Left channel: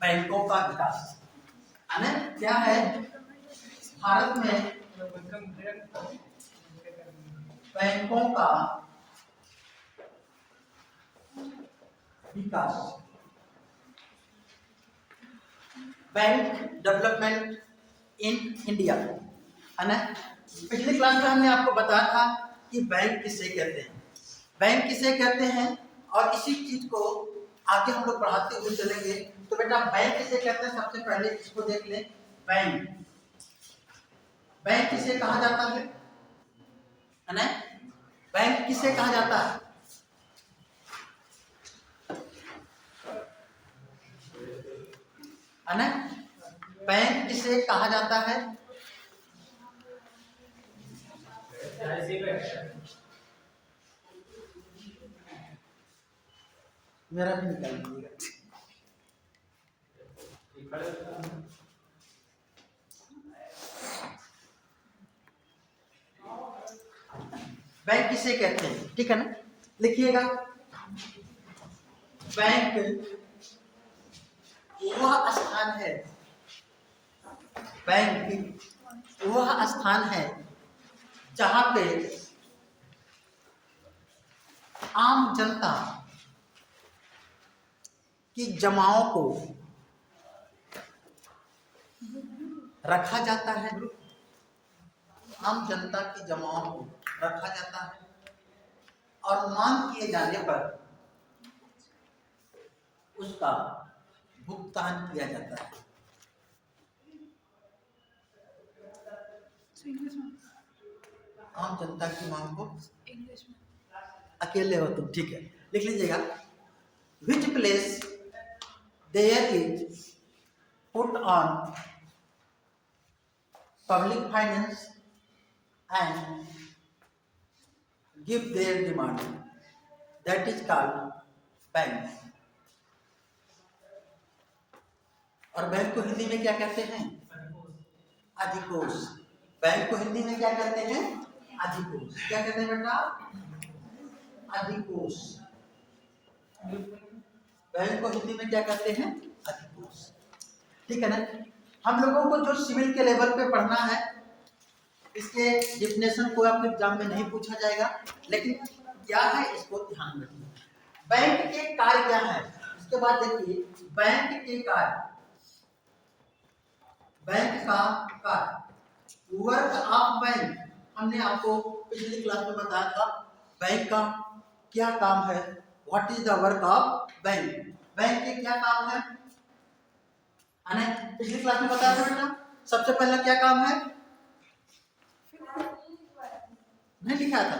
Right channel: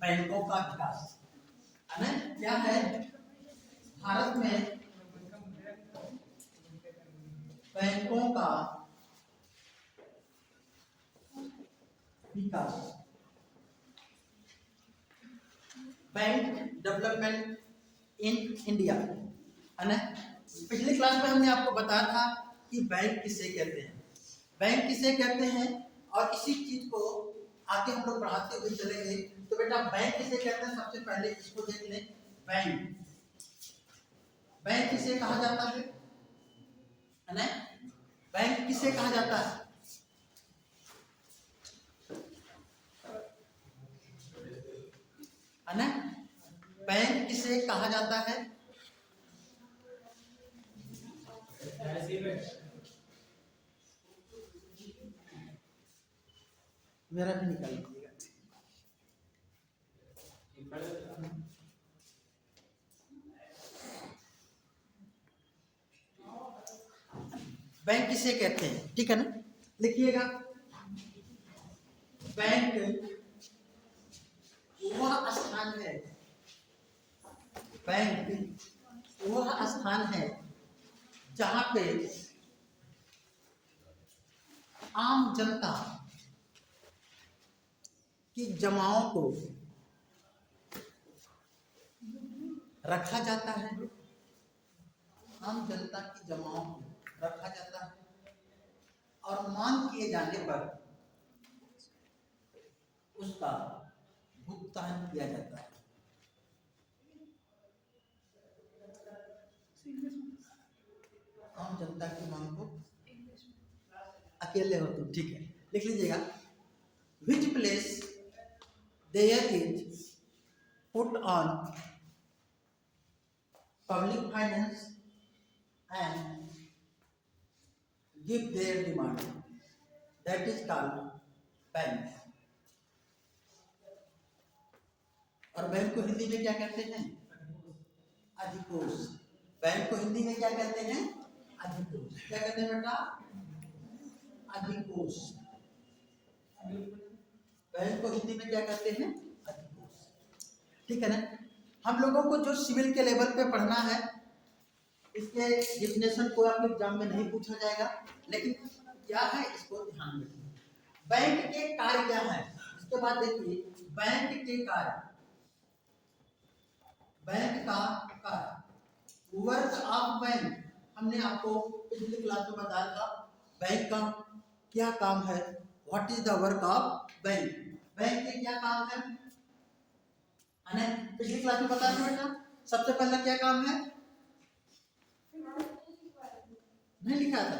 बैंकों का विकास। यानी क्या है, भारत में बैंकों का विकास, बैंक डेवलपमेंट इन इंडिया। है ना, पिछली क्लास में हमने आपको बताया था कि बैंक किसे कहते हैं, बैंक किसे कहते हैं, और इसी चीज को आगे हम लोग बढ़ाते हुए चलेंगे। तो बेटा बैंक किसे कहते हैं, सबसे पहले इसको देख लें। बैंक, बैंक किसे कहा जाता है ना, बैंक किसे कहा जाता है? ना, बैंक किसे कहा जाता है? मेरा भी निकाल दीजिएगा। बैंक किसे कहते हैं, ठीक है ना, लिखिएगा। बैंक वह स्थान है, बैंक वह स्थान है जहां पे आम जनता की जमाओं को रखा जाता है, आम जनता की जमाओं को रखा जाता है, और मांग किए जाने पर उसका भुगतान किया जाता है। आम जनता की मांग को इंग्लिश में, अकेले हो तुम, ठीक है, लिख लीजिएगा। Which place there is put on public finance and give their demand, that is called bank. और बैंक को हिंदी में क्या कहते हैं? अधिकोष। बैंक को हिंदी में क्या कहते हैं? अधिकोष। क्या कहते हैं बेटा? अधिकोष। बैंक को हिंदी में क्या कहते हैं? अधिकोष, ठीक है ना। हम लोगों को जो सिविल के लेवल पे पढ़ना है, इसके डिफिनेशन को आपके एग्जाम में नहीं पूछा जाएगा, लेकिन क्या है इसको ध्यान रखिए। बैंक के कार्य क्या है, इसके बाद देखिए बैंक के कार्य, बैंक का कार्य, वर्क ऑफ बैंक। हमने आपको पिछली क्लास में बताया था बैंक का क्या काम है, what is the work of bank, bank के क्या काम है, पिछली क्लास में बताया था बेटा। सबसे पहला क्या काम है, नहीं लिखा था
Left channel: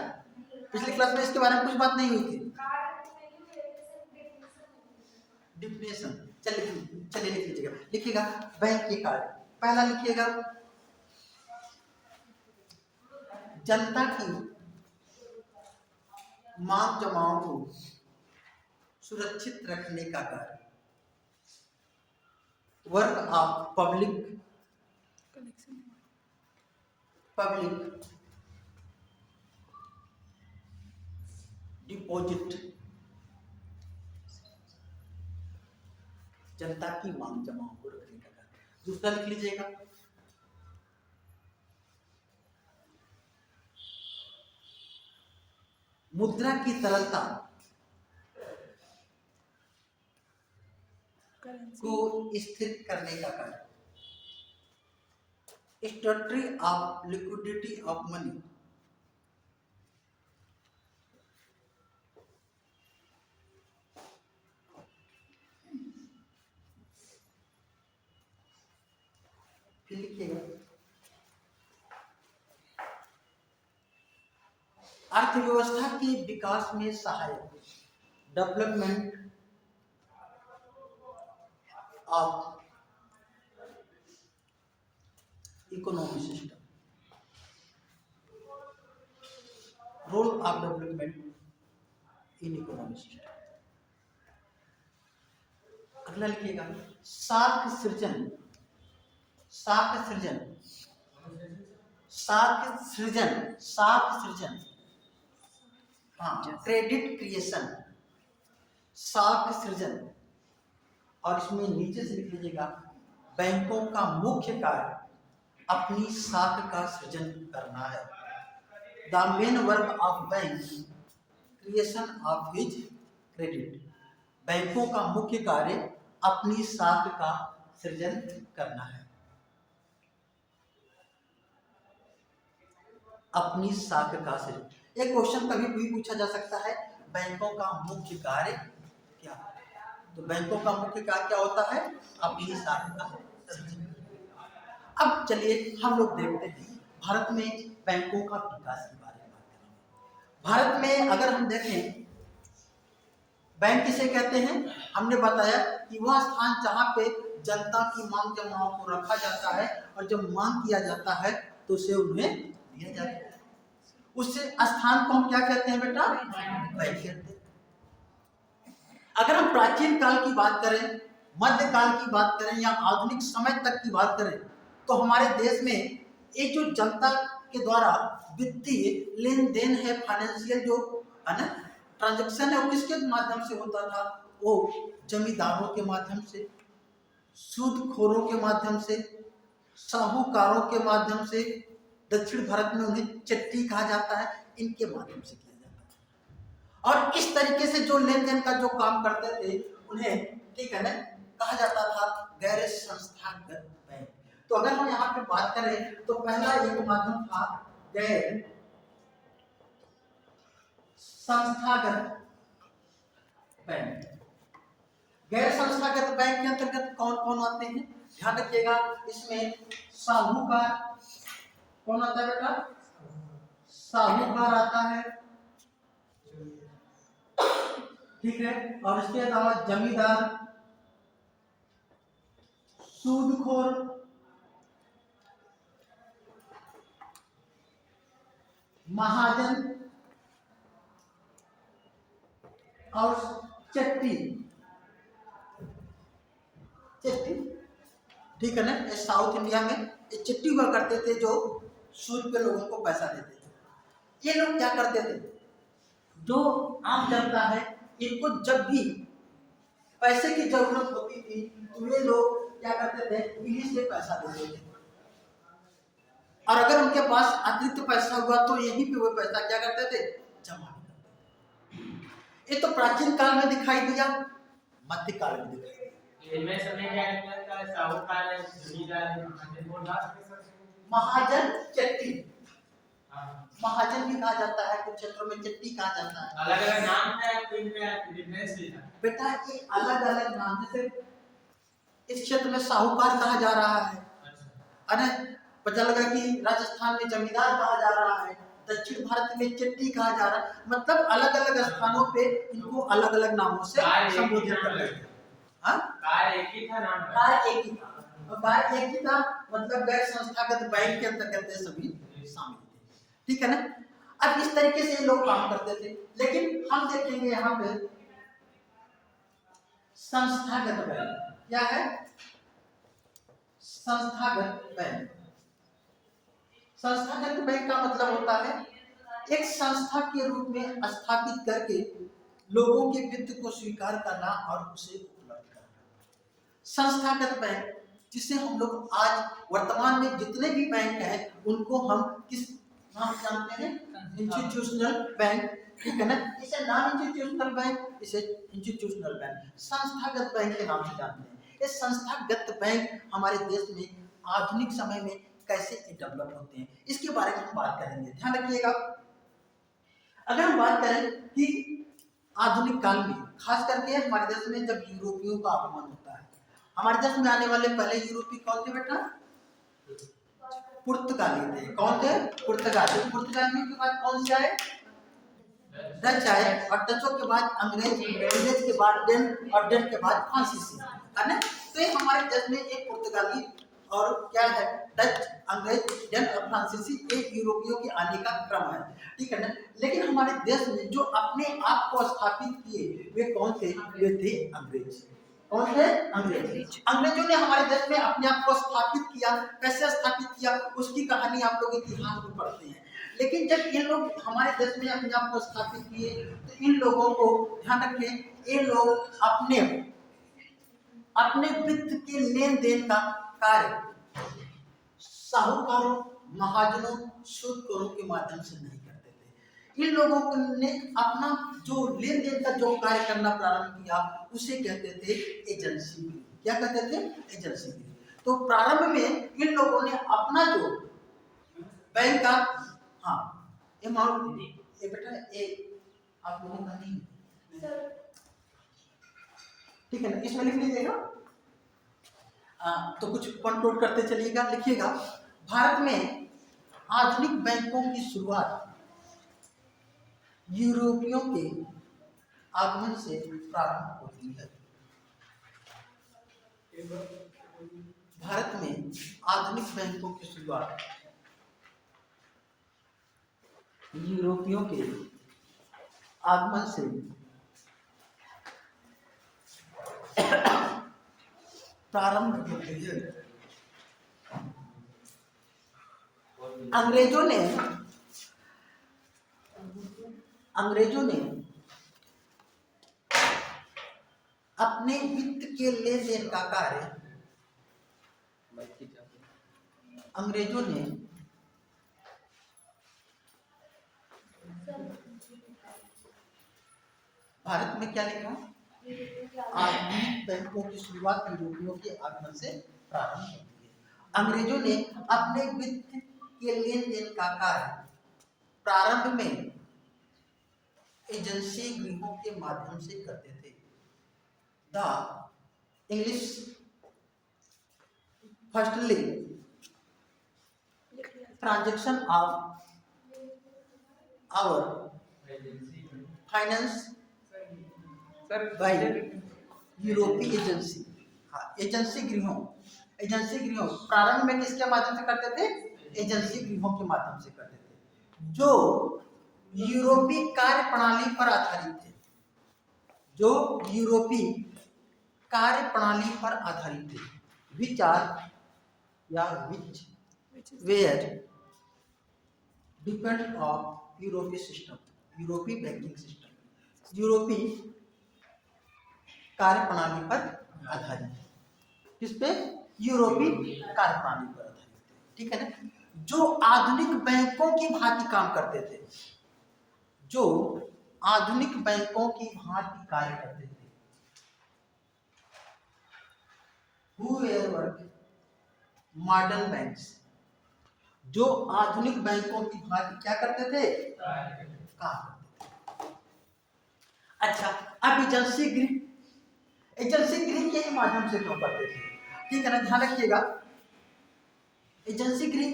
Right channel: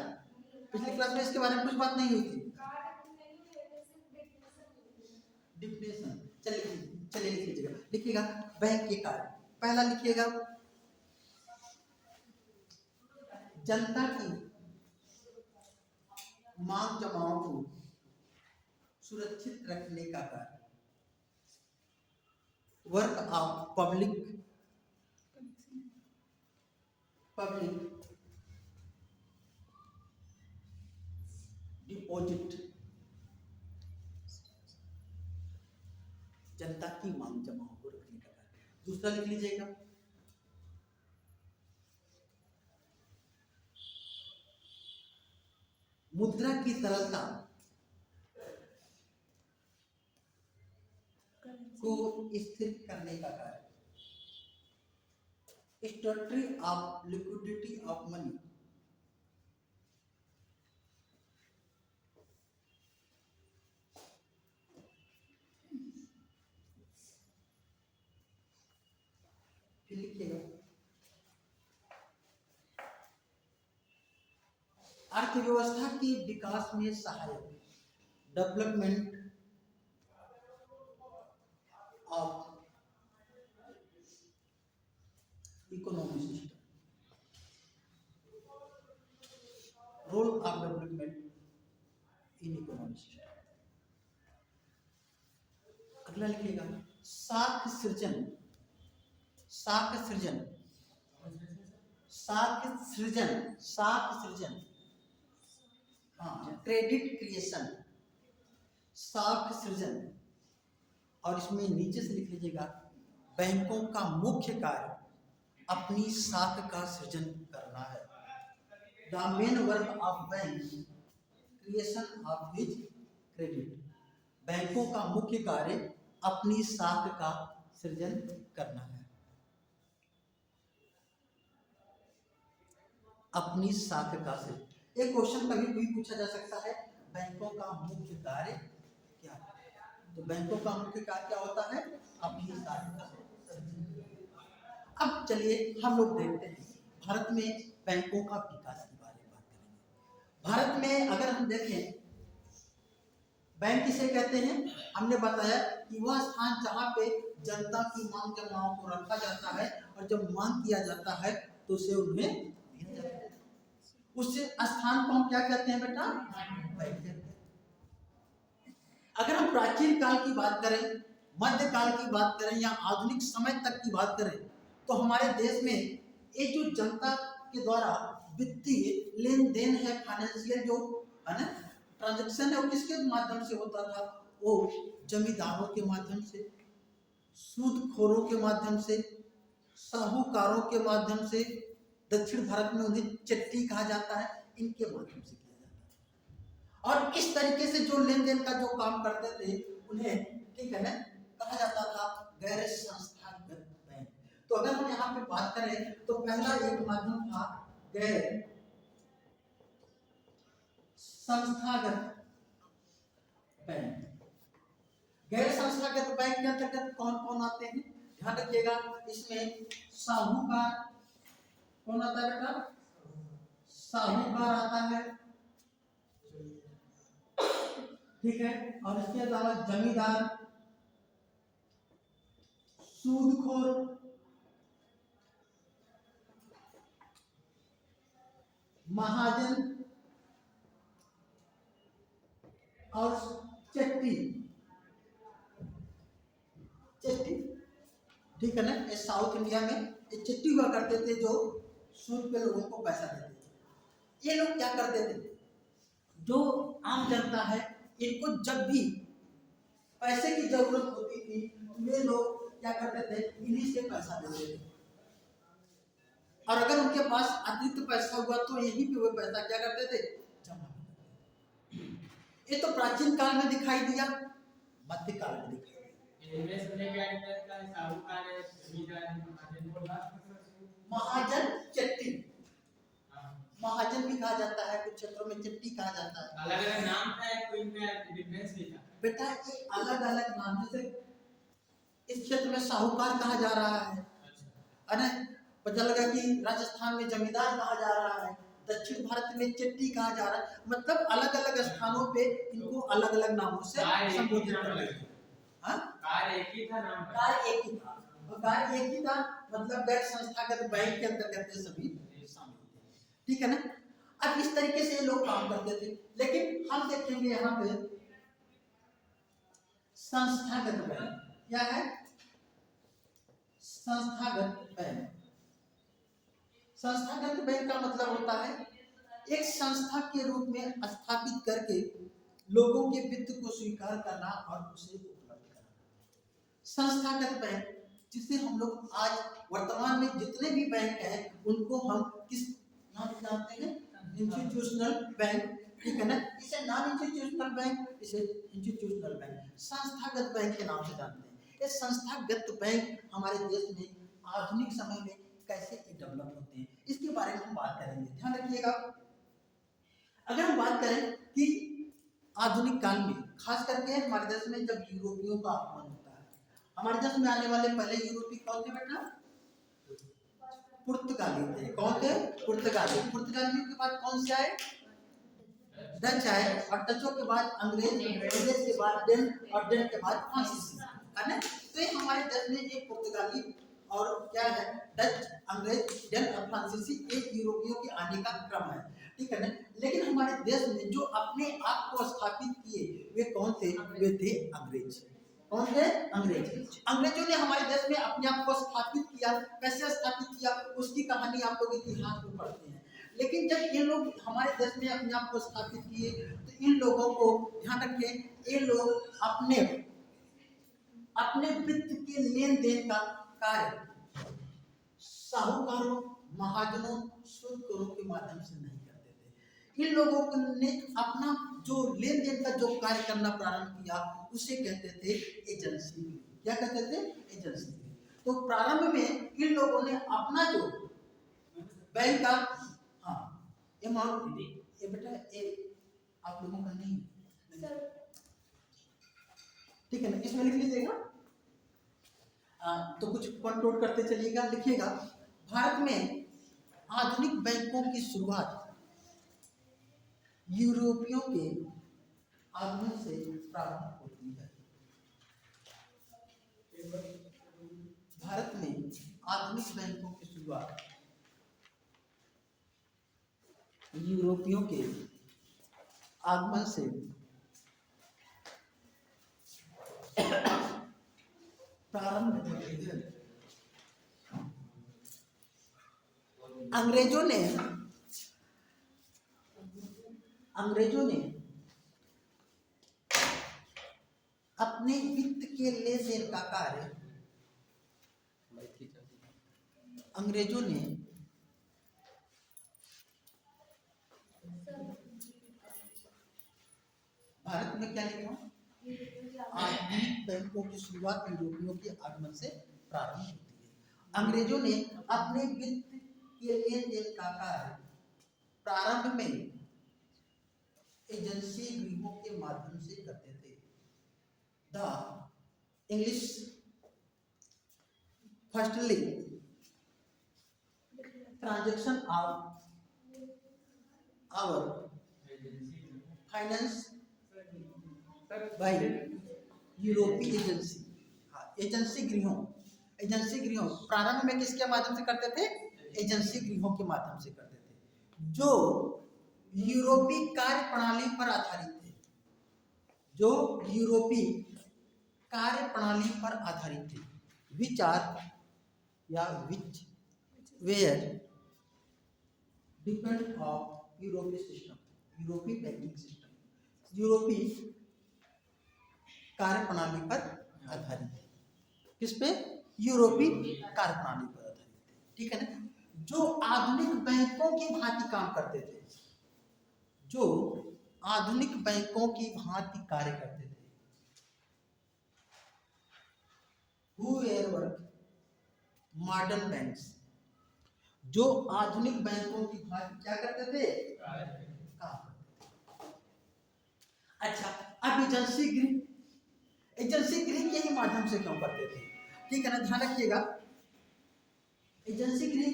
पिछली क्लास में, इसके बारे में कुछ बात नहीं हुई थी। डिफिनेशन, चलिए लिख लीजिएगा, लिखिएगा बैंक के कार्य। पहला लिखिएगा जनता की मांग जमाओं को सुरक्षित रखने का कार्य, वर्क ऑफ पब्लिक डिपॉजिट, जनता की मांग जमाओं को रखने का कार्य। दूसरा लिख लीजिएगा मुद्रा की तरलता को स्थिर करने का कार्य, स्टेटरी ऑफ लिक्विडिटी ऑफ मनी, फिर लिखिएगा अर्थव्यवस्था के विकास में सहायक, development of economic system, role of development in economic system. अगला लिखिएगा साख सृजन, साख सृजन, साख सृजन, साख सृजन, हाँ, क्रेडिट क्रिएशन, साख सृजन, और इसमें नीचे से लिख लीजिएगा, बैंकों का मुख्य कार्य अपनी साख का सृजन करना है। The main work of bank creation of his credit. बैंकों का मुख्य कार्य अपनी साख का सृजन करना है। अपनी साख का सृजन। एक क्वेश्चन कभी भी पूछा जा सकता है, बैंकों का मुख्य कार्य क्या? तो बैंकों का मुख्य कार्य क्या होता है? अपनी साख का सृजन। अब चलिए हम लोग देखते हैं भारत में बैंकों का विकास के बारे में बात करेंगे। भारत में अगर हम देखें, बैंक किसे कहते हैं? हमने बताया कि वह स्थान जहाँ पे जनता की मांग जमाओं को रखा जाता है और जब मांग किया जाता है तो उसे उन्हें दिया जाता है। उस स्थान को हम क्या कहते हैं बेटा? बैंक कहते हैं। अगर हम प्राचीन काल की बात करें, मध्यकाल की बात करें या आधुनिक समय तक की बात करें, तो हमारे देश में ये जो जनता के द्वारा वित्तीय लेन देन है, फाइनेंशियल जो है ना ट्रांजैक्शन है, वो किसके माध्यम से होता था? वो जमींदारों के माध्यम से, सूदखोरों के माध्यम से, साहूकारों के माध्यम से, दक्षिण भारत में उन्हें चिट्ठी कहा जाता है, इनके माध्यम से किया जाता है। और इस तरीके से जो लेन देन का जो काम करते थे उन्हें ठीक है ना कहा जाता था गैर संस्थागत बैंक। तो अगर हम यहाँ पे बात करें तो पहला एक माध्यम था गैर संस्थागत बैंक। गैर संस्थागत बैंक के अंतर्गत कौन कौन आते हैं? ध्यान रखिएगा, इसमें साहूकार कौन आता है बेटा? साहूकार आता है, ठीक है। और इसके अलावा जमींदार, सूदखोर, महाजन और चिट्ठी, ठीक है ना। ये साउथ इंडिया में ये चिट्ठी हुआ करते थे जो सूद पे लोगों को पैसा देते थे। ये लोग क्या करते थे? जो आम जनता है इनको जब भी पैसे की जरूरत होती थी तो ये लोग क्या करते थे? इन्हीं से पैसा देते थे। और अगर उनके पास अतिरिक्त पैसा हुआ तो यहीं पे वो पैसा क्या करते थे? जमा करते थे। ये तो प्राचीन काल में दिखाई दिया, मध्यकाल में दिखाई दिया। इनमें समय क्या लगता है? साहूकार है, जमींदार है, महाजन, चिट्ठी। महाजन भी कहा जाता है, कुछ क्षेत्रों में चिट्ठी कहा जाता है। अलग अलग नाम है, तो इनमें डिफरेंस भी था बेटा। ये अलग अलग नाम, जैसे इस क्षेत्र में साहूकार कहा जा रहा है, अरे पता लगा कि राजस्थान में जमींदार कहा जा रहा है, दक्षिण भारत में चिट्ठी कहा जा रहा है। मतलब अलग अलग स्थानों पे इनको अलग अलग नामों से संबोधित कर रहे हैं। हाँ, कार्य एक ही था, नाम कार्य एक ही था, और कार्य एक ही था, मतलब गैर संस्थागत बैंक के अंतर्गत सभी शामिल थे, ठीक है ना। अब इस तरीके से लोग काम करते थे। लेकिन हम देखेंगे यहाँ पे संस्थागत बैंक क्या है? संस्थागत बैंक। संस्थागत बैंक का मतलब होता है एक संस्था के रूप में स्थापित करके लोगों के वित्त को स्वीकार करना और उसे उपलब्ध करना। संस्थागत बैंक, जिसे हम लोग आज वर्तमान में जितने भी बैंक हैं उनको हम किस नाम से जानते हैं? इंस्टीट्यूशनल बैंक, ठीक है ना। इसे नॉन इंस्टीट्यूशनल बैंक, इसे इंस्टीट्यूशनल बैंक, संस्थागत बैंक के नाम से जानते हैं। ये संस्थागत बैंक हमारे देश में आधुनिक समय में कैसे डेवलप होते हैं इसके बारे में हम बात करेंगे। ध्यान रखिएगा, अगर हम बात करें कि आधुनिक काल में खास करके हमारे देश में जब यूरोपियों का आगमन होता है, हमारे देश में आने वाले पहले यूरोपीय कौन थे बेटा? पुर्तगाली थे। कौन थे? पुर्तगाली। पुर्तगाली के बाद कौन से आए? डच आए, और डचों के बाद अंग्रेज, अंग्रेज के बाद डेन, और डेन के बाद फ्रांसीसी, है ना। तो ये हमारे देश में एक पुर्तगाली और क्या है? डच, अंग्रेज, डेन और फ्रांसीसी, एक यूरोपियों के आने का क्रम है, ठीक है ना। लेकिन हमारे देश में जो अपने आप को स्थापित किए वे कौन थे? वे थे अंग्रेज। कौन थे? अंग्रेज। अंग्रेजों ने हमारे देश में अपने आप को स्थापित किया। कैसे स्थापित किया उसकी कहानी आप लोग इतिहास में पढ़ते हैं। लेकिन जब ये लोग हमारे देश में अपने आप को स्थापित किए तो इन लोगों को ध्यान रखें, ये लोग अपने अपने वित्त के लेन देन का कार्य साहूकारों, महाजनों, सूदखोरों के माध्यम से नहीं करते थे। इन लोगों ने अपना जो लेन देन का जो कार्य करना प्रारंभ किया उसे कहते थे एजेंसी। क्या कहते थे? एजेंसी। तो प्रारंभ में इन लोगों ने अपना जो बैंक का अमाउंट, ये बेटा ये आप लोगों का नहीं, ठीक है ना, इसमें लिख लीजिएगा। तो कुछ पॉइंट नोट करते चलिएगा, लिखिएगा। भारत में आधुनिक बैंकों की शुरुआत यूरोपियों के आगमन से प्रारंभ होती है। भारत में आधुनिक बैंकों की शुरुआत यूरोपियों के आगमन से प्रारंभ होती है। अंग्रेजों ने अपने वित्त के लेन देन का कार्य भारत में क्या लिखा? आधुनिक बैंकों की शुरुआत यूरोपियों के आगमन से प्रारंभ होती है। अंग्रेजों ने अपने वित्त के लेन देन का कार्य प्रारंभ में एजेंसी गृहों के माध्यम से करते थे। The English firstly transaction of our finance by यूरोपीय एजेंसी। एजेंसी गृहों प्रारंभ में किसके माध्यम से करते थे? एजेंसी गृहों के माध्यम से करते थे, जो यूरोपीय कार्य प्रणाली पर आधारित थे। विच वेयर डिपेंड ऑफ यूरोपीय सिस्टम, यूरोपीय बैंकिंग सिस्टम, यूरोपीय कार्य प्रणाली पर आधारित है। किस पे? यूरोपीय कार्य प्रणाली पर आधारित है, ठीक है ना। जो आधुनिक बैंकों की भांति काम करते थे, जो आधुनिक बैंकों की भांति कार्य करते थे। मॉडर्न बैंक्स, जो आधुनिक बैंकों की भांति क्या करते थे? काम करते थे। अच्छा, अब एजेंसी गृह के ही माध्यम से क्यों करते थे? ठीक है ना, ध्यान रखिएगा। एजेंसी गृह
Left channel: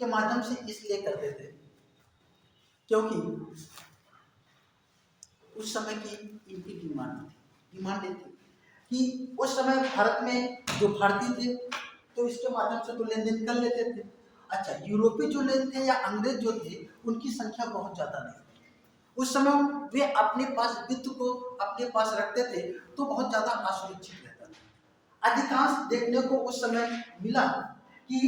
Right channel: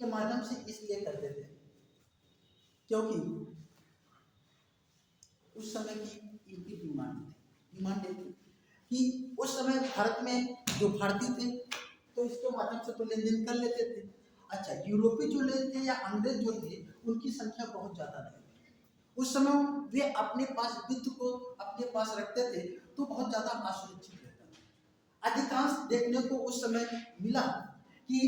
के माध्यम से इसलिए करते थे क्योंकि उस समय की इनकी डिमांड थी कि उस समय भारत में जो भारतीय थे तो इसके माध्यम से तो लेन देन कर लेते थे। अच्छा, यूरोपीय जो लेन थे या अंग्रेज जो थे उनकी संख्या बहुत ज्यादा नहीं थी। उस समय वे अपने पास वित्त को अपने पास रखते थे तो बहुत ज्यादा असुरक्षित रहता था। अधिकांश देखने को उस समय मिला कि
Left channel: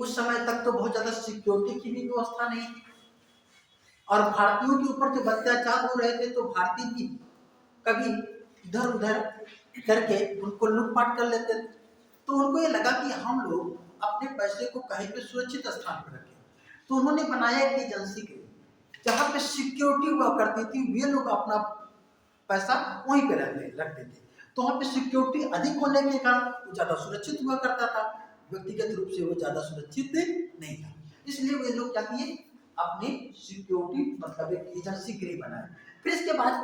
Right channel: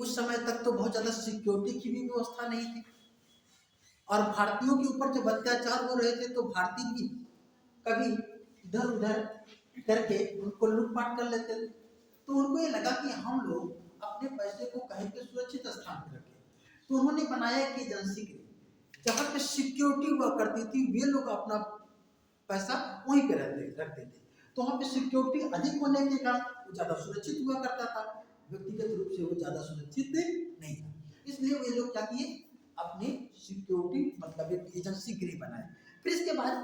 उस समय तक तो बहुत ज्यादा सिक्योरिटी की भी व्यवस्था नहीं थी और भारतीयों के ऊपर जब अत्याचार हो रहे थे तो भारतीय भी कभी इधर उधर करके उनको लूटपाट कर लेते थे। तो उनको ये लगा कि हम लोग अपने पैसे को कहीं पे सुरक्षित स्थान पर रखें, तो उन्होंने बनाया एक एजेंसी के जहाँ पे सिक्योरिटी हुआ करती थी। वे लोग अपना पैसा वहीं पे रखते थे, तो वहाँ पे सिक्योरिटी अधिक होने के कारण वो ज्यादा सुरक्षित हुआ करता था। व्यक्तिगत रूप से वो ज्यादा सुरक्षित नहीं था, इसलिए वे लोग क्या किए? अपनी सिक्योरिटी मतलब एक एजेंसी गृह बनाए। फिर इसके बाद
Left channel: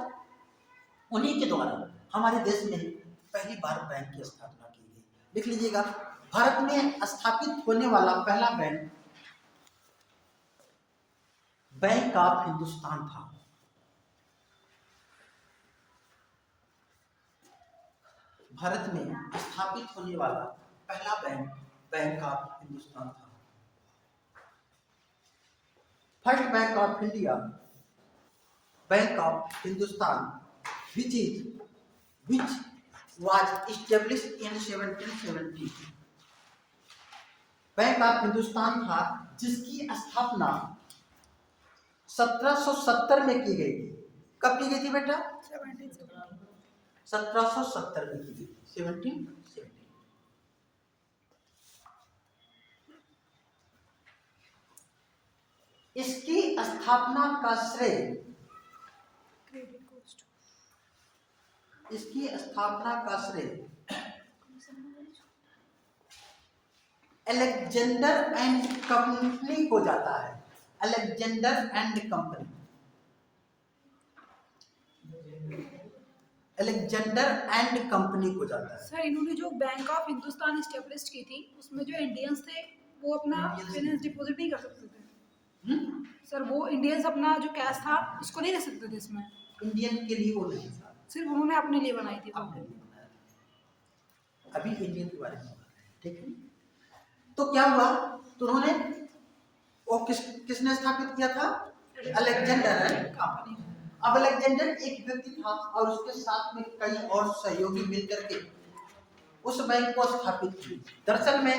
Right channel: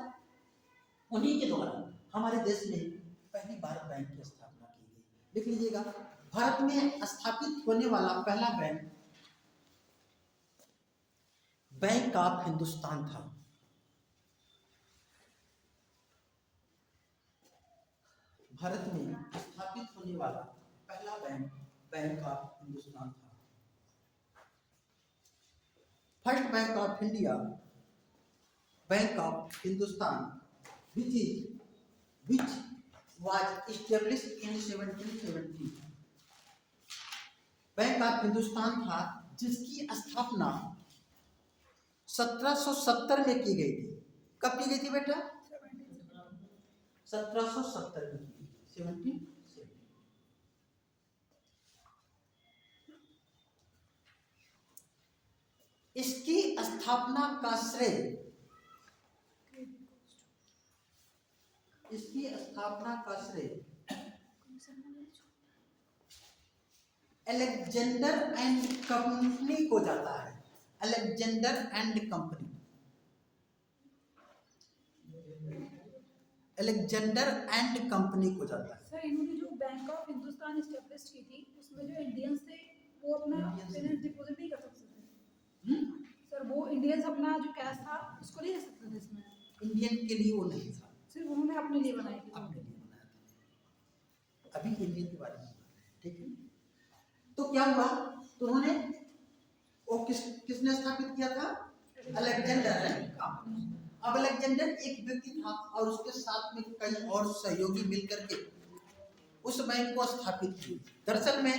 उन्हीं के द्वारा हमारे देश में पहली बार बैंक की स्थापना की गई। लिख लीजिएगा, भारत में स्थापित होने वाला पहला बैंक ऑफ हिंदुस्तान था। भारत में स्थापित होने वाला पहला बैंक ऑफ हिंदुस्तान था। First bank of India, bank of Hindustan, which was established in 1770। Bank of Hindustan था जिसकी स्थापना 1770 में की गई थी। कब की गई थी बेटा? 1770 में की गई, 1770। इसकी स्थापना का श्रेय, इसकी स्थापना का श्रेय अलेक्जेंडर एंड कंपनी को जाता है। Alexander and company, Alexander and company को जाता है। सर इन्होंने जो बैंक ऑफ हिंदुस्तान इस्टेब्लिश की थी उसमें जो इंडियंस थे वो अपना फाइनेंस डिपॉजिट नहीं कर सकते थे। सर वो इंडियंस अपना जो कैश था उसको नहीं रख सकते थे इसमें। इंडियन के लिए वो नहीं था, सिर्फ उन्होंने अपने लिए बनाई थी वो। अपने लिए बनाया था। अभी इंडियन के बारे में बात है, ठीक है। तो क्या हुआ, तो उन्होंने वो किसने स्थापित किया था? Alexander and company. अब अलेक्जेंडर एक व्यक्ति था और उसके साथ में कई और सहयोगी मिलकर के उस बैंक को स्थापित की। दरअसल में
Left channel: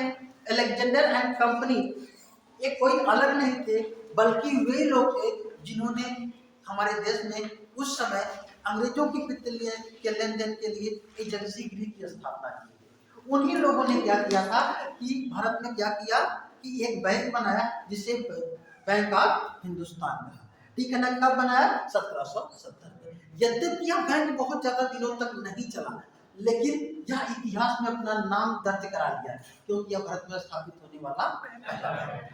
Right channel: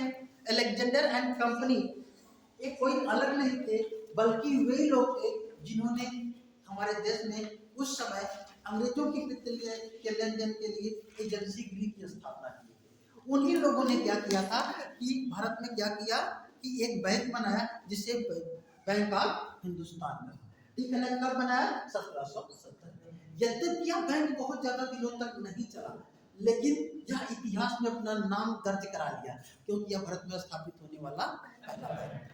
अलेक्जेंडर एंड कंपनी ये कोई अलग नहीं थे, बल्कि वे लोग थे जिन्होंने हमारे देश में उस समय अंग्रेजों के वित्त के लेन देन के लिए एजेंसी गृह की स्थापना की। उन्हीं लोगों ने क्या किया था कि भारत में क्या किया कि एक बैंक बनाया जिसे बैंक ऑफ हिंदुस्तान कहा, ठीक है ना। कब बनाया? 1770 में। यद्यपि यह बैंक बहुत ज्यादा दिनों तक नहीं चला, लेकिन यह इतिहास में अपना नाम दर्ज करा लिया क्योंकि यह भारत में स्थापित होने वाला पहला बैंक है।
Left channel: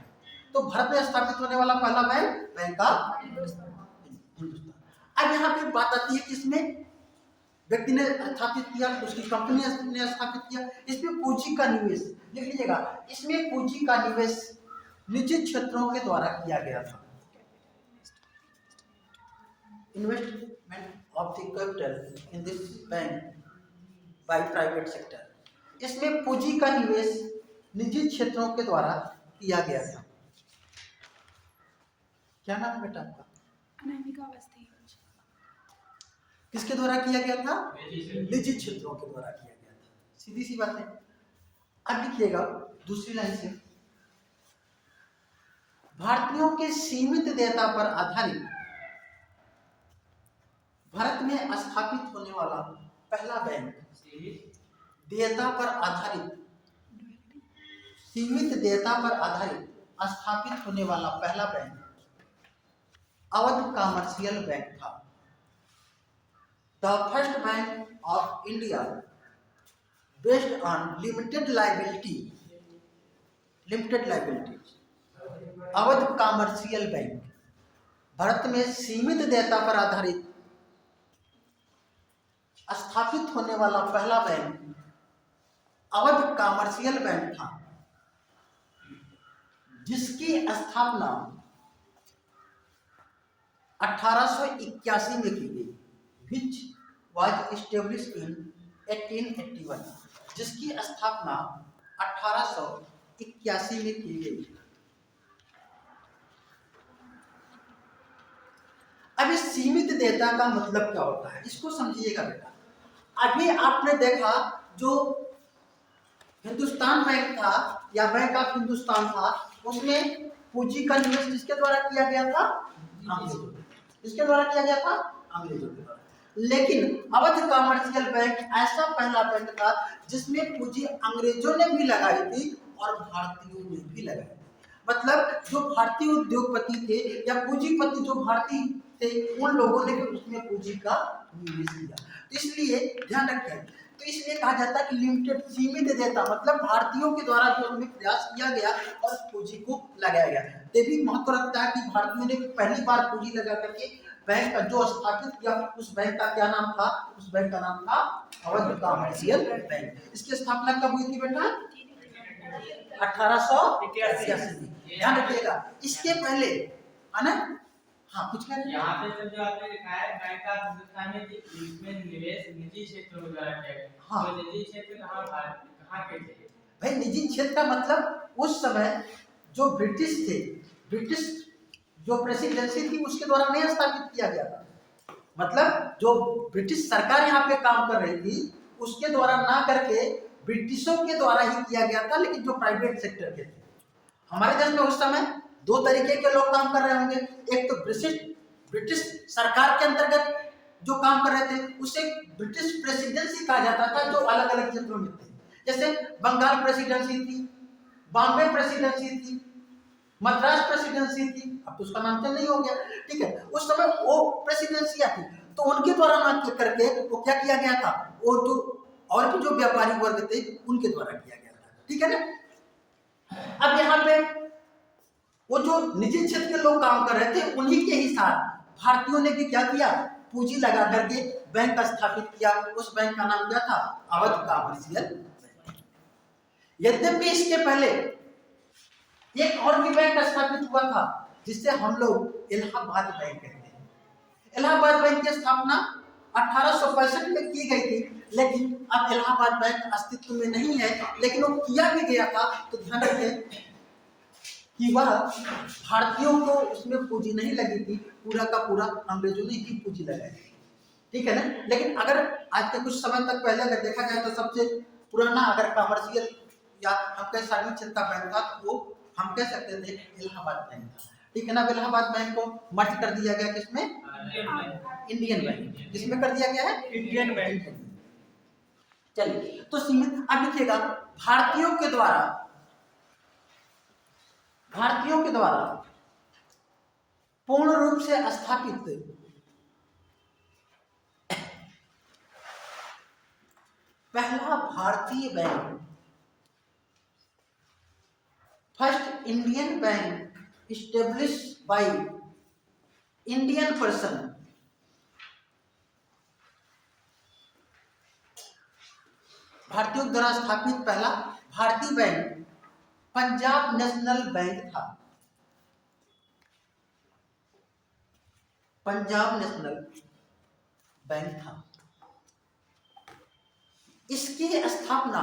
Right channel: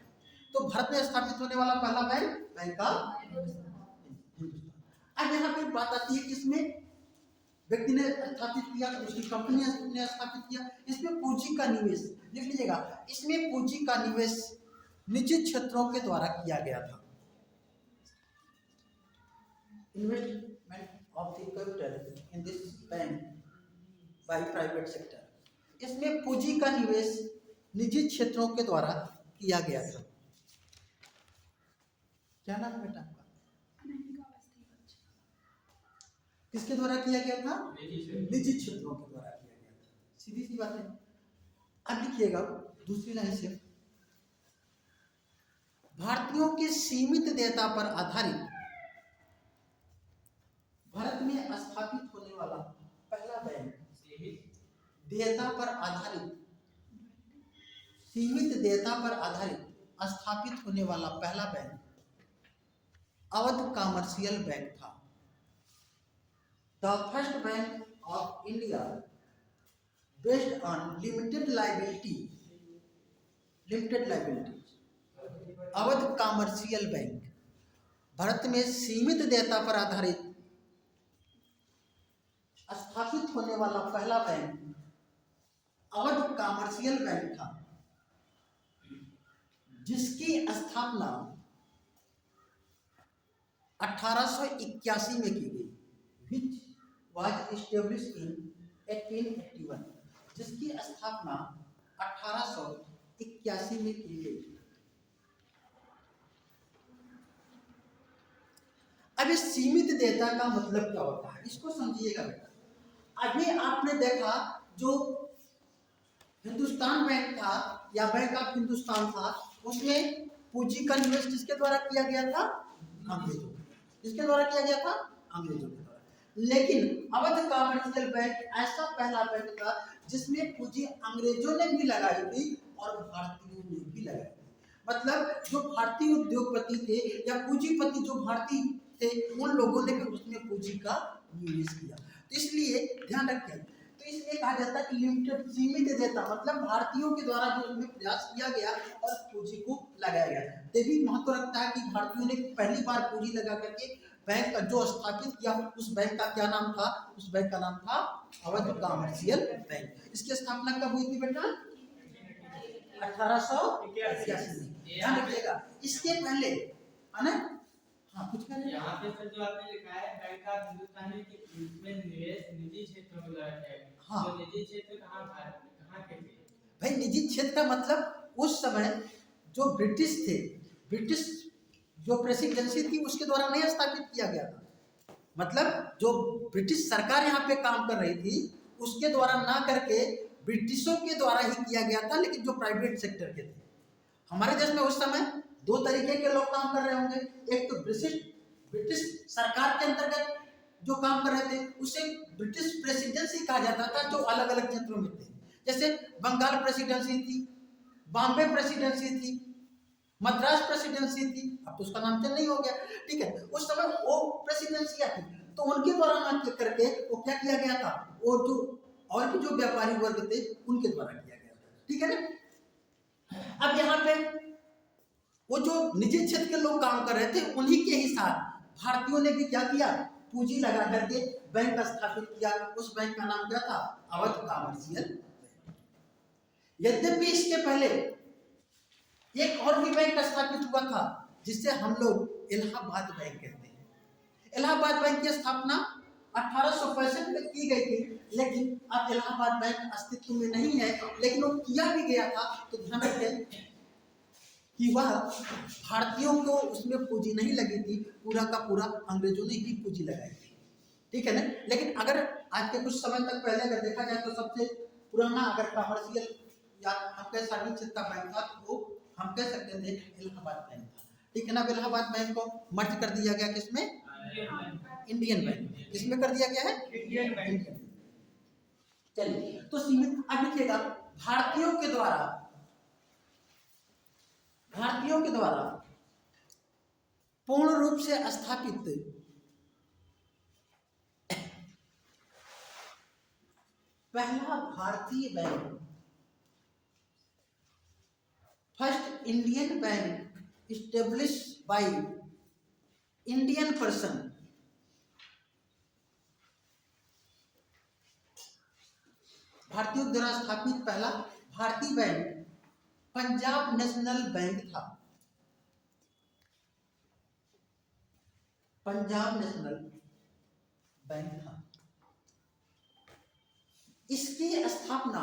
तो भारत में स्थापित होने वाला पहला बैंक, बैंक ऑफ हिंदुस्तान। अब यहाँ पे बात आती है कि इसमें व्यक्ति ने स्थापित किया, उसकी कंपनी ने स्थापित किया, इसमें पूंजी का निवेश लिख लीजिएगा। इसमें पूंजी का निवेश निजी क्षेत्रों के द्वारा किया गया था। Investment of the capital in this bank by private sector. इसमें पूंजी का निवेश निजी क्षेत्रों के द्वारा किया गया था। क्या नाम है बेटा आपका? अनामिका अवस्थी। किसके द्वारा किया गया था? निजी क्षेत्रों के द्वारा किया गया था। सीधी सी बात है। अब लिखिएगा दूसरी लाइन से, भारतीयों के सीमित देयता पर आधारित भारत में स्थापित होने वाला पहला बैंक, देयता पर आधारित, सीमित देयता पर आधारित स्थापित होने वाला पहला बैंक अवध कमर्शियल बैंक था। The first bank of India based on limited liability, Awadh commercial bank Bharat में सीमित देयता पर आधारित स्थापित होने वाला पहला बैंक अवध कमर्शियल बैंक था, जिसकी स्थापना 1881 में की गई, which was established in 1881, जिसकी स्थापना 1881 में की गई। अब इस सीमित देयता का मतलब क्या होता है, इसको समझिएगा बेटा। अभी आपने देखा जो हिंदुस्तान बैंक था या बैंक ऑफ हिंदुस्तान था, उसमें पूंजी का निवेश किसके द्वारा किया गया था? अंग्रेजों। किसके द्वारा किया गया था? अंग्रेजों के द्वारा। लेकिन अवध कमर्शियल बैंक ऐसा पहला बैंक था जिसमें पूंजी अंग्रेजों ने भी लगाई थी और भारतीयों ने भी लगाई थी। मतलब जो भारतीय उद्योगपति थे या पूंजीपति जो भारतीय थे, उन लोगों ने भी उसमें पूंजी का निवेश किया। तो इसलिए ध्यान रखें, तो इसलिए कहा जाता है कि लिमिटेड, सीमित देयता, मतलब भारतीयों के द्वारा भी उसमें प्रयास किया गया और पूंजी को लगाया गया। ये भी महत्व रखता है कि भारतीयों ने पहली बार पूंजी लगा करके बैंक जो स्थापित किया, उस बैंक का क्या नाम था? उस बैंक का नाम था अवध कमर्शियल बैंक। इसकी स्थापना कब हुई थी बेटा? 1881 में। ध्यान रखिएगा। इसके पहले है ना, हाँ कुछ कह यहाँ पे तो जो आपने लिखा है बैंक ऑफ हिंदुस्तान में इसमें निवेश निजी क्षेत्रों के द्वारा किया गया। हाँ। तो निजी क्षेत्र कहाँ के थे? भाई निजी क्षेत्र का मतलब उस समय जो ब्रिटिश थे, ब्रिटिश जो प्रेसिडेंसी थी उसके द्वारा नहीं स्थापित किया गया था। मतलब जो ब्रिटिश सरकार यहाँ पे काम कर रही थी उसके द्वारा ना करके ब्रिटिशों के द्वारा ही किया गया था, लेकिन जो प्राइवेट सेक्टर के थे। हमारे देश में उस समय दो तरीके के लोग काम कर रहे होंगे। एक तो ब्रिटिश सरकार के अंतर्गत जो काम कर रहे थे उसे ब्रिटिश प्रेसिडेंसी कहा जाता था, जो अलग अलग क्षेत्रों में थे। जैसे बंगाल प्रेसिडेंसी थी, बॉम्बे प्रेसिडेंसी थी, मद्रास प्रेसिडेंसी थी, अब तो उसका नाम चेंज नहीं हो गया, ठीक है। उस समय वो प्रेसिडेंसियां थी, तो उनके द्वारा ना करके वो क्या किया गया था, वो जो और भी जो व्यापारी वर्ग थे उनके द्वारा किया गया था, ठीक है ना। अब यहाँ पे वो जो निजी क्षेत्र के लोग काम कर रहे थे उन्हीं के ही साथ भारतीयों ने भी क्या किया, पूंजी लगा करके बैंक स्थापित किया। उस बैंक का नाम क्या था, अवध कॉमर्शियल बैंक। यद्यपि इसके पहले एक और भी बैंक स्थापित हुआ था जिससे हम लोग इलाहाबाद बैंक कहते हैं। इलाहाबाद बैंक की स्थापना 1865 में की गई थी, लेकिन अब इलाहाबाद बैंक अस्तित्व में नहीं है, लेकिन वो किया भी गया था। तो ध्यान रखें कि वह भारतीयों को उसमें पूंजी नहीं लगी थी, पूरा का पूरा अंग्रेजों ने ही पूंजी लगाई थी, ठीक है ना। लेकिन अगर आज के कुछ समय तक पहले अगर देखा जाए तो सबसे पुराना अगर कॉमर्शियल या हम कह सार्वजनिक क्षेत्र का बैंक था तो वो हम कह सकते थे इलाहाबाद बैंक था, ठीक है ना। इलाहाबाद बैंक को मर्ज कर दिया गया किसमें, इंडियन बैंक। किसमें कर दिया गया है, इंडियन बैंक। चलिए तो सीमित अब लिखिएगा, भारतीयों के द्वारा पूर्ण रूप से स्थापित पहला भारतीय bank, first Indian bank establish by Indian person, भारतीयों द्वारा स्थापित पहला भारतीय बैंक पंजाब नेशनल बैंक था। पंजाब नेशनल बैंक था। इसकी स्थापना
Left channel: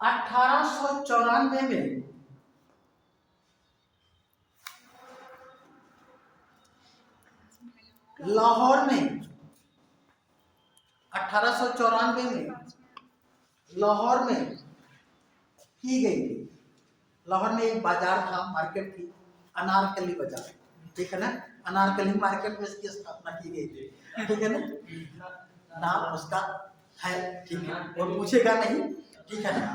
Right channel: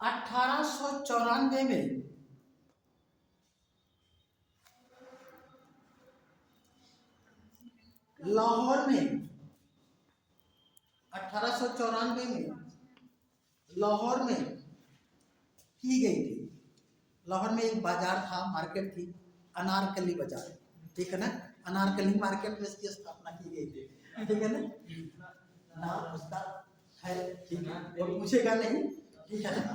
1894 में लाहौर में, 1894 में लाहौर में की गई थी। लाहौर में एक बाजार था, मार्केट थी, अनारकली बाजार, ठीक है ना। अनारकली मार्केट में इसकी स्थापना की गई थी, ठीक है ना। नाम उसका है, ठीक है, वो पूछेगा नहीं, ठीक है ना।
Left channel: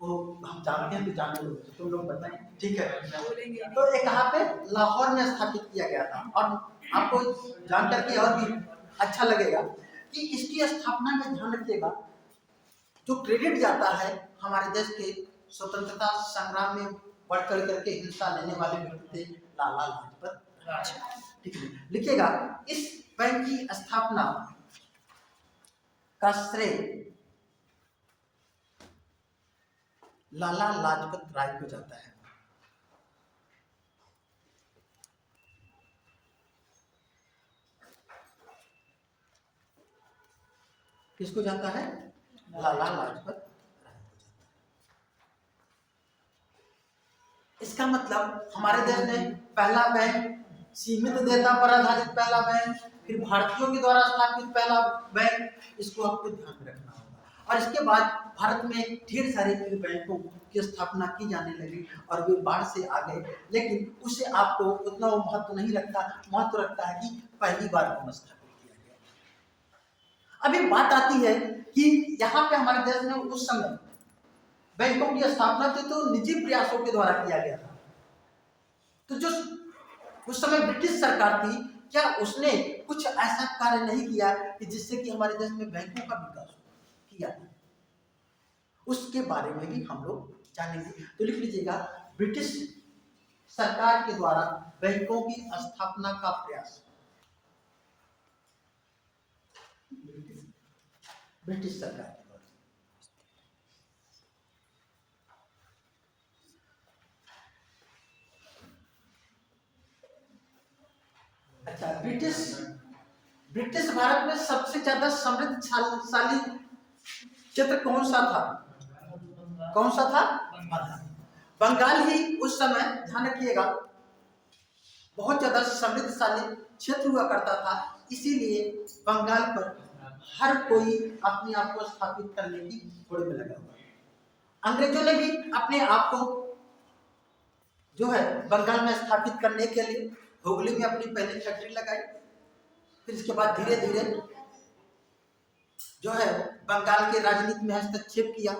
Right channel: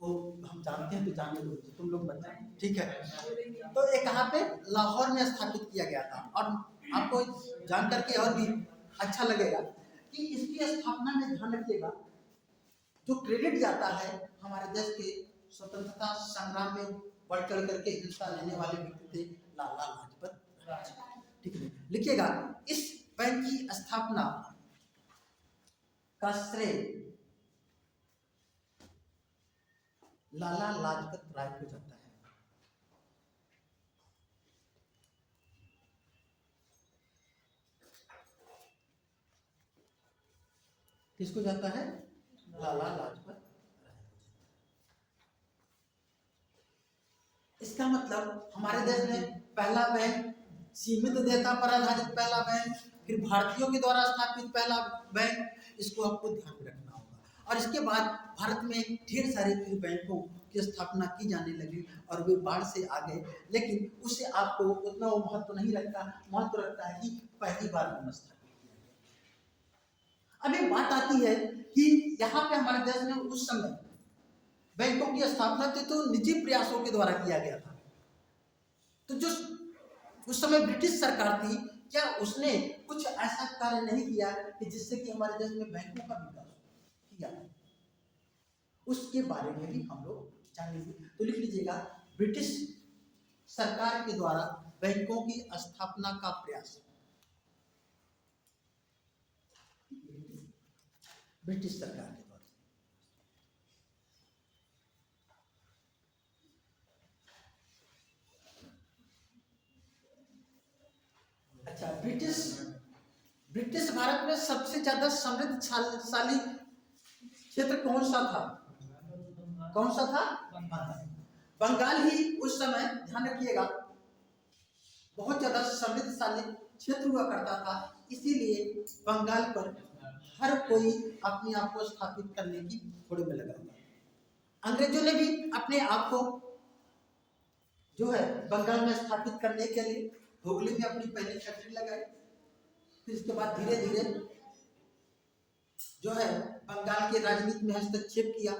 वो हम जानते हैं तो जान लो, तुम लोग बताएं, ठीक है। तो ये कहाँ पे, लाहौर में स्थापित किया गया था। और आपको जान करके और भी अच्छा लगेगा कि इसकी स्थापना में ध्यान रखिएगा, जो क्रेडिट जाता है हमारे देश के स्वतंत्रता संग्राम में बढ़ कर करके हिस्सा लेने वाले व्यक्ति थे लाला लाजपत राय, ठीक है। लिखिएगा, इस बैंक की स्थापना का श्रेय लाला लाजपत राय को जाता है। किसको जाता है, लाला लाजपत राय को जाता है। इसका मतलब हमारे देश में पहला बैंक, सीमित देयता पर आधारित पहला बैंक, फिर भारतीयों के द्वारा स्थापित पहला बैंक, इसको आपको ध्यान में रखना होगा। और इसके बाद भारत में ढेर सारे फिर बैंकों की स्थापना की जाने लगी और वे बाढ़ से आ गए, लेकिन उसे आपको उतना वो महत्व नहीं रखता, महत्व रखता है कि पहली बार कौन स्थापित किया गया। अब एक बात आती है कि यहाँ पे हमारे देश में उस समय बैंकों की स्थापना तो निजी प्रयासों के द्वारा किया गया था। तो जो उस समय ब्रिटिश सरकार थी, क्या उसने कुछ ऐसा कार्य नहीं किया कि जिससे कि हमारे देश में बैंकों का विकास किया, उसके बारे में भी हम लोग जानेंगे। तो लिख लीजिएगा, ब्रिटिश सरकार के द्वारा बैंकों की स्थापना का प्रयास, ब्रिटिश सरकार के द्वारा। अच्छा, ब्रिटिश भारत में सबसे ज्यादा समृद्धशाली क्षेत्र कौन सा था, कौन सा था, बंगाल ही उस समय, ध्यान रखिएगा, बहुत ज्यादा समृद्धशाली क्षेत्र हुआ करता था। इसीलिए बंगाल पर हर कोई अपने आप को स्थापित करने की होड़ में लगा हुआ। अंग्रेजों ने भी अपने आप को जो है बंगाल में स्थापित करने के लिए हुगली में अपनी पहली फैक्ट्री लगाई। फिर इसके बाद धीरे धीरे जो है बंगाल के राजनीति में हस्तक्षेप किया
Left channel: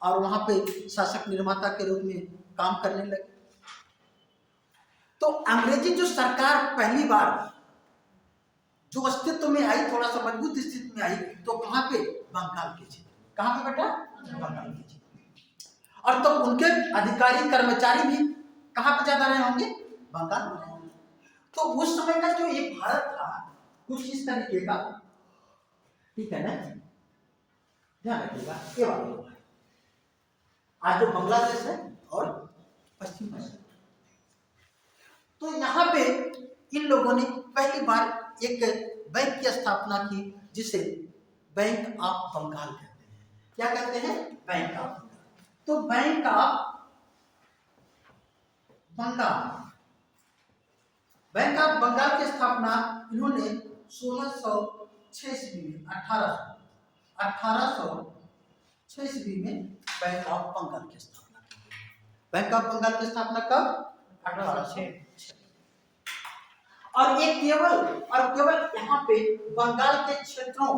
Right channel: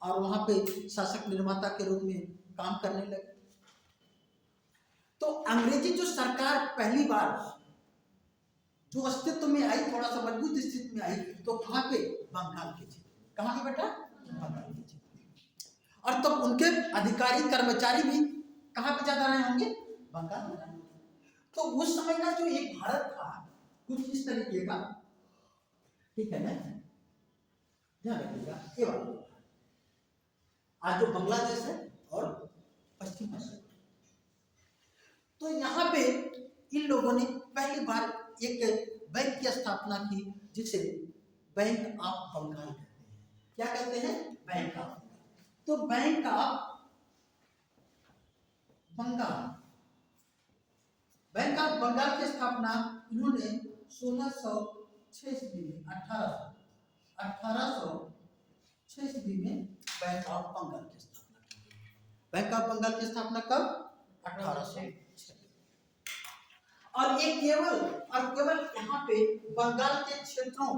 और वहां पे शासक निर्माता के रूप में काम करने लगे। तो अंग्रेजी जो सरकार पहली बार जो अस्तित्व में आई, थोड़ा सा मजबूत स्थिति में आई, तो कहां पे? बंगाल के क्षेत्र। कहां पे बेटा? बंगाल के क्षेत्र। और तो उनके अधिकारी कर्मचारी भी कहां पे ज्यादा रहे होंगे? बंगाल में। तो उस समय का जो ये भारत था कुछ इस तरीके का, ठीक है ना, ध्यान रखिएगा। ये वाला आज जो बांग्लादेश है और पश्चिम बंगाल, तो यहाँ पे इन लोगों ने पहली बार एक बैंक की स्थापना की जिसे बैंक ऑफ बंगाल कहते हैं। क्या कहते हैं? Bank of Bengal. तो bank of Bengal, bank of Bengal की स्थापना इन्होंने 1606 ईस्वी में 1806 ईस्वी में बैंक ऑफ बंगाल की स्थापना की। बैंक ऑफ बंगाल की स्थापना कब? 1806। और ये केवल यहाँ पे बंगाल के क्षेत्रों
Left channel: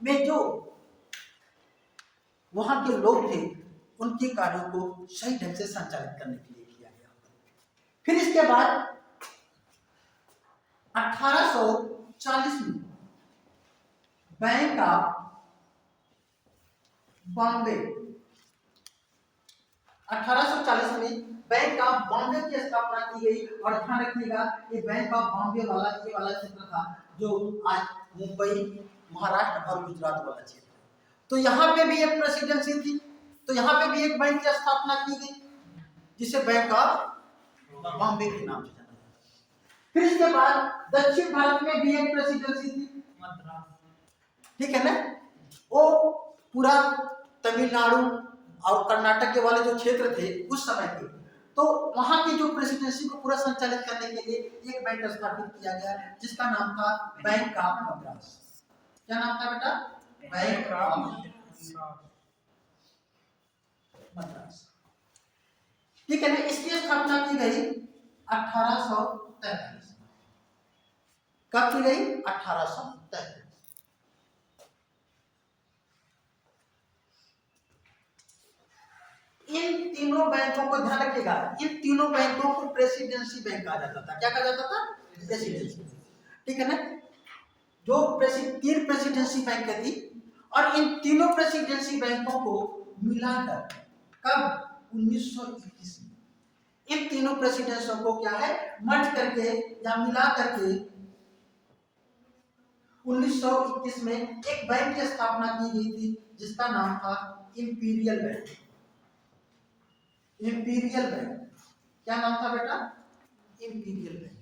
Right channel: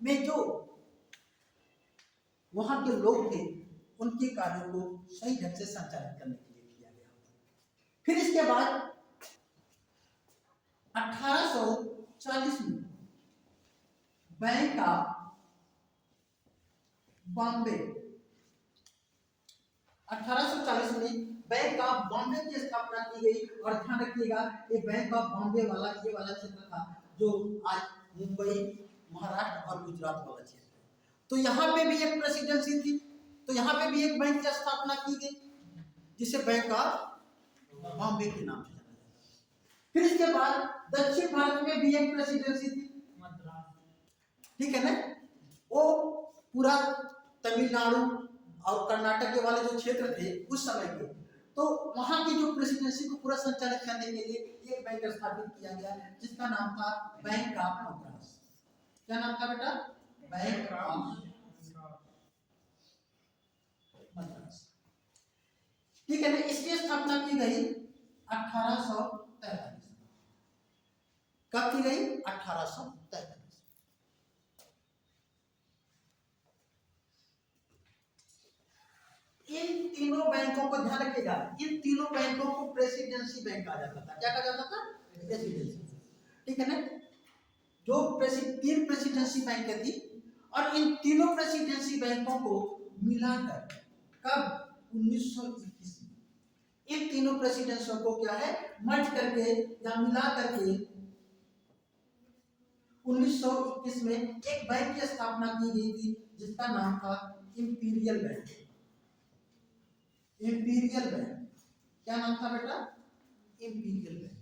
में जो वहां के लोग थे उनके कार्यों को सही ढंग से संचालित करने के लिए किया गया। फिर इसके बाद 1840 में बैंक ऑफ बॉम्बे, 1840 में बैंक ऑफ बॉम्बे की स्थापना की गई। और ध्यान रखिएगा ये बैंक ऑफ बॉम्बे वाला ये वाला क्षेत्र था जो आज मुंबई, महाराष्ट्र और गुजरात वाला क्षेत्र है। तो यहाँ पे भी एक प्रेसिडेंसी थी, तो यहाँ पे भी एक बैंक की स्थापना की गई जिसे बैंक ऑफ बॉम्बे के नाम से जाना जाता। फिर इसके बाद दक्षिण भारत में भी एक प्रेसिडेंसी थी, ठीक है ना, वो पूरा तमिलनाडु और कर्नाटक के वाले जो क्षेत्र थे उस समय के, तो वहां की जो प्रेसिडेंसी को पूरा संचालित करने के लिए एक बैंक स्थापित किया गया जिसका नाम था बैंक ऑफ मद्रास। क्या नाम था बेटा? बैंक ऑफ मद्रास, ठीक है ना। इसकी स्थापना की गई 1843। कब की गई? 1843। इन तीनों बैंकों को ध्यान रखिएगा, इन तीनों बैंकों को प्रेसिडेंसी बैंक कहा जाता था। क्या कहा जाता था? प्रेसिडेंसी, ठीक है ना। जो तीन प्रेसिडेंसी बैंक थी और इन तीनों प्रेसिडेंसी बैंकों को मिलाकर कब? 1921 में इन तीनों प्रेसिडेंसियों को क्या है? मर्ज करके या मिला करके 1921 में एक बैंक की स्थापना की गई थी जिसका नाम था इंपीरियल बैंक। इंपीरियल बैंक, क्या नाम था बेटा? Imperial bank.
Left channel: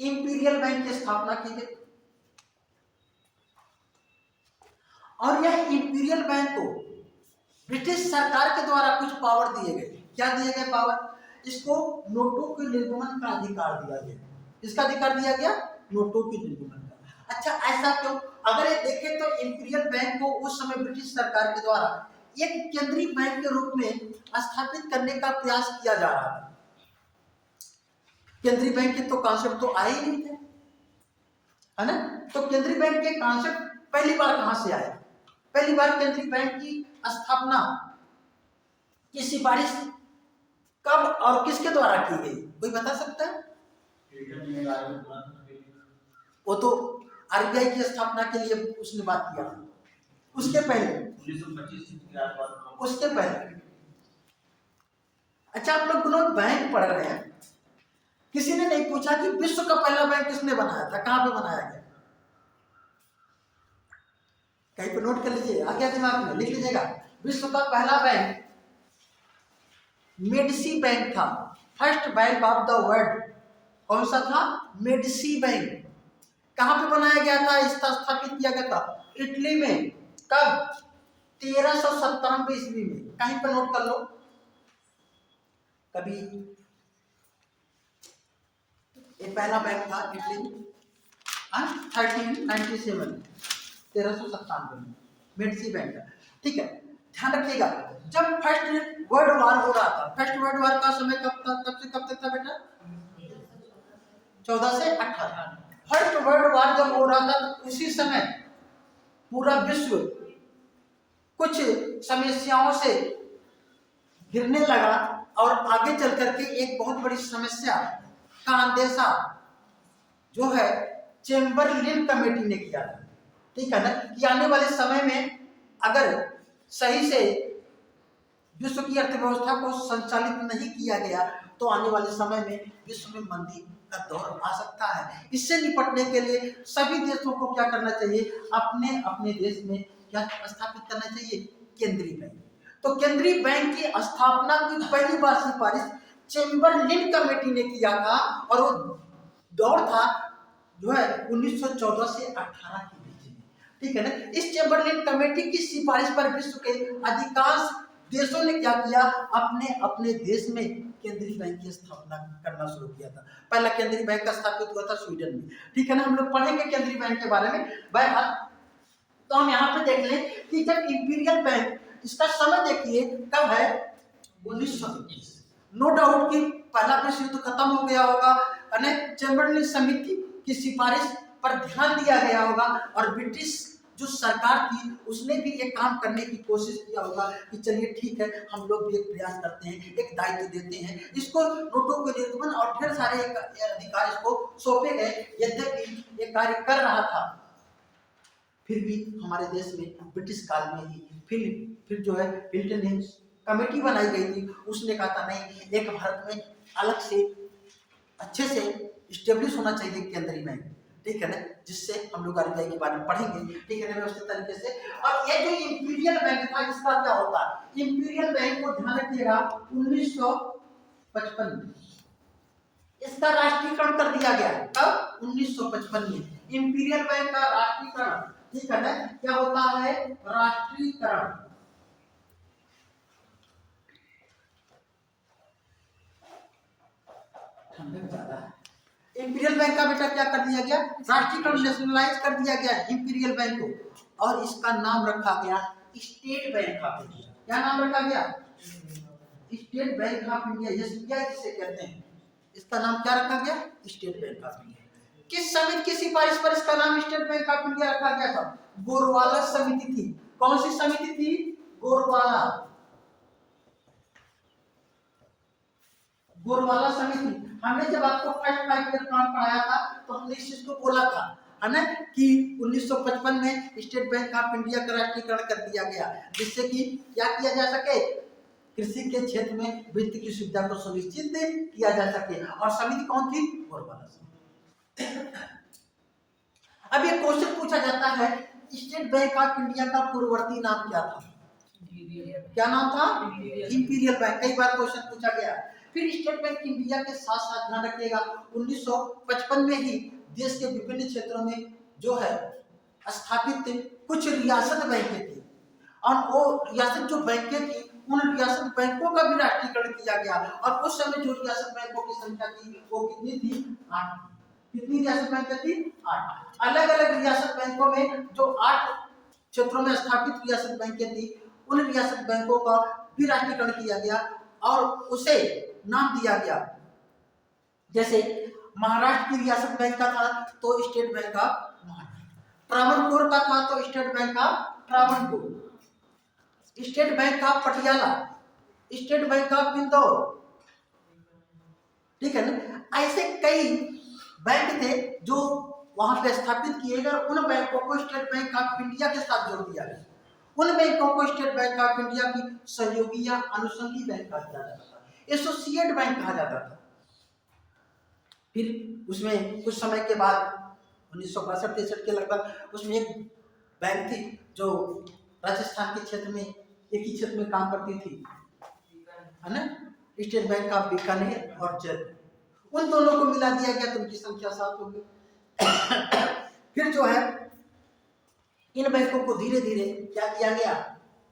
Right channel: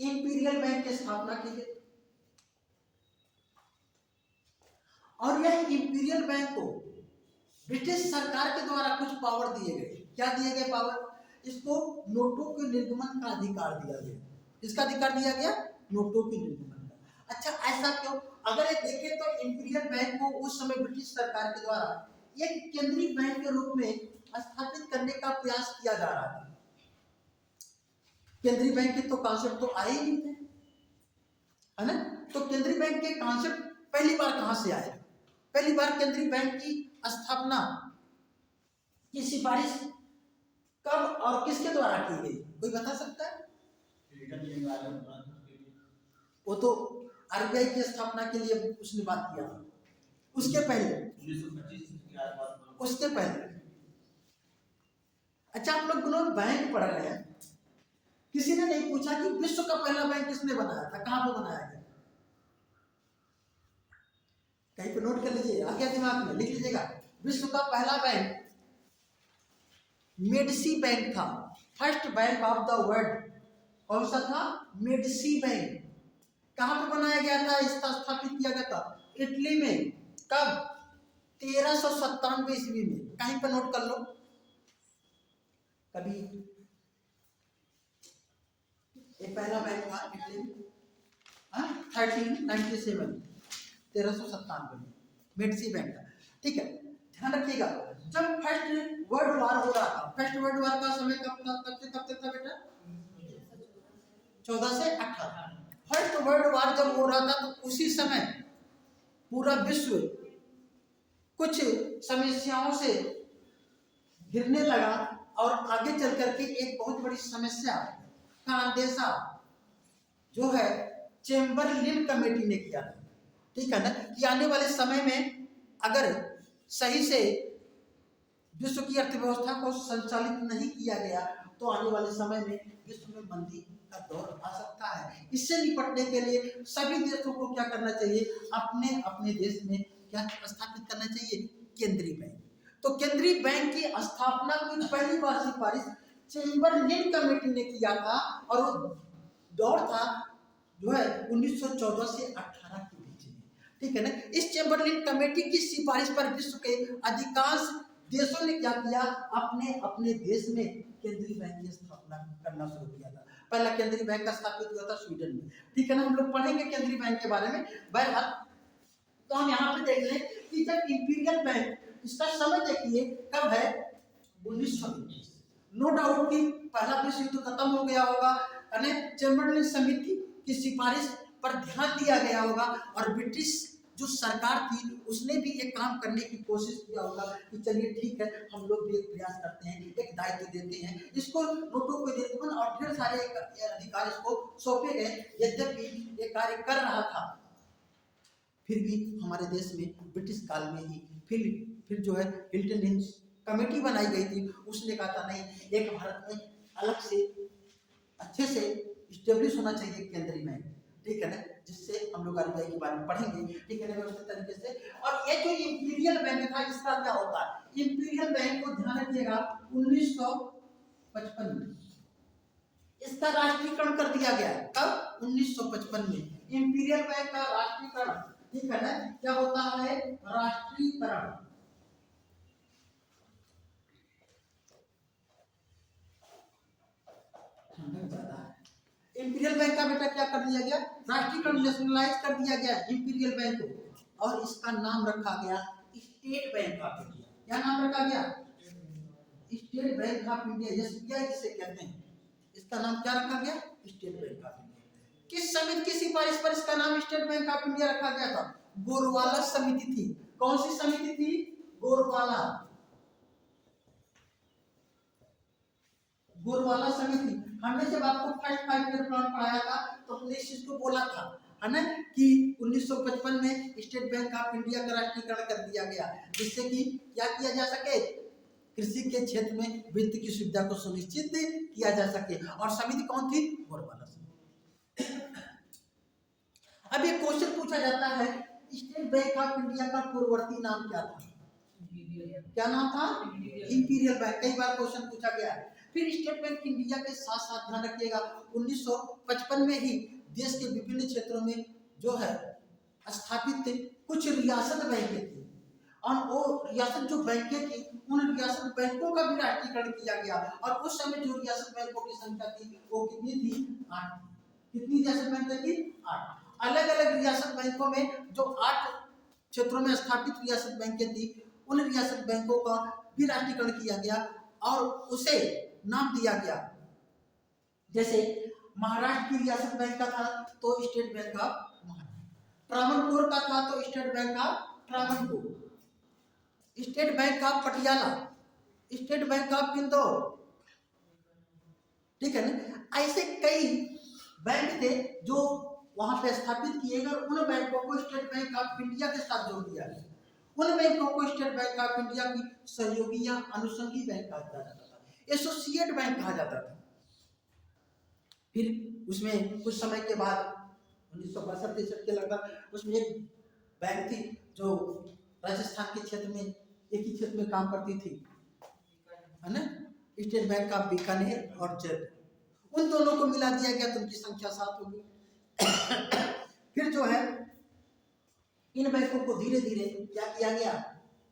इंपीरियल बैंक की स्थापना की गई और यह इंपीरियल बैंक को ब्रिटिश सरकार के द्वारा कुछ पावर दिए गए। क्या दिए गए पावर? इसको नोटों के निर्गमन का अधिकार दिया गया। किसका अधिकार दिया गया? नोटों के निर्गमन का। अच्छा, ऐसा क्यों? अगर ये देखें तो इंपीरियल बैंक को उस समय ब्रिटिश सरकार के द्वारा एक केंद्रीय बैंक के रूप में स्थापित करने का प्रयास किया जा रहा था। केंद्रीय बैंक के तो कॉन्सेप्ट तो आए ही नहीं थे, है ना। तो केंद्रीय बैंक के कॉन्सेप्ट पहली बार कहां से आए? पहली बार केंद्रीय बैंक की स्थापना की सिफारिश कब और किसके द्वारा की गई? कोई बता सकता है? वो तो आरबीआई की स्थापना के लिए उसने बात किया। उसके पहले 1925 के आसपास, उसके पहले। अच्छा, आप लोग बैंक पढ़ रहे हैं, किसी ने नहीं पूछा कि विश्व का पहला बैंक किसने बनाया था, कहां पे बनाया गया? कहीं पे नोट कर लीजिए, आ गया दिमाग में, लिख लीजिएगा। विश्व का पहला बैंक मेडिसी बैंक था। First bank of the world कौन सा था? Medici bank. कहां पे बनाया गया था? इसका स्थापित किया गया था इटली में। कब? 1397 ईस्वी में। कहीं पे नोट कर लो कभी। ये पहला बैंक था इटली में 1397 1397 में मेडिसी बैंक था, ठीक है। ध्यान रखिएगा, जब फर्स्ट वर्ल्ड वार हो रहा था। फर्स्ट वर्ल्ड वार का समय कब था, कब से कब तक था बेटा? 14 से 18। फर्स्ट वर्ल्ड वार जब हो रहा था तो उसी समय पूरा विश्व कुछ समस्याओं से घिरने लगा और आगे चल करके एक बहुत बड़ी समस्या का अंदेशा जो है चेम्बरलिन कमेटी ने किया था, ठीक है ना, कि आने वाले समय में अगर सही से विश्व की अर्थव्यवस्था को संचालित नहीं किया गया तो आने वाले समय में विश्व में मंदी का दौर आ सकता है। इससे निपटने के लिए सभी देशों को क्या करना चाहिए, अपने अपने देश में क्या स्थापित करना चाहिए, केंद्रीय बैंक। तो केंद्रीय बैंक की स्थापना की पहली बार सिफारिश चेम्बरलिन कमेटी ने किया था और वो दौर था जो है 1914 से 18 के बीच में, ठीक है ना। इस चेम्बरलिन कमेटी की सिफारिश पर विश्व के अधिकांश देशों ने क्या किया, अपने अपने देश में केंद्रीय बैंक की स्थापना करना शुरू किया था। पहला केंद्रीय बैंक का स्थापित हुआ था स्वीडन में, ठीक है ना। हम लोग पढ़ेंगे केंद्रीय बैंक के बारे में। बहरहाल तो हम यहाँ पे देख लें कि जब इंपीरियल बैंक, इसका समय देखिए कब है, 1921। नो डाउट कि पहला विश्व युद्ध खत्म हो गया होगा, चेम्बरलिन समिति की सिफारिश पर ध्यान दिया गया होगा और ब्रिटिश जो सरकार थी उसने भी एक काम करने की कोशिश किया होगा कि चलिए ठीक है, हम लोग भी एक प्रयास करते हैं, एक दायित्व देते हैं इसको, नोटों के निर्गमन और ढेर सारे अधिकार इसको सौंपे गए। यद्यपि ये कार्य कर रहा था, फिर भी हमारे देश में ब्रिटिश काल में ही फिर जो है हिल्टन हिंस कमेटी बनाई गई थी। उसने कहा था नहीं, एक भारत में अलग से अच्छे से इस्टेब्लिश होना चाहिए केंद्रीय बैंक, ठीक है ना, जिससे हम लोग आरबीआई के बारे में पढ़ेंगे, ठीक है ना, व्यवस्थित तरीके से। और ये जो इंपीरियल बैंक था इसका क्या होता है, इंपीरियल बैंक को ध्यान रखिएगा 1955 में इसका राष्ट्रीयकरण कर दिया गया। कब? 1955 में इंपीरियल बैंक का राष्ट्रीयकरण, ठीक है ना, क्या होता है, राष्ट्रीयकरण। इंपीरियल बैंक का बेटा क्या कर दिया गया, राष्ट्रीयकरण, नेशनलाइज कर दिया गया इंपीरियल बैंक को और इसका नाम रखा गया स्टेट बैंक ऑफ इंडिया। क्या नाम रखा गया, state bank of India, SBI जिसे कहते हैं, इसका नाम क्या रखा गया, स्टेट बैंक ऑफ इंडिया। किस समिति की सिफारिश पर इसका नाम स्टेट बैंक ऑफ इंडिया रखा गया था, गोरवाला समिति थी। कौन सी समिति थी, गोरवाला समिति। हमने जब आपको फर्स्ट 5 ईयर प्लान पढ़ाया था तो हमने इस चीज को बोला था, है ना, कि 1955 में स्टेट बैंक ऑफ इंडिया का राष्ट्रीयकरण कर दिया गया, जिससे कि क्या किया जा सके, कृषि के क्षेत्र में वित्त की सुविधा को सुनिश्चित किया जा सके। और समिति कौन थी, गोरवाला समिति। अब ये क्वेश्चन पूछा जाता है, स्टेट बैंक ऑफ इंडिया का पूर्ववर्ती नाम क्या था, क्या नाम था, इंपीरियल बैंक। कई बार क्वेश्चन पूछा गया। फिर स्टेट बैंक इंडिया के साथ साथ ध्यान रखिएगा 1955 में ही देश के विभिन्न क्षेत्रों में जो है स्थापित कुछ रियासत बैंकें थी और वो रियासत जो बैंकें थी उन रियासत बैंकों का भी राष्ट्रीयकरण किया गया। और उस समय जो रियासत बैंकों की संख्या थी वो कितनी थी, 8। कितनी रियासत बैंकें थी, 8। अलग अलग रियासत बैंकों में जो 8 क्षेत्रों में स्थापित रियासत बैंकें थी उन रियासत बैंकों का भी राष्ट्रीयकरण किया गया और उसे नाम दिया गया। जैसे महाराष्ट्र की रियासत बैंक का था तो state bank of Maharashtra, Travancore का था तो state bank of Travancore, state bank of Patiala, state bank of Indore, ठीक है ना। ऐसे कई बैंक थे जो वहां पे स्थापित किए गए और उन बैंकों को स्टेट बैंक ऑफ इंडिया के साथ जोड़ दिया गया। उन बैंकों को स्टेट बैंक ऑफ इंडिया की सहयोगी या अनुषंगी बैंक कहा जाता था, एसोसिएट बैंक कहा जाता था। फिर उसमें कुछ समय के बाद 1962-63 के लगभग उसमें एक बैंक थी जो राजस्थान के क्षेत्र में एक ही क्षेत्र में काम करती थी, है ना, स्टेट बैंक ऑफ बीकानेर और जयपुर। उन दोनों को मिला दिया गया तो उनकी संख्या 7 हो गई। फिर जो है इन बैंकों को धीरे धीरे क्या किया गया,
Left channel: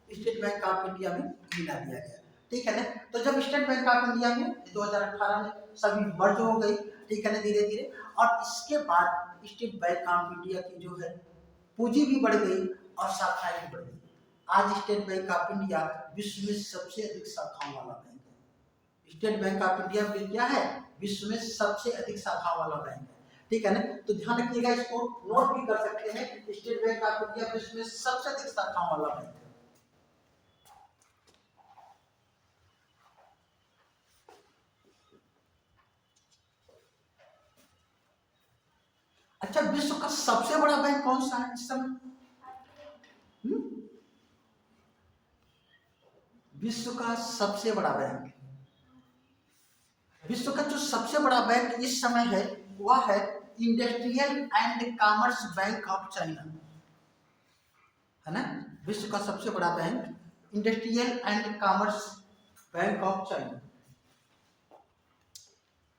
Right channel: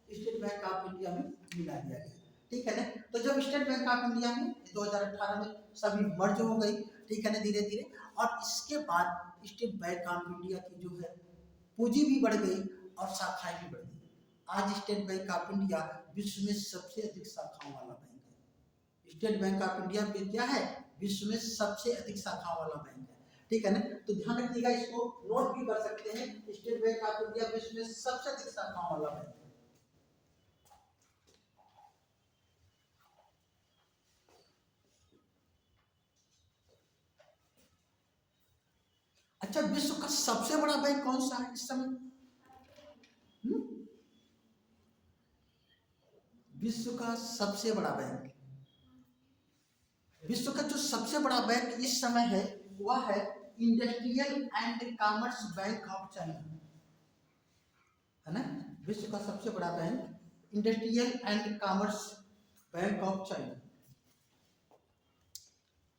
स्टेट बैंक ऑफ इंडिया में मिला दिया गया, ठीक है ना। तो जब स्टेट बैंक ऑफ इंडिया में 2018 में सभी मर्ज हो गई, ठीक है ना, धीरे धीरे, और इसके बाद स्टेट बैंक ऑफ इंडिया की जो है पूंजी भी बढ़ गई और शाखाएं भी बढ़ गई। आज स्टेट बैंक ऑफ इंडिया विश्व में सबसे अधिक शाखाओं वाला बैंक है। स्टेट बैंक ऑफ इंडिया में क्या है? विश्व में सबसे अधिक शाखा वाला बैंक है। ठीक है ना, तो ध्यान रखिएगा, इसको नोट भी कर सकते हैं। स्टेट बैंक ऑफ इंडिया विश्व में सबसे अधिक शाखाओं वाला बैंक है। अच्छा, विश्व का सबसे बड़ा बैंक कौन सा है इस समय? विश्व का सबसे बड़ा बैंक, विश्व का जो सबसे बड़ा बैंक इस समय है वह है industrial and commerce bank of China, है ना। विश्व का सबसे बड़ा bank industrial and commerce bank of China,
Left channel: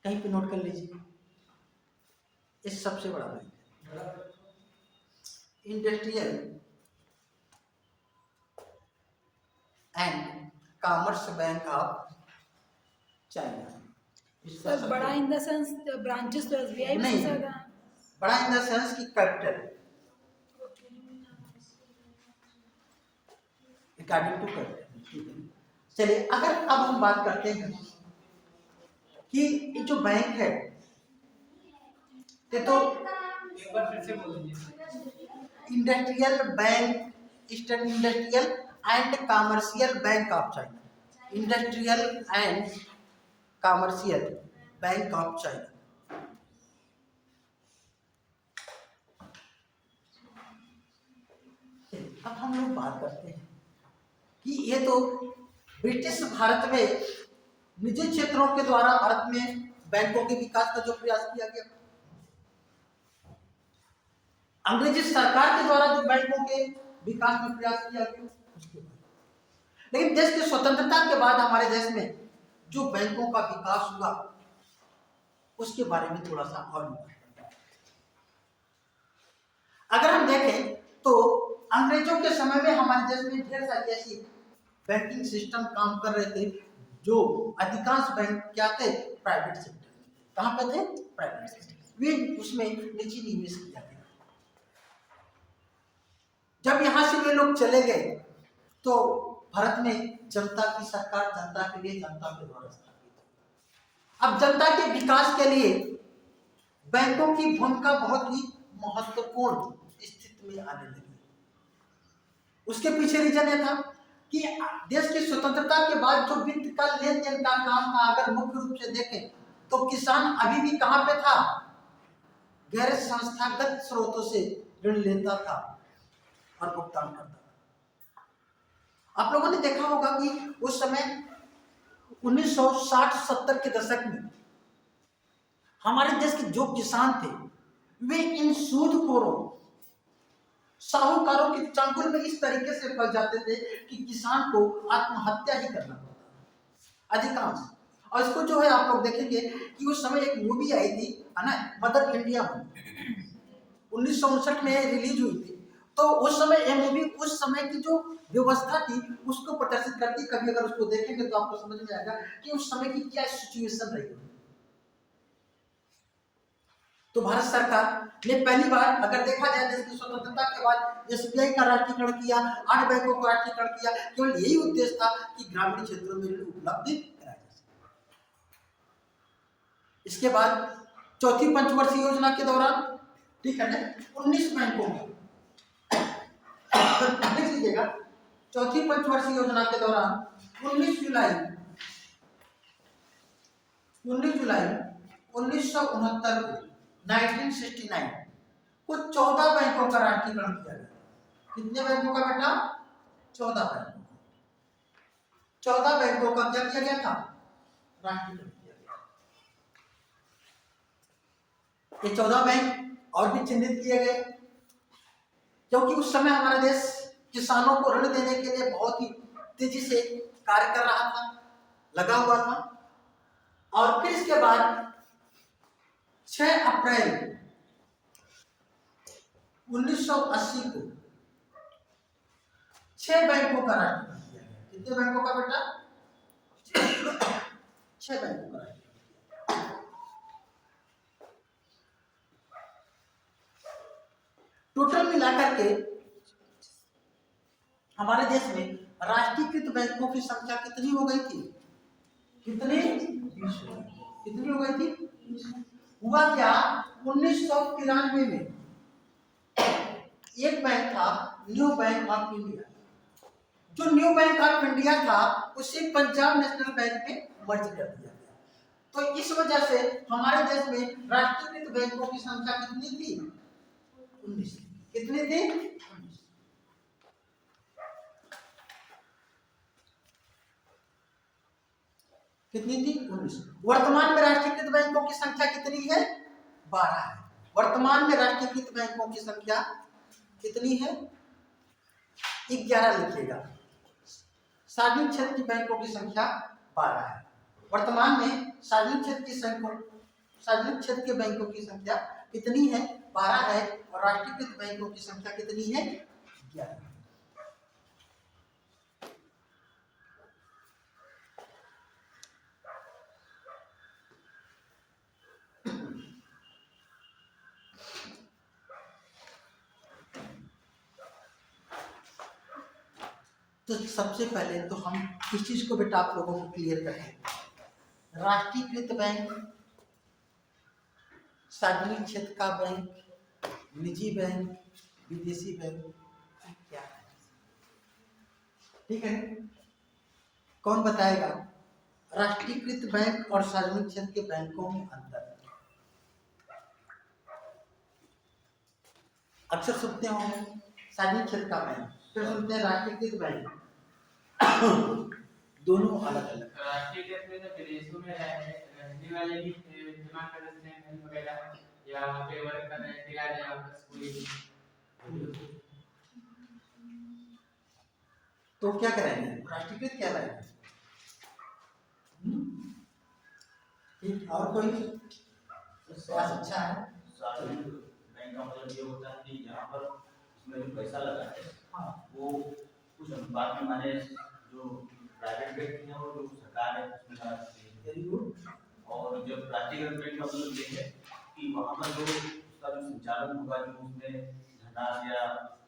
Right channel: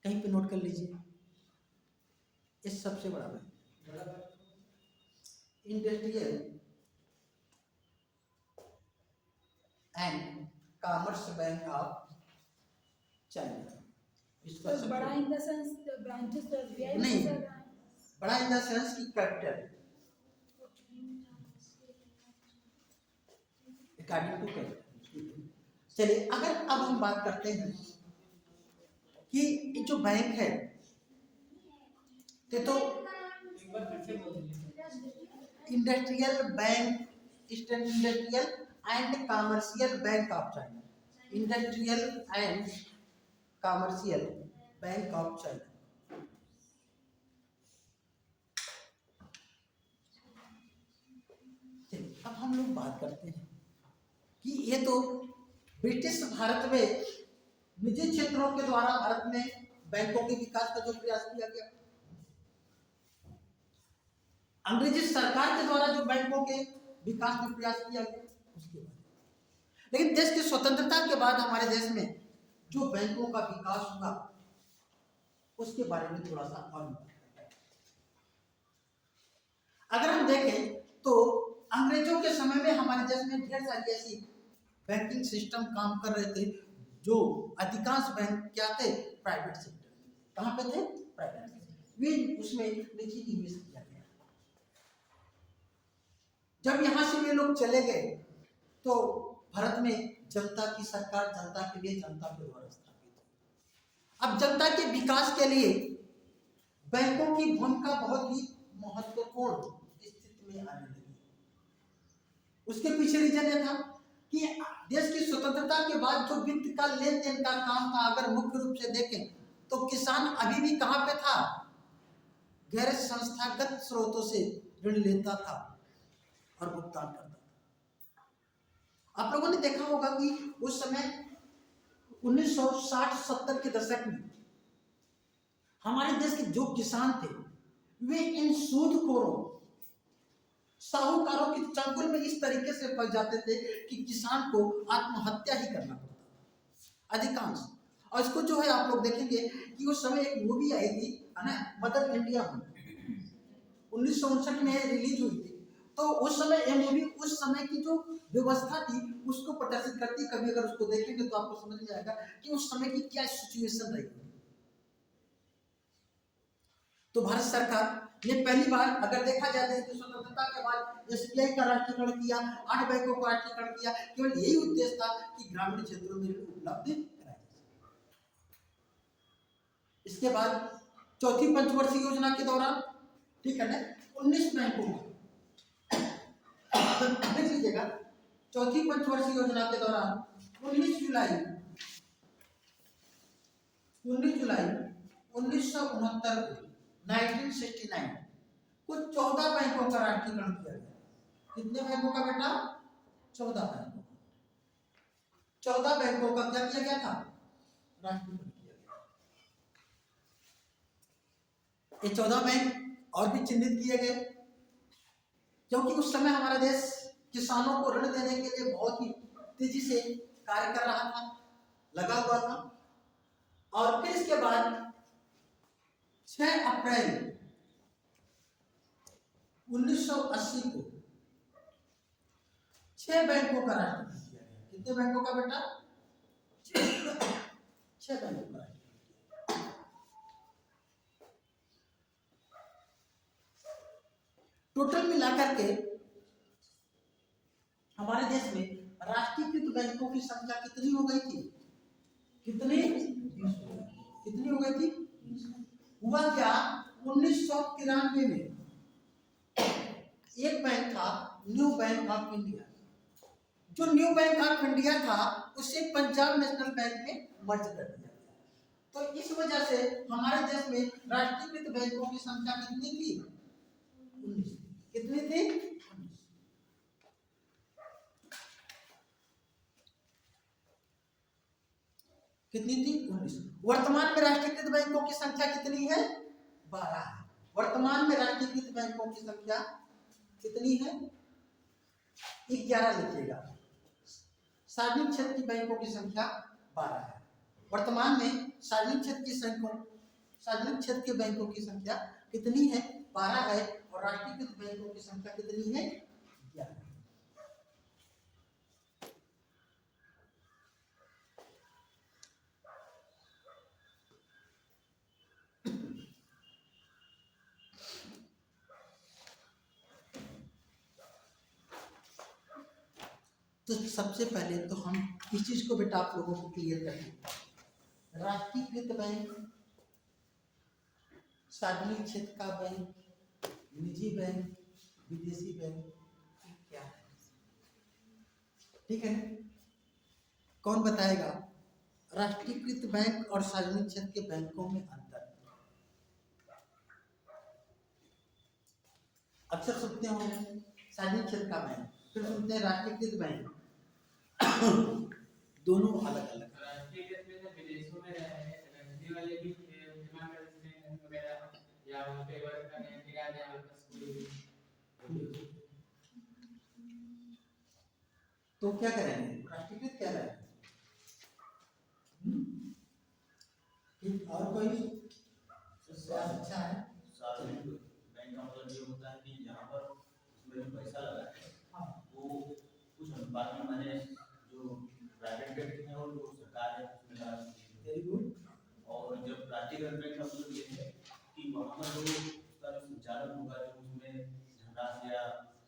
कहीं पे नोट कर लीजिए। ये सबसे बड़ा bank industrial and commerce bank of China. Sir बड़ा इन द सेंस ब्रांचेस तो एसबीआई में नहीं, ज्यादा, बड़ा इन द सेंस की कैपिटल, अकॉर्डिंग टू कैपिटल। ठीक है, चलिए अगर अब हम बात करते हैं कि ये जो बैंक है तो एक बार फिर से बोल दीजिए। Industrial bank, eastern industrial and commercial bank of China, industrial and commercial bank of China. अब हम लोग बात करते हैं कि ये तो ब्रिटिश भारत में निजी क्षेत्रों के द्वारा भारत में बैंकों के विकास का जो प्रयास किया गया, अंग्रेजी सरकार के द्वारा जो बैंकों के विकास में प्रयास किया गया, लेकिन देश की स्वतंत्रता के बाद हमारे देश में जो बैंकों का विकास हुआ उसके बारे में थोड़ा सा और अगर हम देखें तो अंग्रेजों के समय में हमारे देश में ढेर सारी ऐसी बैंकिंग सिस्टम काम कर रहे थे, जो अधिकांश बैंक क्या थे? Private sector. कहाँ पे थे? Private sector. वे उसमें निजी निवेश किया गया। जब यहाँ से वे लोग चले गए तो भारत में जनता की सरकार, जनता के लिए, जनता के द्वारा स्थापित। अब जनता के विकास के लिए बैंकों की भूमिका बहुत ही महत्वपूर्ण स्थिति में आने लगी। उसके पीछे रीजन यह था कि देश की स्वतंत्रता के बाद जो वित्त का लेन देन का काम था, अगर मुख्य रूप से देखें तो किसान अभी भी कहां पे था? गैर संस्थागत स्रोतों से ऋण लेता था और भुगतान करता था। आप लोगों ने देखा होगा कि उस समय 1960-70 के दशक में हमारे देश के जो किसान थे वे इन सूदखोरों, साहूकारों के चंगुल में इस तरीके से फंस जाते थे कि किसान को आत्महत्या ही करना पड़ता अधिकांश। और इसको जो है आप लोग देखेंगे कि उस समय एक मूवी आई थी, है ना, मदर इंडिया मूवी, 1959 में रिलीज हुई थी। तो उस समय ये मूवी उस समय की जो व्यवस्था थी उसको प्रदर्शित करती। कभी अगर उसको देखेंगे तो आपको समझ में आएगा कि उस समय की क्या सिचुएशन रही। तो भारत सरकार ने पहली बार अगर देखा जाए देश की स्वतंत्रता के बाद एसबीआई का राष्ट्रीयकरण किया, 8 बैंकों का राष्ट्रीयकरण किया। केवल यही उद्देश्य था कि ग्रामीण क्षेत्रों में ऋण उपलब्ध कराया जा सके। इसके बाद चौथी पंचवर्षीय योजना के दौरान, ठीक है ना, 19 बैंकों में लिख लीजिएगा, चौथी पंचवर्षीय योजना के दौरान 19 जुलाई 1969 को 1969 को 14 बैंकों का राष्ट्रीयकरण किया गया। कितने बैंकों का बेटा? 14 बैंकों। 14 बैंकों का क्या किया गया था? राष्ट्रीयकरण किया गया। ये 14 बैंक और भी चिन्हित किए गए क्योंकि उस समय हमारा देश किसानों को ऋण देने के लिए बहुत ही तेजी से कार्य कर रहा था, लगा हुआ था। और फिर इसके बाद 6 अप्रैल 1980 को 6 बैंकों का राष्ट्रीयकरण किया गया। कितने बैंकों का बेटा? 6 बैंकों का राष्ट्रीयकरण। टोटल मिलाकर के हमारे देश में राष्ट्रीयकृत बैंकों की संख्या कितनी हो गई थी? कितनी हो गई थी? हुआ क्या, 1993 में एक बैंक था न्यू बैंक ऑफ इंडिया। जो न्यू बैंक ऑफ इंडिया था उसे पंजाब नेशनल बैंक में मर्ज कर दिया गया। तो इस वजह से हमारे देश में राष्ट्रीयकृत बैंकों की संख्या कितनी थी? 19। कितनी थी? 19। कितनी थी? 19। वर्तमान में राष्ट्रीयकृत बैंकों की संख्या कितनी है? 12 है। वर्तमान में राष्ट्रीयकृत बैंकों की संख्या कितनी है? 11 लिखिएगा। सार्वजनिक क्षेत्र की बैंकों की संख्या 12 है। वर्तमान में सार्वजनिक क्षेत्र के बैंकों की संख्या कितनी है? 12 है। और राष्ट्रीयकृत बैंकों की संख्या कितनी है? 11। तो सबसे पहले तो हम इस चीज को बेटा आप लोगों को क्लियर करें। राष्ट्रीयकृत बैंक, सार्वजनिक क्षेत्र का बैंक, निजी बैंक, विदेशी बैंक क्या है? ठीक है, कौन बताएगा? राष्ट्रीयकृत बैंक और सार्वजनिक क्षेत्र के बैंकों में अंतर। अक्सर सुनते होंगे सार्वजनिक क्षेत्र का बैंक, फिर सुनते हैं राष्ट्रीयकृत बैंक। दोनों अलग अलग। राष्ट्रीयकृत में तो विदेशों में रहने वाले भी जमा कर सकते हैं धन वगैरह, या वहाँ पे वर्क कर रहे हैं, दिला रहे हैं वापस कोई। तो क्या करेंगे? राष्ट्रीयकृत क्या रहेगा? ठीक, और कोई स्वास्थ्य अच्छा है? सार्वजनिक बैंक का मतलब ये होता है कि यहाँ पर उसमें जो पैसा लगा है हाँ, वो कुछ अनुपात में, माने जो प्राइवेट व्यक्ति है और जो सरकार है उसमें लगा सकती है। Very good. और जब राष्ट्रीयकृत बैंक का मतलब ये है कि वहाँ पर जो उसका जो संचालन होगा, जो उसमें धनराशि या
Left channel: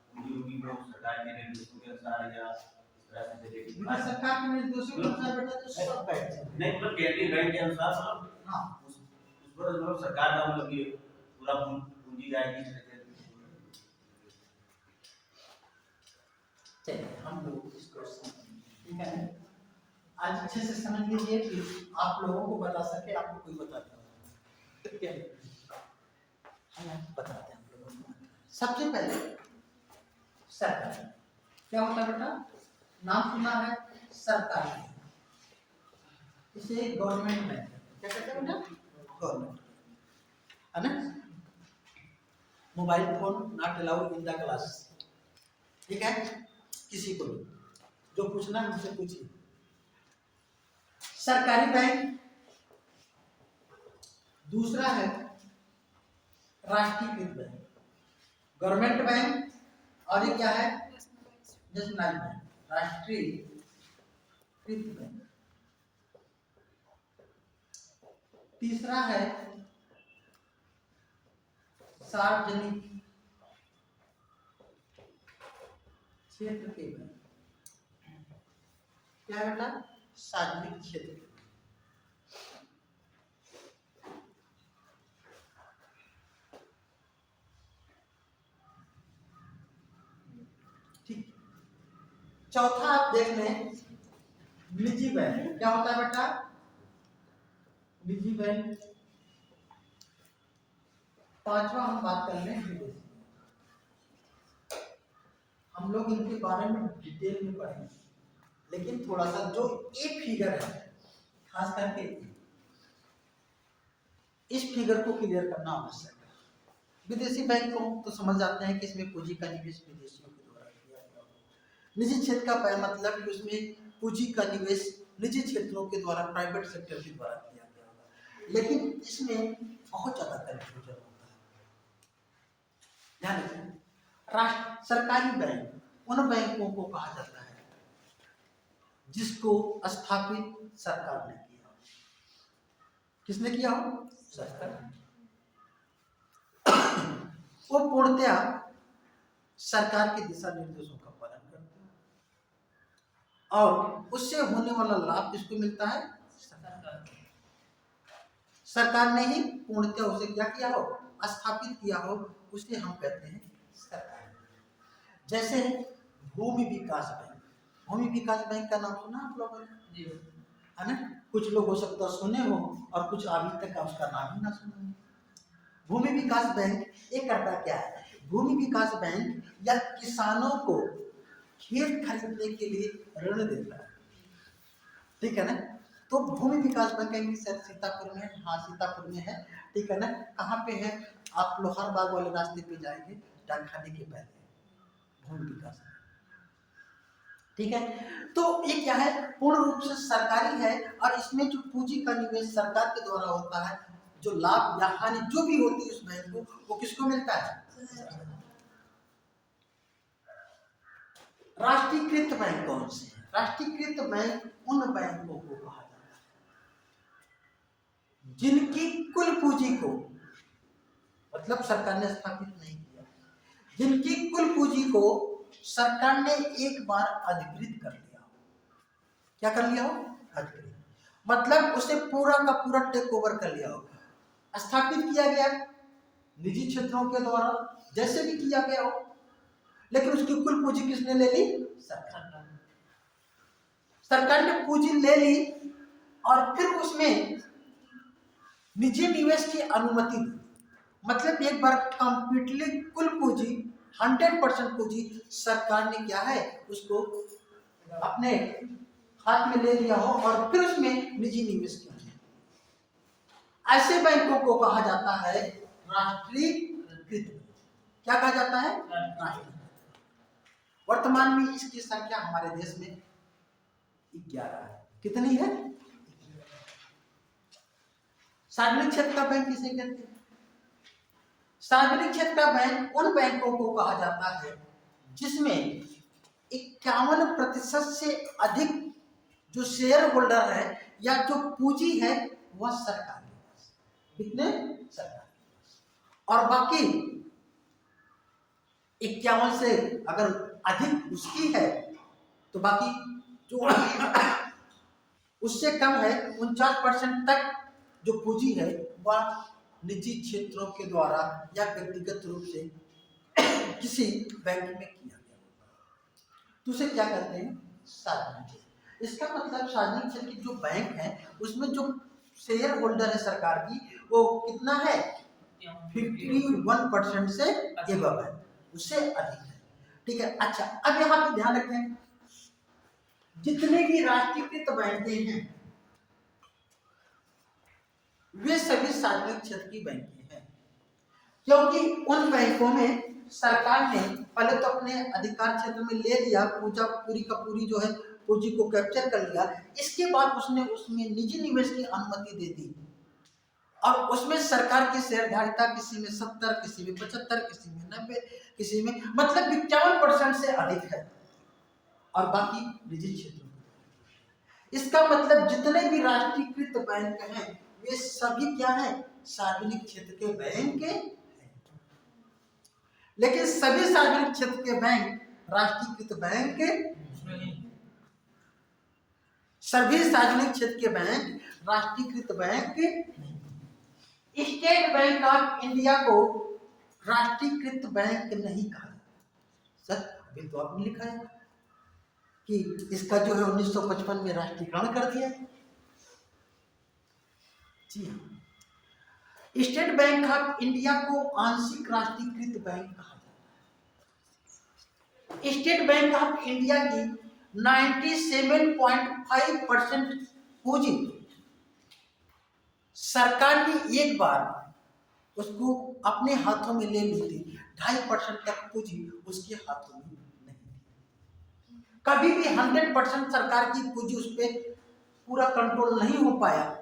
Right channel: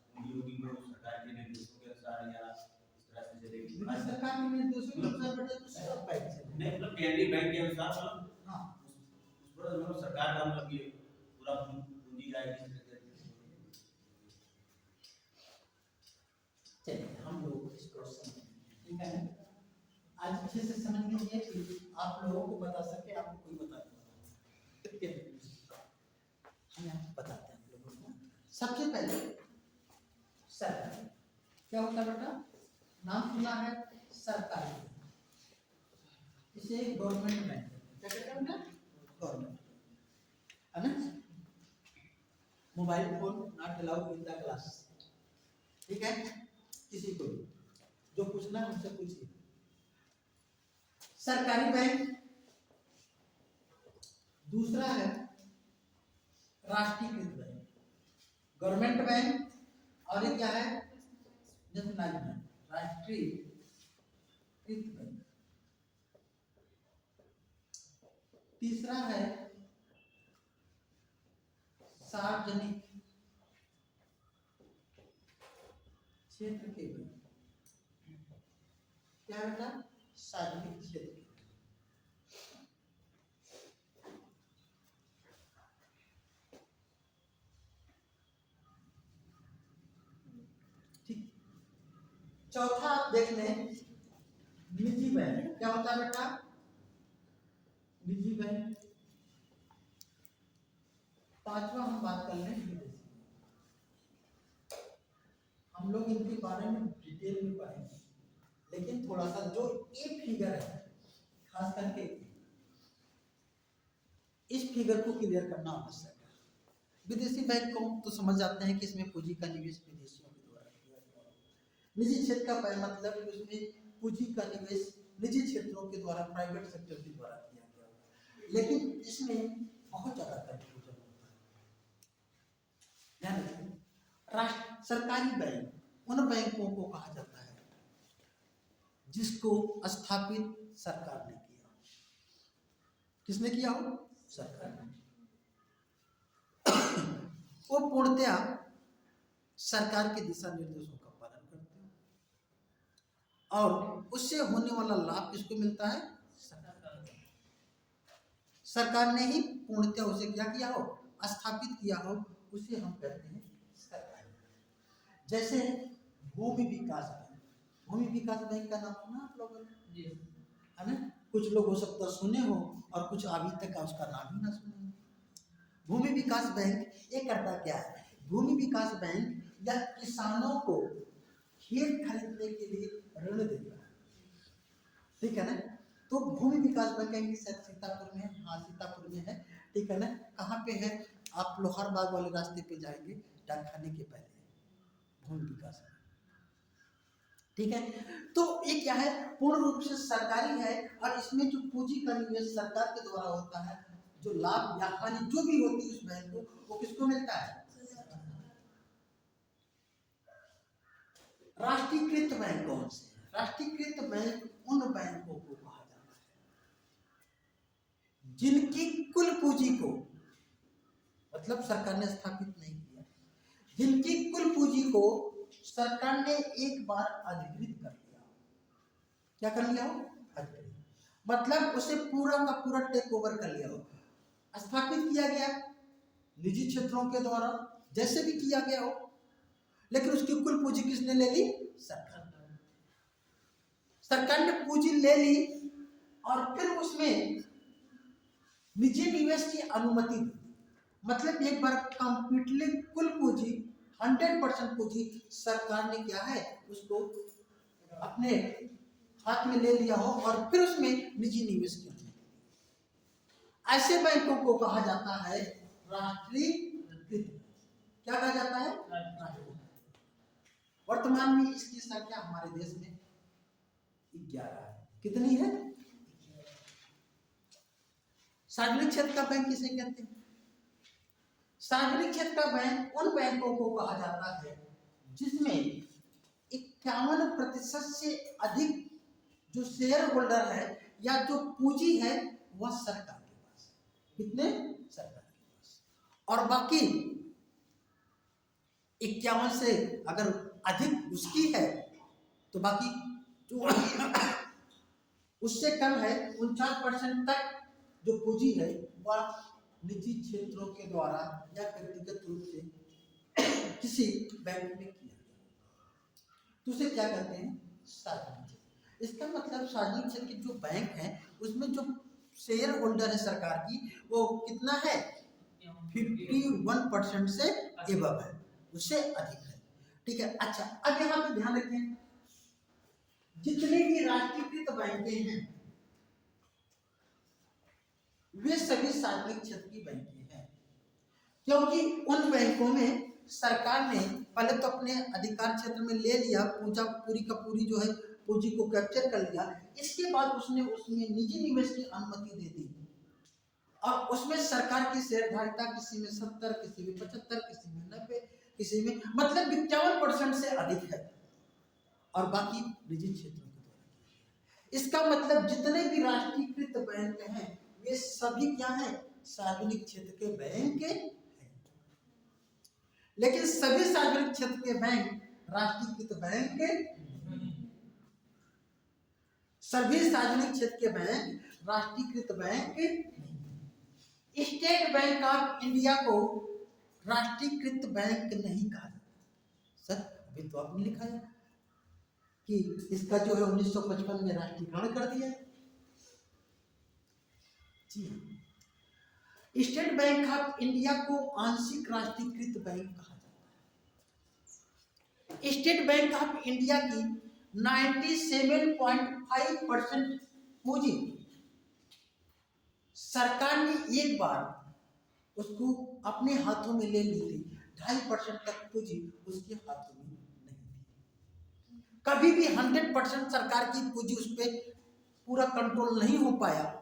पूंजी होगी, वो सरकार के निर्देशों के अनुसार या इस तरह से चलेगी। सरकार के निर्देशों के अनुसार बेटा तो सब बैठ जाए। नहीं, मतलब केंद्रीय बैंक के अनुसार, मतलब हाँ, उस पर मतलब सरकार का मतलब ये पूरा पूंजी जाएगी। चलिए हम लोग इसको समझेंगे, ठीक है? आज अच्छे से समझ लीजिए कि आप लोगों को बता सके, आपको कोई बताता हो। ठीक है, हम बताते हैं आप लोगों को। सबसे पहले सरकार क्या होता है बेटा? नाम सुना है सरकार, इसे गवर्नमेंट बैंक क्या कहते हैं बेटा? गवर्नमेंट, है ना? Mobile phone not allowed in the class, ठीक है? किसी को भी जो पूछना है मुझसे पूछिए। सरकारी बैंक, दूसरा है राष्ट्रीयकृत बैंक, गवर्नमेंट बैंक, और ये क्या है? नेशनलाइज्ड बैंक, राष्ट्रीयकृत बैंक। तीसरा है सार्वजनिक क्षेत्र के बैंक। क्या है बेटा? सार्वजनिक क्षेत्र। ठीक, चौथा आप देख लें निजी बैंक। क्या होता है बेटा? निजी बैंक। पांचवा हम बात कर लें विदेशी। हम लोग इनके बारे में डिटेल में पढ़ेंगे, लेकिन थोड़ा सा जो एक फिगर है, खास करके इस फिगर को क्लियर करना आवश्यक है। विदेशी बैंक को तो समझ जाते हैं कि इसमें पूंजी का निवेश विदेशियों के द्वारा किया गया होगा। निजी क्षेत्र का मतलब कि उसमें पूंजी का निवेश निजी क्षेत्रों के द्वारा, प्राइवेट सेक्टर के द्वारा किया गया होगा। लेकिन इसमें बहुत ज्यादा कंफ्यूजन होता है। ध्यान रखिए, सरकारी बैंक उन बैंकों को कहा जाता है जिसको स्थापित सरकार ने किया। किसने किया हो? सरकार। वो पूर्णतया सरकार के दिशा निर्देशों का पालन करते हैं। और उससे होने वाला लाभ किसको मिलता है? सरकार ने ही पूर्णतः उसे क्या किया हो, स्थापित किया हो, उसे हम कहते हैं सरकार। जैसे भूमि विकास बैंक, भूमि विकास बैंक का नाम सुना आप लोगों ने? है ना? कुछ लोग हो सकता है सुने हो और कुछ अभी तक उसका नाम ही ना सुना हो। भूमि विकास बैंक ये करता क्या है? भूमि विकास बैंक या किसानों को खेत खरीदने के लिए ऋण देता है, ठीक है ना? तो भूमि विकास बैंक कहीं सर सीतापुर में, हाँ सीतापुर में है, ठीक है ना? कहाँ पे है? आप लोहार बाग वाले रास्ते पे जाएंगे, डाकखाने के पहले भूमि विकास बैंक, ठीक है? तो ये क्या है? पूर्ण रूप से सरकारी है और इसमें जो पूंजी का निवेश सरकार के द्वारा होता है, जो लाभ या हानि जो भी होती है उस बैंक को, वो किसको मिलता है? राष्ट्रीयकृत बैंक कौन से है? राष्ट्रीयकृत बैंक उन बैंकों को कहा जाता है जिनकी कुल पूंजी को, मतलब सरकार ने स्थापित नहीं किया, जिनकी कुल पूंजी को सरकार ने एक बार अधिकृत कर लिया हो। क्या कर लिया हो? अधिकृत, मतलब उसे पूरा का पूरा टेक ओवर कर लिया हो। स्थापित किया गया निजी क्षेत्रों के द्वारा, जैसे भी किया गया हो, लेकिन उसकी कुल पूंजी किसने ले ली? सरकार। सरकार ने पूंजी ले ली और फिर उसमें निजी निवेश की अनुमति दी। मतलब एक बार कंप्लीटली कुल पूंजी 100% पूंजी सरकार ने क्या है उसको अपने हाथ में ले लिया हो और फिर उसमें निजी निवेश किया। ऐसे बैंकों को कहा जाता है राष्ट्रीयकृत। क्या कहा जाता है? राष्ट्रीयकृत। वर्तमान में इसकी संख्या हमारे देश में 11 है। कितनी है? सार्वजनिक क्षेत्र का बैंक किसे कहते हैं? सार्वजनिक क्षेत्र का बैंक उन बैंकों को कहा जाता है जिसमें 51% से अधिक जो शेयर होल्डर है या जो पूंजी है वह सरकार के पास। कितने? सरकार के पास। और बाकी 51 से अगर अधिक उसकी है तो बाकी जो उससे कम है 49% तक जो पूंजी है वह निजी क्षेत्रों के द्वारा या व्यक्तिगत रूप से किसी बैंक में किया गया तो उसे क्या कहते हैं? सार्वजनिक क्षेत्र। इसका मतलब सार्वजनिक क्षेत्र की जो बैंक है उसमें जो शेयर होल्डर है सरकार की वो कितना है? 51% से एबव है, उससे अधिक है, ठीक है? अच्छा, अब यहाँ पे ध्यान रखें, जितने भी राष्ट्रीयकृत बैंकें हैं वे सभी सार्वजनिक क्षेत्र की बैंकें हैं, क्योंकि उन बैंकों में सरकार ने पहले तो अपने अधिकार क्षेत्र में ले लिया, पूरी का पूरी जो है पूंजी को कैप्चर कर लिया, इसके बाद उसने उसमें निजी निवेश की अनुमति दे दी और उसमें सरकार की शेयरधारिता किसी में 70, किसी में 75, किसी में 90, किसी में मतलब 51% से अधिक है और बाकी निजी क्षेत्रों में। इसका मतलब जितने भी राष्ट्रीयकृत बैंक हैं वे सभी क्या है? सार्वजनिक क्षेत्र के बैंक हैं। लेकिन सभी सार्वजनिक क्षेत्र के बैंक राष्ट्रीयकृत बैंक नहीं। सभी सार्वजनिक क्षेत्र के बैंक राष्ट्रीयकृत बैंक नहीं। स्टेट बैंक ऑफ इंडिया को राष्ट्रीयकृत बैंक नहीं कहा जाता। सर अभी तो आपने लिखा है कि इसका जो है 1955 में राष्ट्रीयकरण कर दिया। जी हाँ, स्टेट बैंक ऑफ इंडिया को आंशिक राष्ट्रीयकृत बैंक कहा जाता है। स्टेट बैंक ऑफ इंडिया की 97.5% पूंजी सरकार ने एक बार उसको अपने हाथों में ले ली थी, 2.5% तक पूंजी उसके हाथों में नहीं थी। कभी भी 100% सरकार की पूंजी उस पर पूरा कंट्रोल नहीं हो पाया।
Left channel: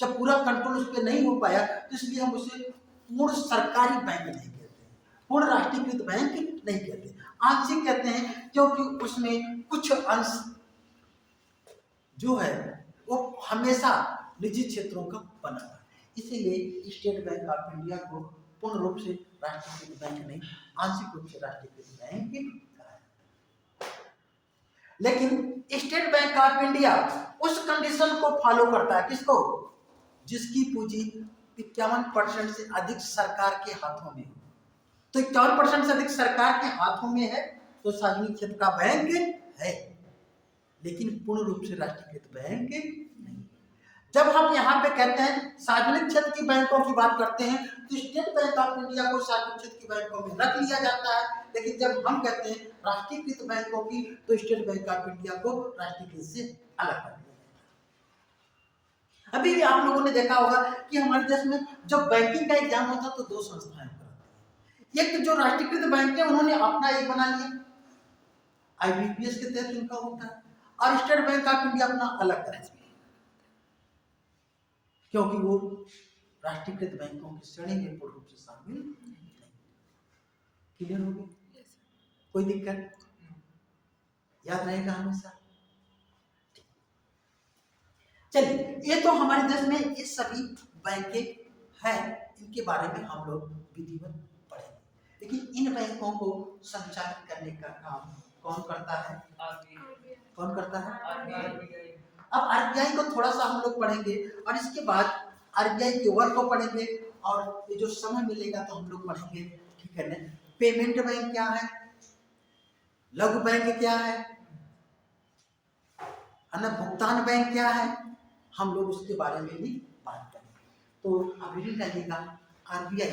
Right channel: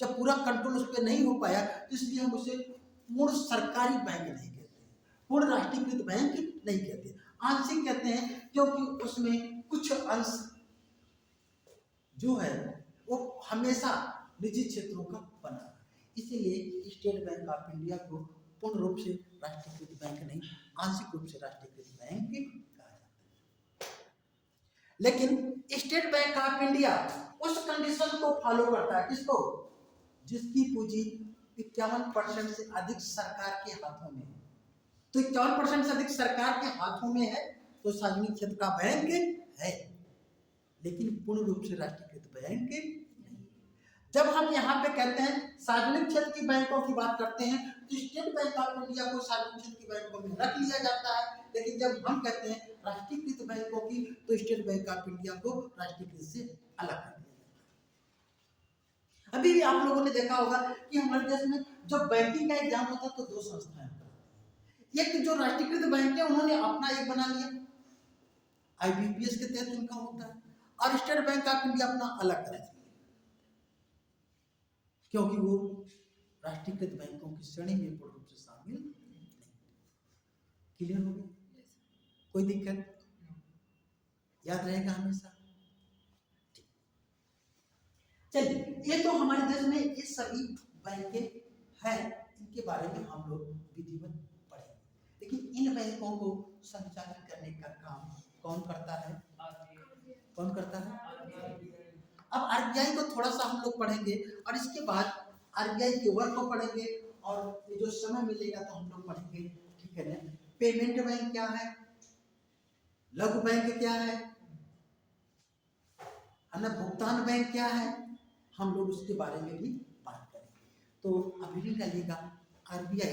जब पूरा कंट्रोल उस पर नहीं हो पाया तो इसलिए हम उसे पूर्ण सरकारी बैंक नहीं कहते, पूर्ण राष्ट्रीयकृत बैंक नहीं कहते, आंशिक कहते हैं, क्योंकि उसमें कुछ अंश जो है वो हमेशा निजी क्षेत्रों का बना था। इसीलिए स्टेट बैंक ऑफ इंडिया को पूर्ण रूप से राष्ट्रीयकृत बैंक नहीं, आंशिक रूप से राष्ट्रीयकृत बैंक कहा जाता है। लेकिन स्टेट बैंक ऑफ इंडिया उस कंडीशन को फॉलो करता है, किसको? जिसकी पूंजी 51% से अधिक सरकार के हाथों में हो। तो 51% से अधिक सरकार के हाथों में है तो सार्वजनिक क्षेत्र का बैंक है, लेकिन पूर्ण रूप से राष्ट्रीयकृत बैंक नहीं। जब हम यहाँ पे कहते हैं सार्वजनिक क्षेत्र की बैंकों की बात करते हैं तो स्टेट बैंक ऑफ इंडिया को सार्वजनिक क्षेत्र की बैंकों में रख लिया जाता है, लेकिन जब हम कहते हैं राष्ट्रीयकृत बैंकों की तो स्टेट बैंक ऑफ इंडिया को राष्ट्रीयकृत से अलग कर दिया जाता है। अभी भी आप लोगों ने देखा होगा कि हमारे देश में जब बैंकिंग का एग्जाम होता है तो दो संस्थाएं कराती हैं। एक जो राष्ट्रीयकृत बैंक है उन्होंने अपना एक बना लिया, IBPS के तहत इनका होता है, और स्टेट बैंक ऑफ इंडिया अपना अलग करेगा, क्योंकि वो राष्ट्रीयकृत बैंकों की श्रेणी में पूर्ण रूप से शामिल नहीं। क्लियर हो गया? कोई दिक्कत? याद रहेगा हमेशा। चलिए, ये तो हमारे देश में ये सभी बैंकें हैं, इनके बारे में हम लोग विधिवत पढ़ेंगे, लेकिन इन बैंकों को संचालित करने का काम कौन करता है? कौन करता है? अब RBI को थोड़ा सा हम लोग पढ़ेंगे और इसके बाद RBI के वर्क को पढ़ेंगे, और ये जो समय मिलेगा तो हम लोग पढ़ेंगे, ठीक है ना? पेमेंट बैंक क्या है, लघु बैंक क्या है ना, भुगतान बैंक क्या है, हम लोग उसके बारे में भी बात करेंगे। तो अभी भी कहिएगा RBI,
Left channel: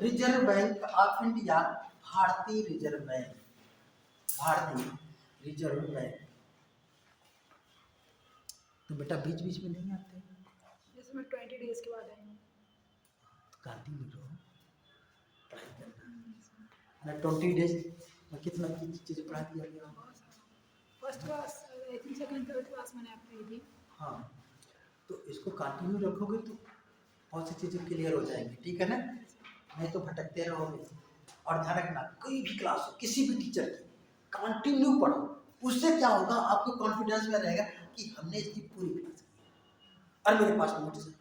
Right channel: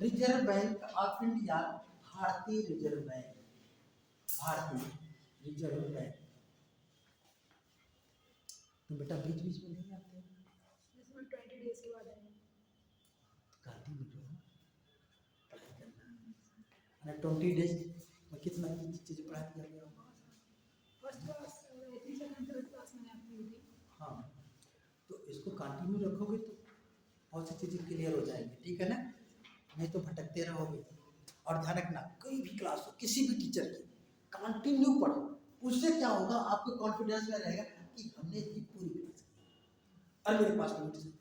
reserve bank of India, भारतीय रिजर्व बैंक, भारतीय रिजर्व बैंक। तो बेटा बीच बीच में नहीं आते, जैसे मैं 20 डेज के बाद आएंगे, कंटिन्यू रहो, पढ़ाई करना है। 20 डेज में कितना चीज़ें पढ़ा दिया गया? First class, I think second third class मैंने आपको दी थी। हाँ, तो इसको कंटिन्यू रखोगे तो बहुत सी चीज़ें क्लियर हो जाएंगी, ठीक है ना? नहीं तो भटकते रहोगे। और ध्यान रखना, कोई भी क्लास हो, किसी भी टीचर की, कंटिन्यू पढ़ो, उससे क्या होगा, आपको कॉन्फिडेंस में रहेगा कि हमने इसकी पूरी क्लास की और मेरे पास नोट्स है।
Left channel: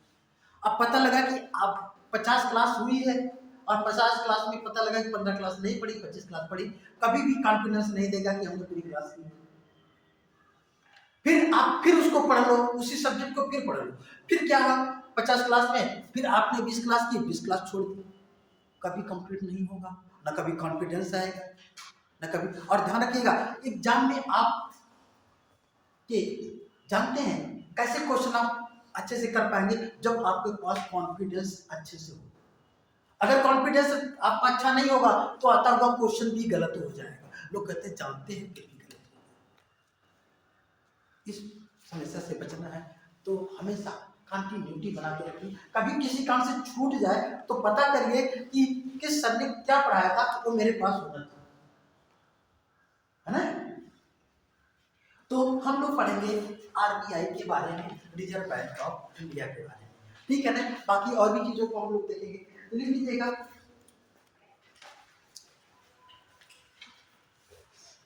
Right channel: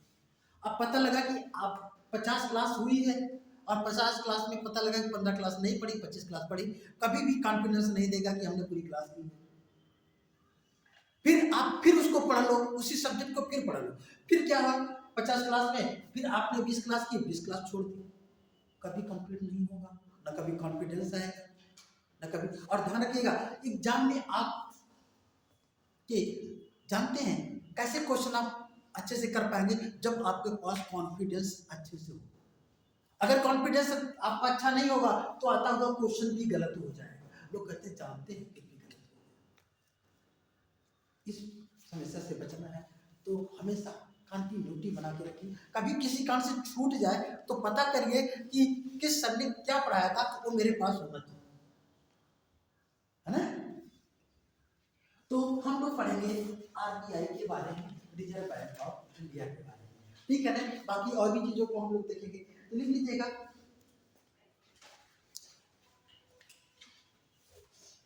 अब पता लगा कि आप 50 क्लास हुई है और 50 क्लास में पता लगा कि 15 क्लास नहीं पढ़ी, 25 क्लास पढ़ी, कभी भी कॉन्फिडेंस नहीं देगा कि हमने पूरी क्लास की। फिर आप फिर उसको पढ़ लो, उसी सब्जेक्ट को फिर पढ़ लो, फिर क्या हुआ, 50 क्लास में फिर आपने 20 क्लास की, 20 क्लास छोड़ दी, कभी कंप्लीट नहीं होगा, ना कभी कॉन्फिडेंस आएगा, ना कभी। और ध्यान रखिएगा, एग्जाम में आप के जानते हैं कैसे क्वेश्चन आप अच्छे से कर पाएंगे, जब आपके पास कॉन्फिडेंस अच्छे से हो। अगर कॉन्फिडेंस आपका अच्छा नहीं होगा तो आता हुआ क्वेश्चन भी गलत हो जाएगा। लोग कहते हैं जानते हैं फिर भी गलत हो जाएगा। इस समस्या से बचना है तो हमेशा कंटिन्यूटी बना के रखिए। कभी किसी काम से छूट जाए तो पता करिए कि किस सर ने क्या पढ़ाया था, वो मेरे पास होना चाहिए, है ना? तो हम लोग पढ़ेंगे RBI के बारे में, रिजर्व बैंक ऑफ इंडिया के बारे में, ठीक है ना? बाकी और भी चीजों को हम लोग देखेंगे। लिख लीजिएगा,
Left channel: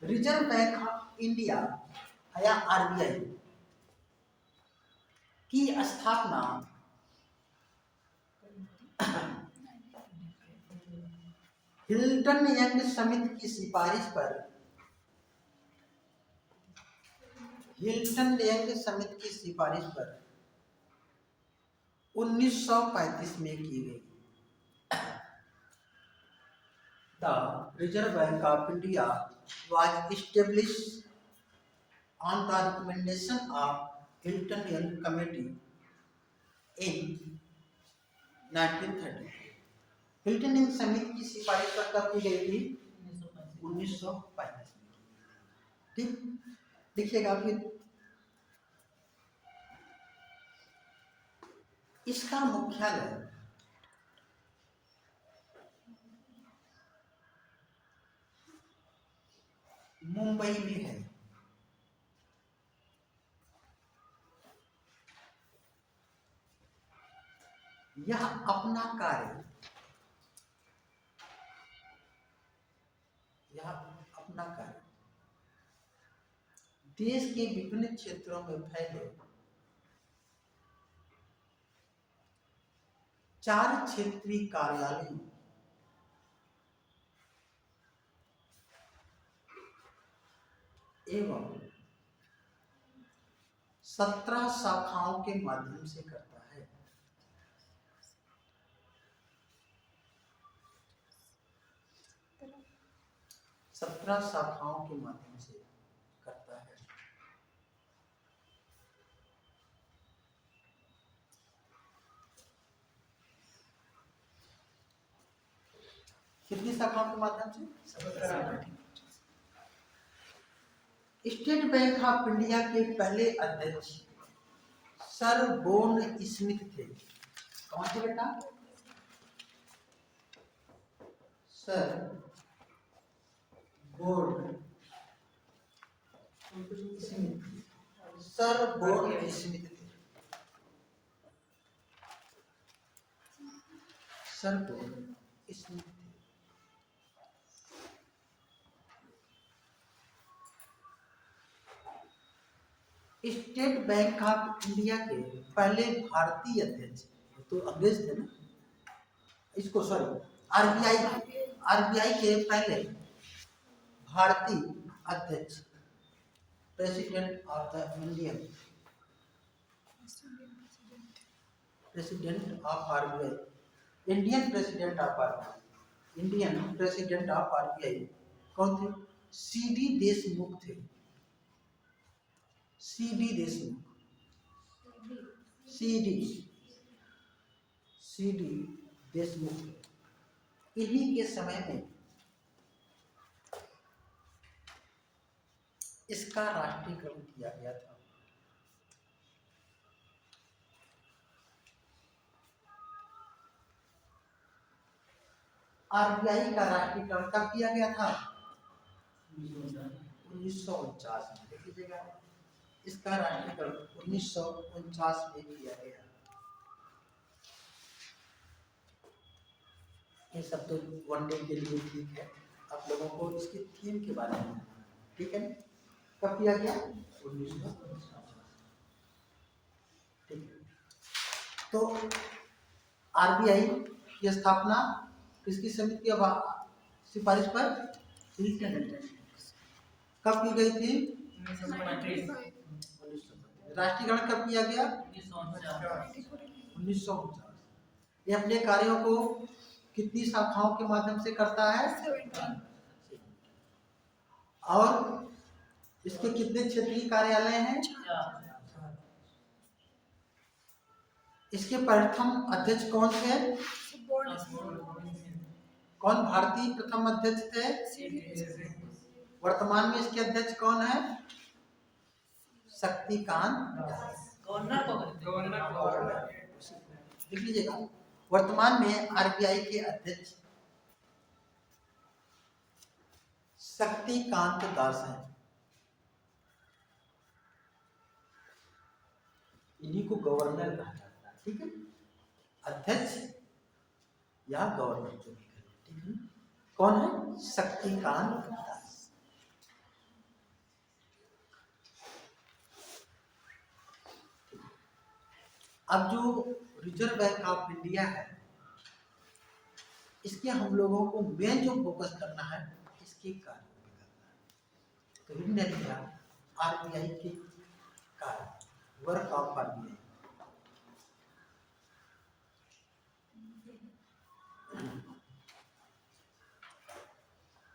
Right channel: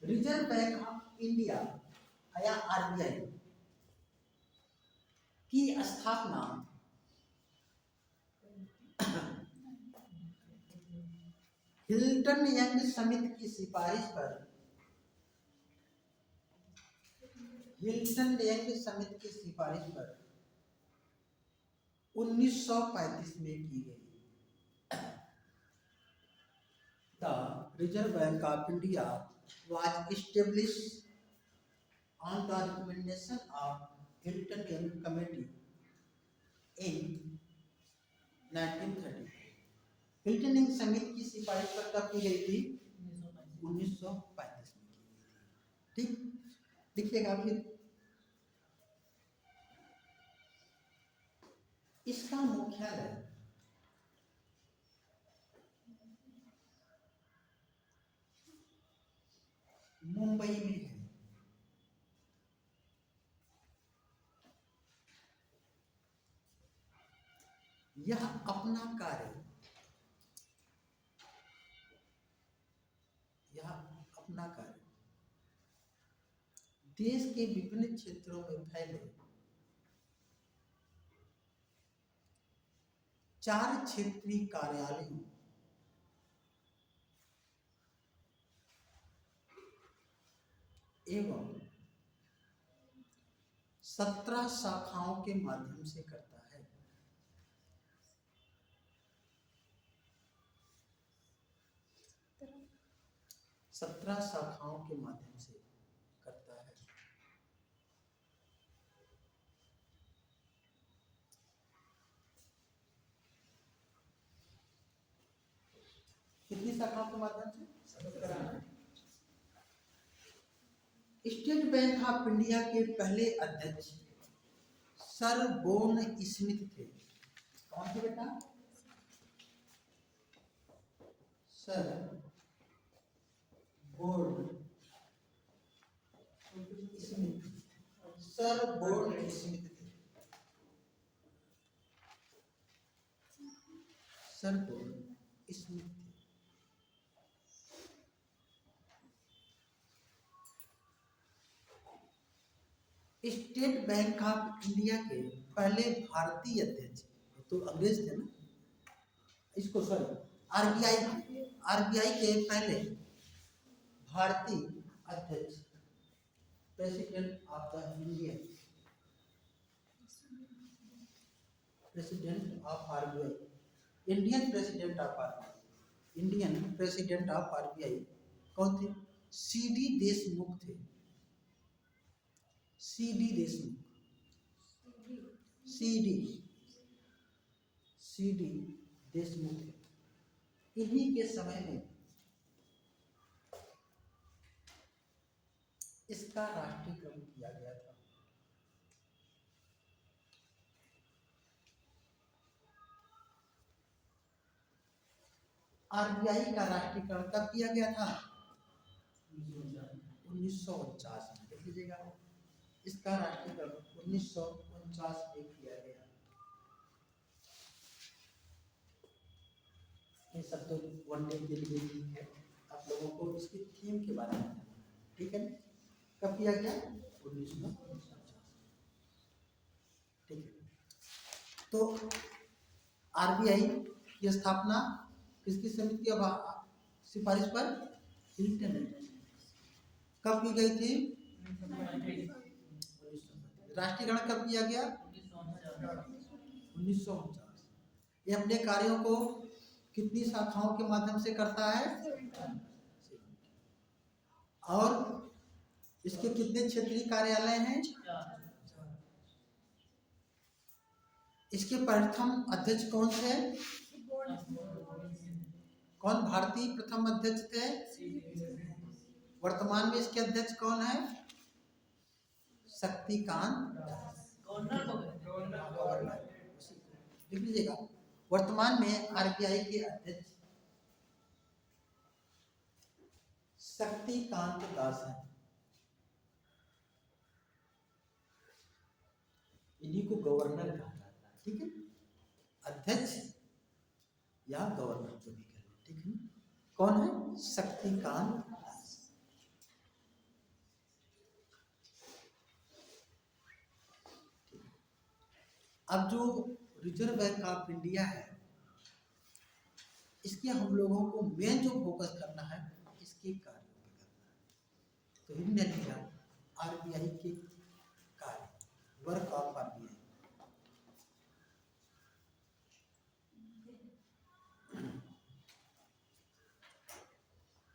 रिजर्व बैंक ऑफ इंडिया या RBI की स्थापना हिल्टन यंग समिति की सिफारिश पर, हिल्टन यंग समिति की सिफारिश पर 1935 में की गई। The Reserve Bank of India was established on the recommendation of Hilton Young Committee in 1930। Hilton young समिति की सिफारिश पर कब की गई थी? 1935 में। ठीक, देखिएगा फिर इसका मुख्यालय मुंबई में है। यह अपना कार्य देश के विभिन्न क्षेत्रों में फैले 4 क्षेत्रीय कार्यालयों एवं 17 शाखाओं के माध्यम से करता है। सत्रह शाखाओं के माध्यम से करता है। कितनी शाखाओं के माध्यम से? 17। स्टेट बैंक ऑफ इंडिया के पहले अध्यक्ष सर बोर्न स्मिथ थे। कौन थे बेटा? Sir Borne Smith. Sir Borne Smith थे। सर बोर्न स्मिथ थे। स्टेट बैंक ऑफ इंडिया के पहले भारतीय अध्यक्ष, तो अंग्रेज थे ना, इसको सॉरी आरबीआई के पहले भारतीय अध्यक्ष, president of the Indian president of RBI, Indian president of RBI, Indian president of RBI कौन थे? सीडी देशमुख थे। CD Deshmukh, CD Deshmukh. इन्हीं के समय में इसका राष्ट्रीयकरण किया गया था। आरबीआई का राष्ट्रीयकरण कब किया गया था? 1949 में। देख लीजिएगा, इसका राष्ट्रीयकरण 1949 में किया गया। ये सब तो वन डे के लिए ठीक है, आप लोगों को इसकी थीम के बारे में, ठीक है, कब किया गया? 1949। ठीक है, तो आरबीआई की स्थापना किसकी समिति की सिफारिश पर? कब की गई थी? 1935। राष्ट्रीयकरण कब किया गया? 1949। ये अपने कार्यों को कितनी शाखाओं के माध्यम से करता है? 17। और इसके कितने क्षेत्रीय कार्यालय हैं? 4। इसके प्रथम अध्यक्ष कौन थे? कौन भारतीय प्रथम अध्यक्ष थे? वर्तमान में इसके अध्यक्ष कौन है? शक्तिकांत दास। गवर्नर लिख लीजिएगा। वर्तमान में आरबीआई के अध्यक्ष शक्तिकांत दास हैं। इन्हीं को गवर्नर कहा जाता है, ठीक है, अध्यक्ष या गवर्नर जो भी करें, ठीक है। कौन है? शक्तिकांत दास। अब जो रिजर्व बैंक ऑफ इंडिया है, इसके हम लोगों को मेन जो फोकस करना है, इसके कार्य पर करना है। तो हिंदी लिखा आरबीआई के कार्य, वर्क ऑफ आरबीआई।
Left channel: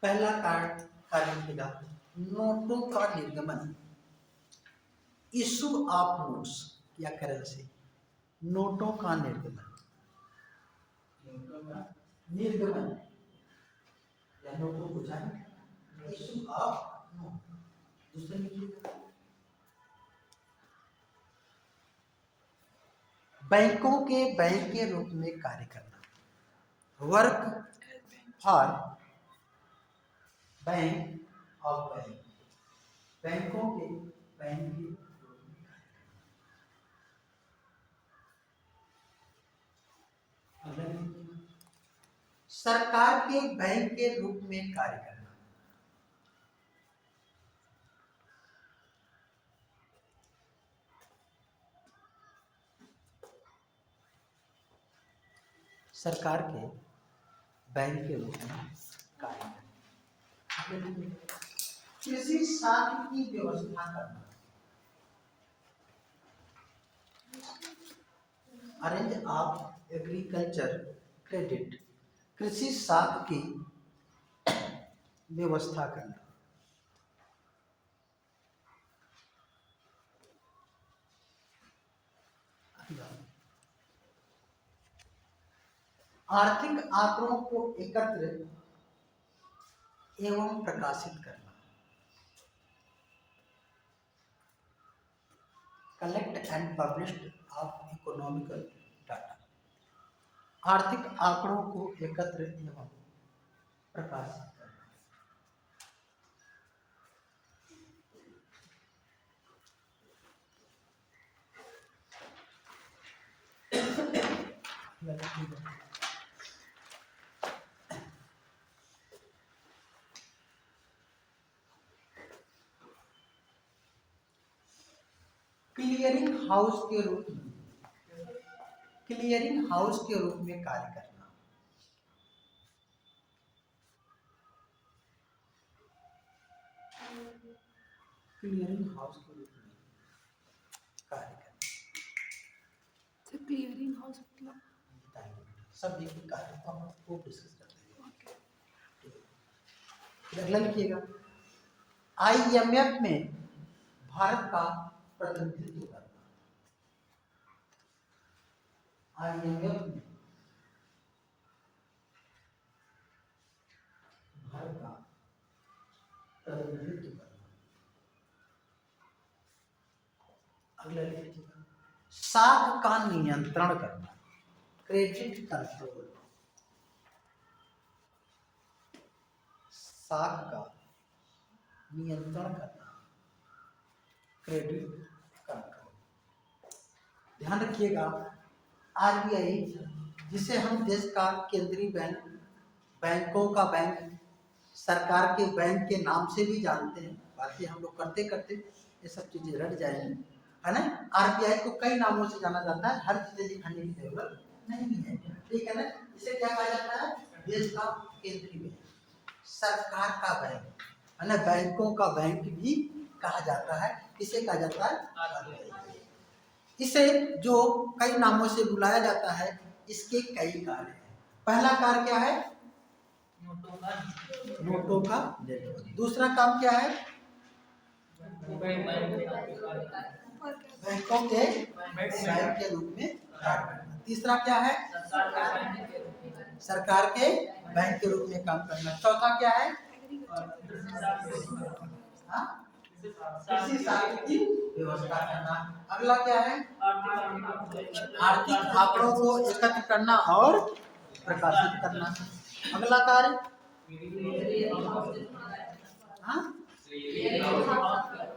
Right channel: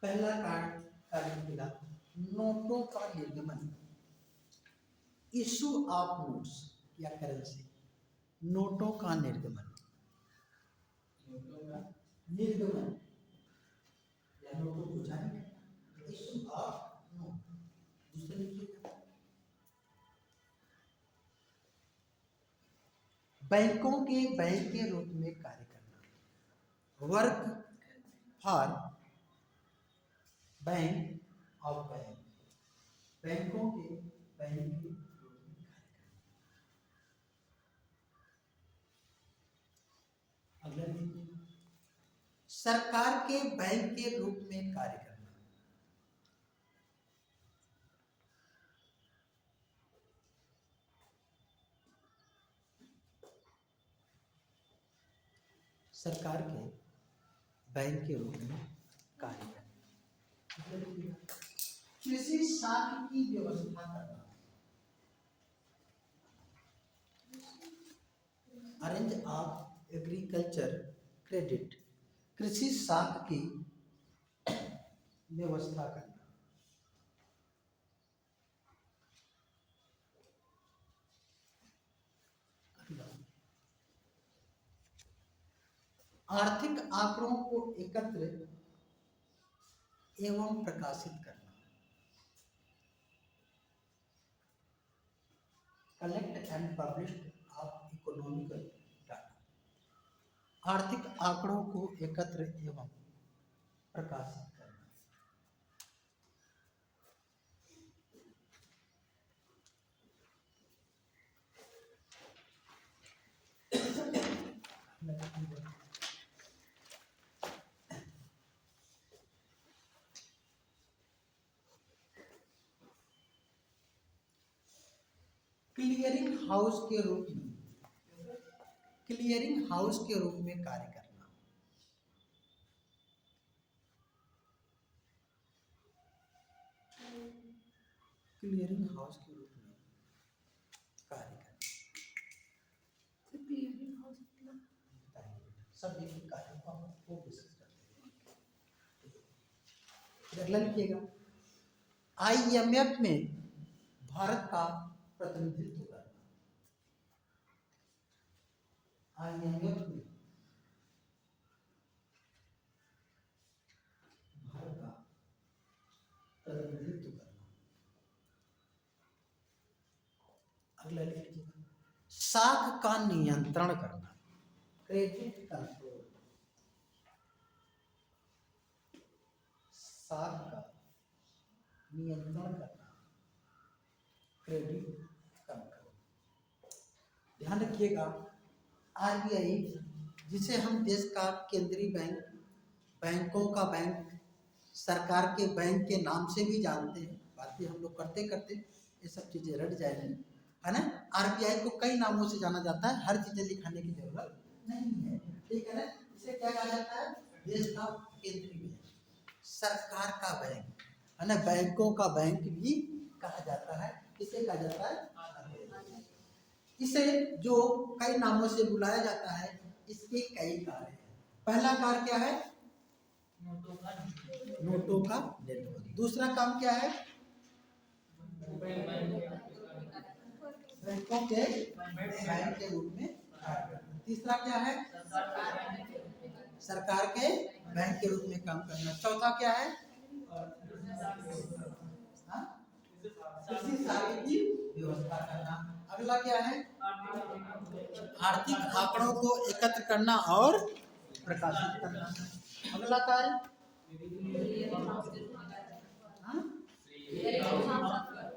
पहला कार्य लिखेगा नोटों का निर्गमन, इशू ऑफ नोट्स या करेंसी। नोटों का निर्गमन, निर्गमन या नोटों को जारी, इशू ऑफ नोट। दूसरे लिखिएगा बैंकों के बैंक के रूप में कार्य करना, work for bank of bank, बैंकों के बैंक के रूप में कार्य करना। सरकार के बैंक के रूप में कार्य करना, सरकार के बैंक के रूप में कार्य करना। कृषि साख की व्यवस्था करना, अरेंज ऑफ एग्रीकल्चर क्रेडिट, कृषि साख की व्यवस्था करना। आर्थिक आंकड़ों को एकत्र एवं प्रकाशित करना, collect and published of economical data, आर्थिक आंकड़ों को एकत्र एवं प्रकाशित करना। क्लियरिंग हाउस के रूप में, क्लियरिंग हाउस के रूप में कार्य करना, क्लियरिंग हाउस के रूप में कार्य करना। क्लियरिंग हाउस मतलब सब एक ही कार्य को हम खूब डिस्कस करते हैं। अगला लिखिएगा, IMF में भारत का प्रतिनिधित्व करना, IMF में भारत का प्रतिनिधित्व करना। अगला लिखिएगा, साख का नियंत्रण करना, क्रेडिट कंट्रोल, साख का नियंत्रण करना, क्रेडिट कंट्रोल। ध्यान रखिएगा, RBI जिसे हम देश का केंद्रीय बैंक, बैंकों का बैंक, सरकार के बैंक के नाम से भी जानते हैं, बाकी हम लोग करते करते ये सब चीजें रट जाएंगी, है ना। RBI को कई नामों से जाना जाता है, हर चीजें दिखाने की जरूरत नहीं है, ठीक है ना। इसे क्या कहा जाता है, देश का केंद्रीय बैंक, सरकार का बैंक, है ना, बैंकों का बैंक भी कहा जाता है। इसे कहा जाता है RBI। इसे जो कई नामों से बुलाया जाता है, इसके कई कार्य हैं। पहला कार्य क्या है, नोटों का निर्माण। दूसरा काम क्या है, बैंकों के बैंक के रूप में कार्य करना। तीसरा क्या है, सरकार के बैंक के रूप में काम करना। चौथा क्या है, कृषि साख की व्यवस्था करना। अगला क्या है, आर्थिक आंकड़ों को एकत्र करना और प्रकाशित करना। अगला कार्य,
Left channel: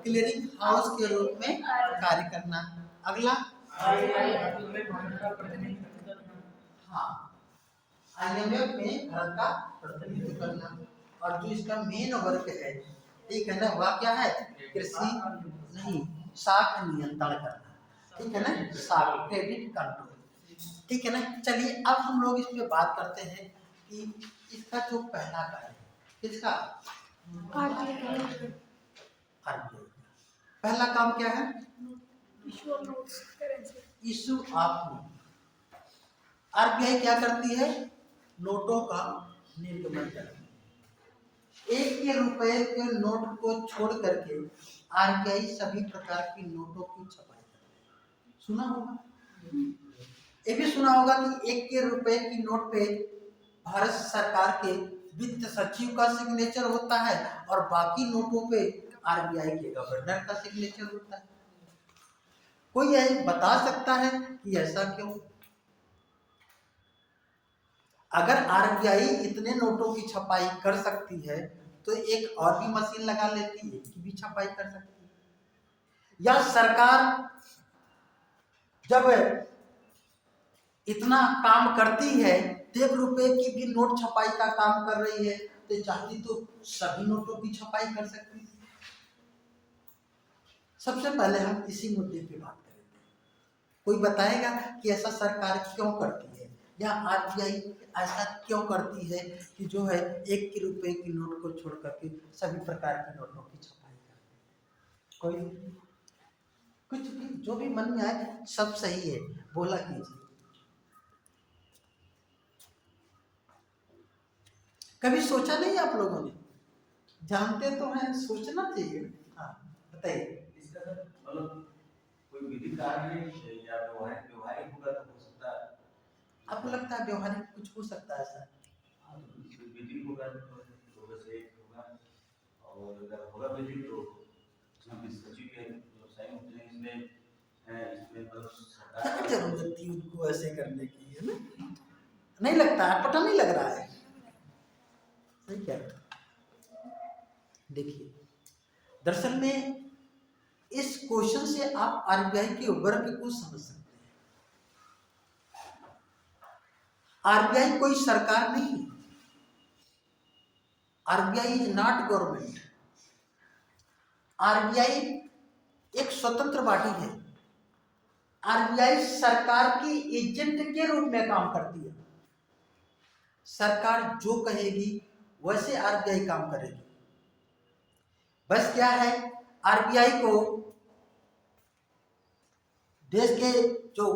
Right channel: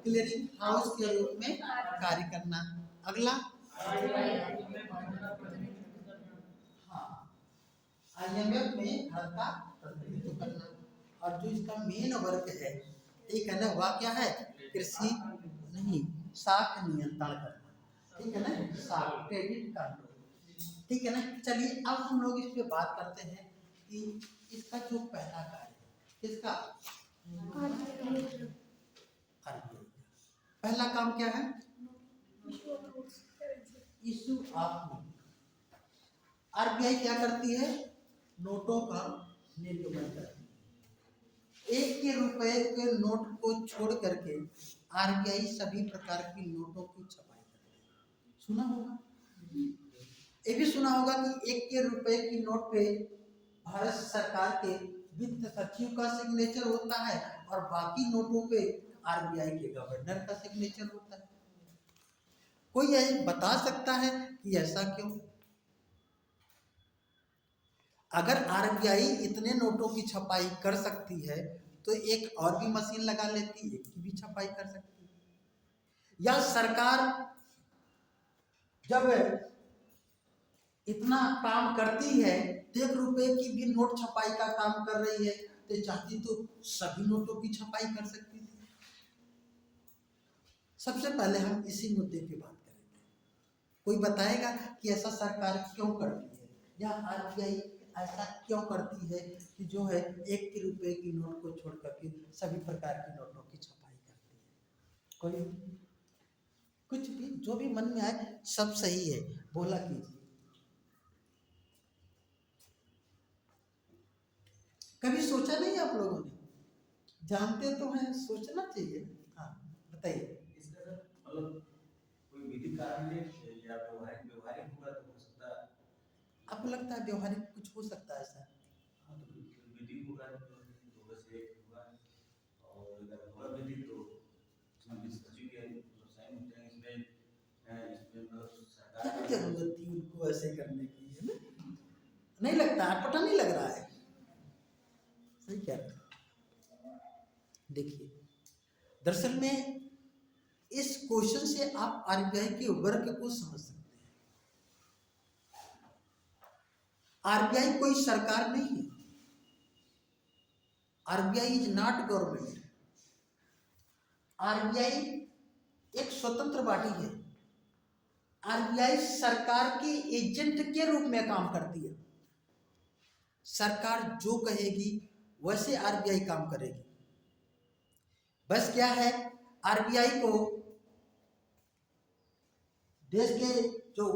क्लियरिंग हाउस के रूप में कार्य करना। अगला, हाँ, IMF में भारत का प्रतिनिधित्व करना। और जो इसका मेन वर्क है, ठीक है ना, वह क्या है, कृषि नहीं, साख नियंत्रण करना, ठीक है ना, साख, क्रेडिट कंट्रोल, ठीक है ना। चलिए अब हम लोग इस पे बात करते हैं कि इसका जो पहला कार्य है, किसका, RBI। पहला काम क्या है, issue of notes, issue of note. RBI क्या करती है, नोटों का निर्गमन करती है। 1 के रुपए के नोट को छोड़ करके RBI सभी प्रकार की नोटों की छपाई करती है। सुना होगा, ये भी सुना होगा कि 1 के रुपए की नोट पे भारत सरकार के वित्त सचिव का सिग्नेचर होता है और बाकी नोटों पे RBI के गवर्नर का सिग्नेचर होता है। कोई यह बता सकता है कि ऐसा क्यों? अगर RBI इतने नोटों की छपाई कर सकती है तो एक और भी मशीन लगा लेती, एक की भी छपाई कर सकती है। या सरकार जब इतना काम करती है, 1 रुपए की भी नोट छपाई का काम कर रही है, तो चाहती तो सभी नोटों की छपाई कर सकती थी। सबसे पहले हम इसी मुद्दे पे बात करेंगे। कोई बताएगा कि ऐसा सरकार क्यों करती है, या RBI ऐसा क्यों करती है कि जो है 1 के रुपए की नोट को छोड़ करके सभी प्रकार की नोटों की कोई कुछ भी जो भी मन में आए सब सही है, बोला कीजिए। कभी सोचा नहीं आप लोगों ने? जानते तो हैं, सोचना चाहिए। हाँ बताइए। इसका सर मतलब कोई विधि कार्य या व्यवहारिक होगा तो हो सकता है। आपको लगता है व्यवहारिक कुछ हो सकता है ऐसा? हाँ, तो विधि होगा तो वैसे होगा, और अगर होगा विधि तो हम इस सचिव के व्यवसाय होते हैं इसमें मतलब क्या सरकार जरूरत थी उनको ऐसे करने की, है ना? नहीं लगता है, पता नहीं लग रहा है। सही कह रहे हो। देखिए, दरअसल में इस क्वेश्चन से आप आरबीआई के वर्क को समझ सकते हैं। आरबीआई कोई सरकार नहीं है। RBI is not government. RBI एक स्वतंत्र बॉडी है। आरबीआई सरकार की एजेंट के रूप में काम करती है। सरकार जो कहेगी वैसे आरबीआई काम करेगी। बस क्या है, आरबीआई को देश के जो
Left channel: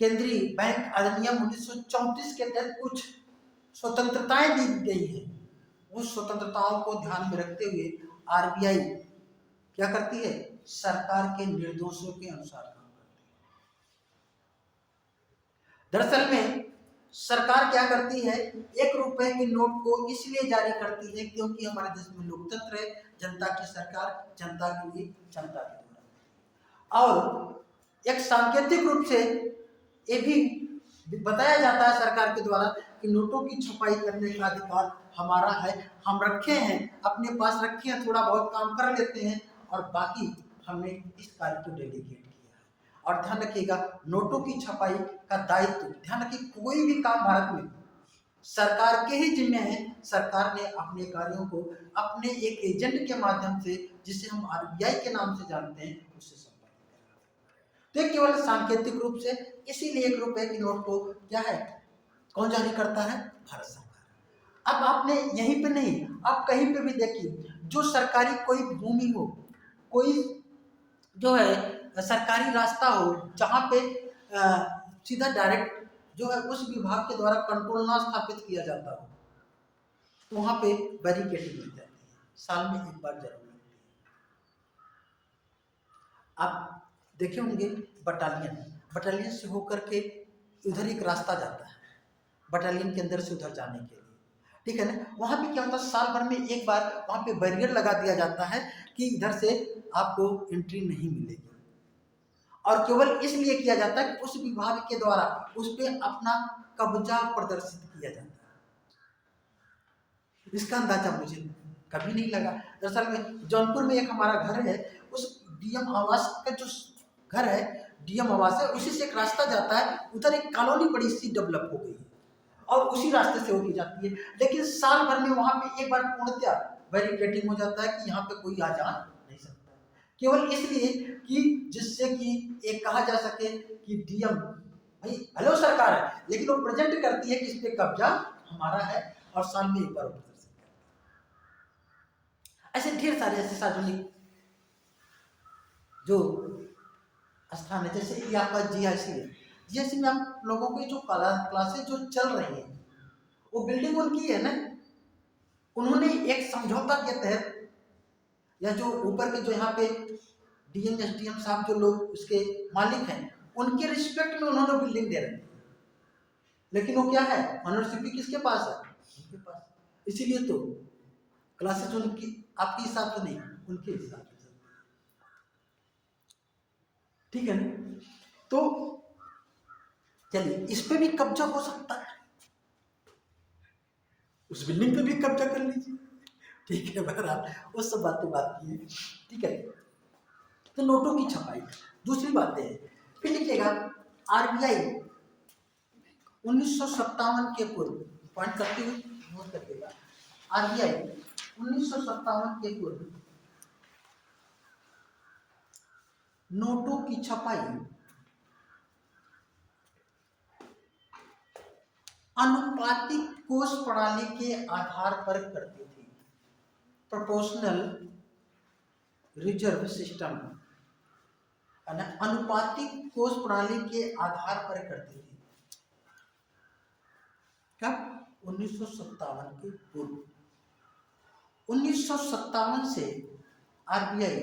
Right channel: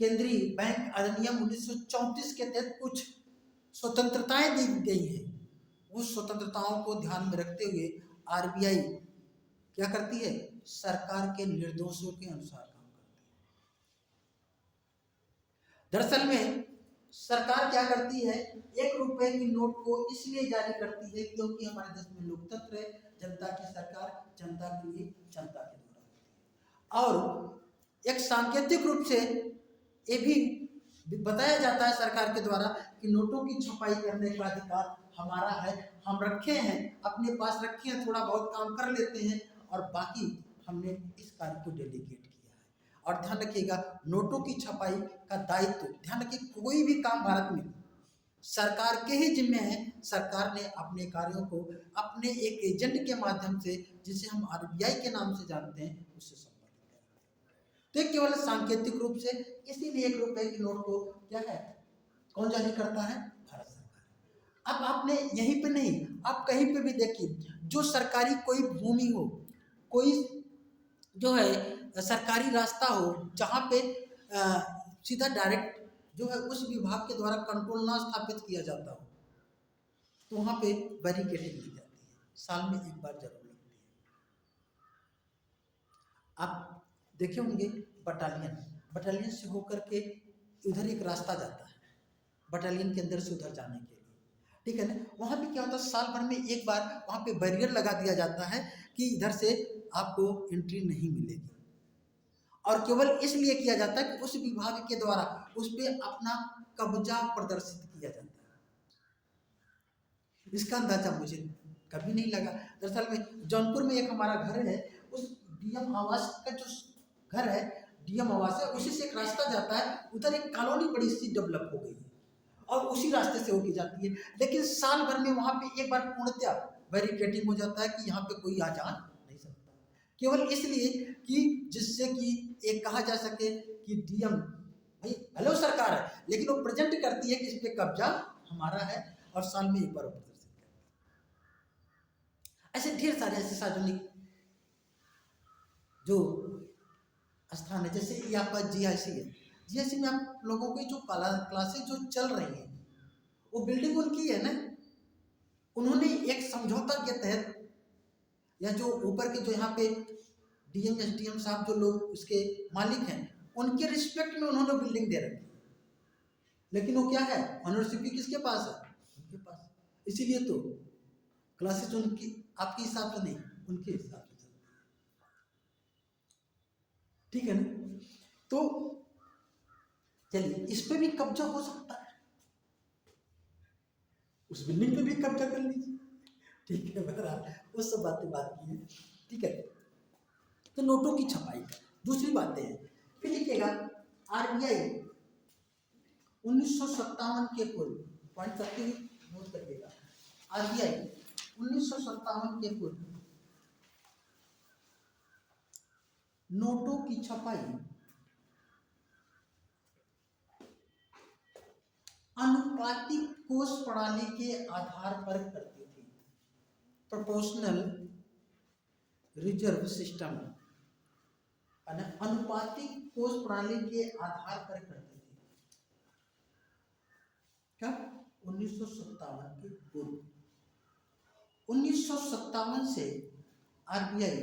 केंद्रीय बैंक अधिनियम 1934 के तहत कुछ स्वतंत्रताएं दी गई हैं। उस स्वतंत्रताओं को ध्यान में रखते हुए आरबीआई क्या करती है, सरकार के निर्देशों के अनुसार काम करती है। दरअसल में सरकार क्या करती है, 1 रुपए के नोट को इसलिए जारी करती है क्योंकि हमारे देश में लोकतंत्र है, जनता की सरकार जनता के लिए जनता के द्वारा। और एक सांकेतिक रूप से ये भी बताया जाता है सरकार के द्वारा कि नोटों की छपाई करने का अधिकार हमारा है, हम रखे हैं, अपने पास रखे हैं, थोड़ा बहुत काम कर लेते हैं और बाकी हमने इस कार्य को डेलीगेट किया है। और ध्यान रखिएगा, नोटों की छपाई का दायित्व, ध्यान रखिए, कोई भी काम भारत में सरकार के ही जिम्मे है। सरकार ने अपने कार्यों को अपने एक एजेंट के माध्यम से, जिसे हम आरबीआई के नाम से जानते हैं, उससे संपादित करना। तो केवल सांकेतिक रूप से, इसीलिए 1 रुपए की नोट को क्या है, कौन जारी करता है, भारत सरकार। अब आपने यहीं पे नहीं, आप कहीं पे भी देखिए, जो सरकारी कोई भूमि हो, कोई जो है सरकारी रास्ता हो, जहाँ पे सीधा डायरेक्ट जो है उस विभाग के द्वारा कंट्रोल ना स्थापित किया जाता हो, तो वहाँ पे बैरिकेडिंग लग जाती है, साल में 1 बार जरूर लगती है। आप देखे होंगे बटालियन से होकर के इधर एक रास्ता जाता है, बटालियन के अंदर से उधर जाने के लिए, ठीक है ना। वहाँ पे क्या होता है, साल भर में 1 बार वहाँ पे बैरियर लगा दिया जाता है कि इधर से आपको एंट्री नहीं मिलेगी। और केवल इसलिए किया जाता है कि उस विभाग के द्वारा उस पर अपना कब्जा प्रदर्शित किया जाता है। इसका अंदाजा मुझे कभी नहीं लगा। दरअसल में जौनपुर में एक हमारा घर है, उस डीएम आवास का जो घर है, डीएम आवास है, उसी से एक रास्ता जाता है, उधर एक कॉलोनी बड़ी सी डेवलप हो गई है और उसी रास्ते से होती जाती है। लेकिन साल भर में वहां पे 1 बार पूर्णतः बैरिकेडिंग हो जाता है कि यहाँ पे कोई आ जा नहीं सकता, केवल इसलिए कि जिससे कि एक कहा जा सके कि डीएम भाई हेलो सरकार है, लेकिन वो प्रेजेंट करती है कि इस पे कब्जा हमारा है और साल में 1 बार प्रदर्शन करता है। ऐसे ढेर सारे ऐसे सार्वजनिक जो स्थान है, जैसे ये आपका जीआईसी है, जीआईसी में आप लोगों की जो क्लासेस जो चल रही है, वो बिल्डिंग उनकी है ना, उन्होंने एक समझौता के तहत, या जो ऊपर के जो यहाँ पे डीएम एसडीएम साहब जो लोग उसके मालिक हैं, उनके रिस्पेक्ट में उन्होंने बिल्डिंग दे रखी है, लेकिन वो क्या है, ऑनरशिप भी किसके पास है, उनके पास। इसीलिए तो क्लासेस उनकी आपके हिसाब से नहीं, उनके हिसाब से, ठीक है ना। तो चलिए, इस पे भी कब्जा हो सकता है, उस बिल्डिंग पे भी कब्जा कर लीजिए, ठीक है। बहरहाल वो सब बातें बात की है, ठीक है। तो नोटों की छपाई, दूसरी बातें हैं। फिर लिखिएगा, आरबीआई 1957 के पूर्व, पॉइंट करते हुए नोट करिएगा, आरबीआई 1957 के पूर्व नोटों की छपाई अनुपातिक कोष प्रणाली के आधार पर करती थी, प्रोपोर्शनल रिजर्व सिस्टम अनुपातिक कोष प्रणाली के आधार पर करती थी। कब? 1957 के पूर्व। 1957 से आरबीआई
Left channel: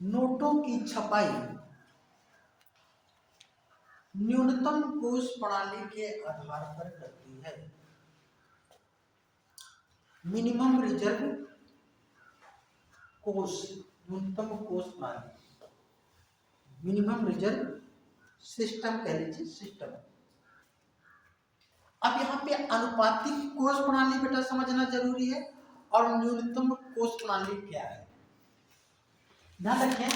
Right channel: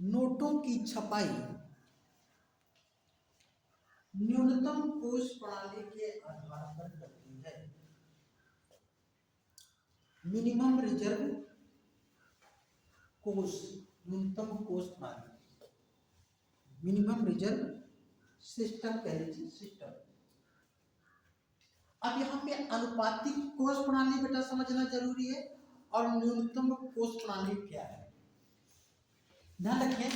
नोटों की छपाई न्यूनतम कोष प्रणाली के आधार पर करती है। मिनिमम रिजर्व कोष, न्यूनतम कोष प्रणाली, मिनिमम रिजर्व सिस्टम कह लीजिए, सिस्टम। अब यहाँ पे अनुपातिक कोष प्रणाली बेटा समझना जरूरी है और न्यूनतम कोष प्रणाली क्या है। ध्यान रखें,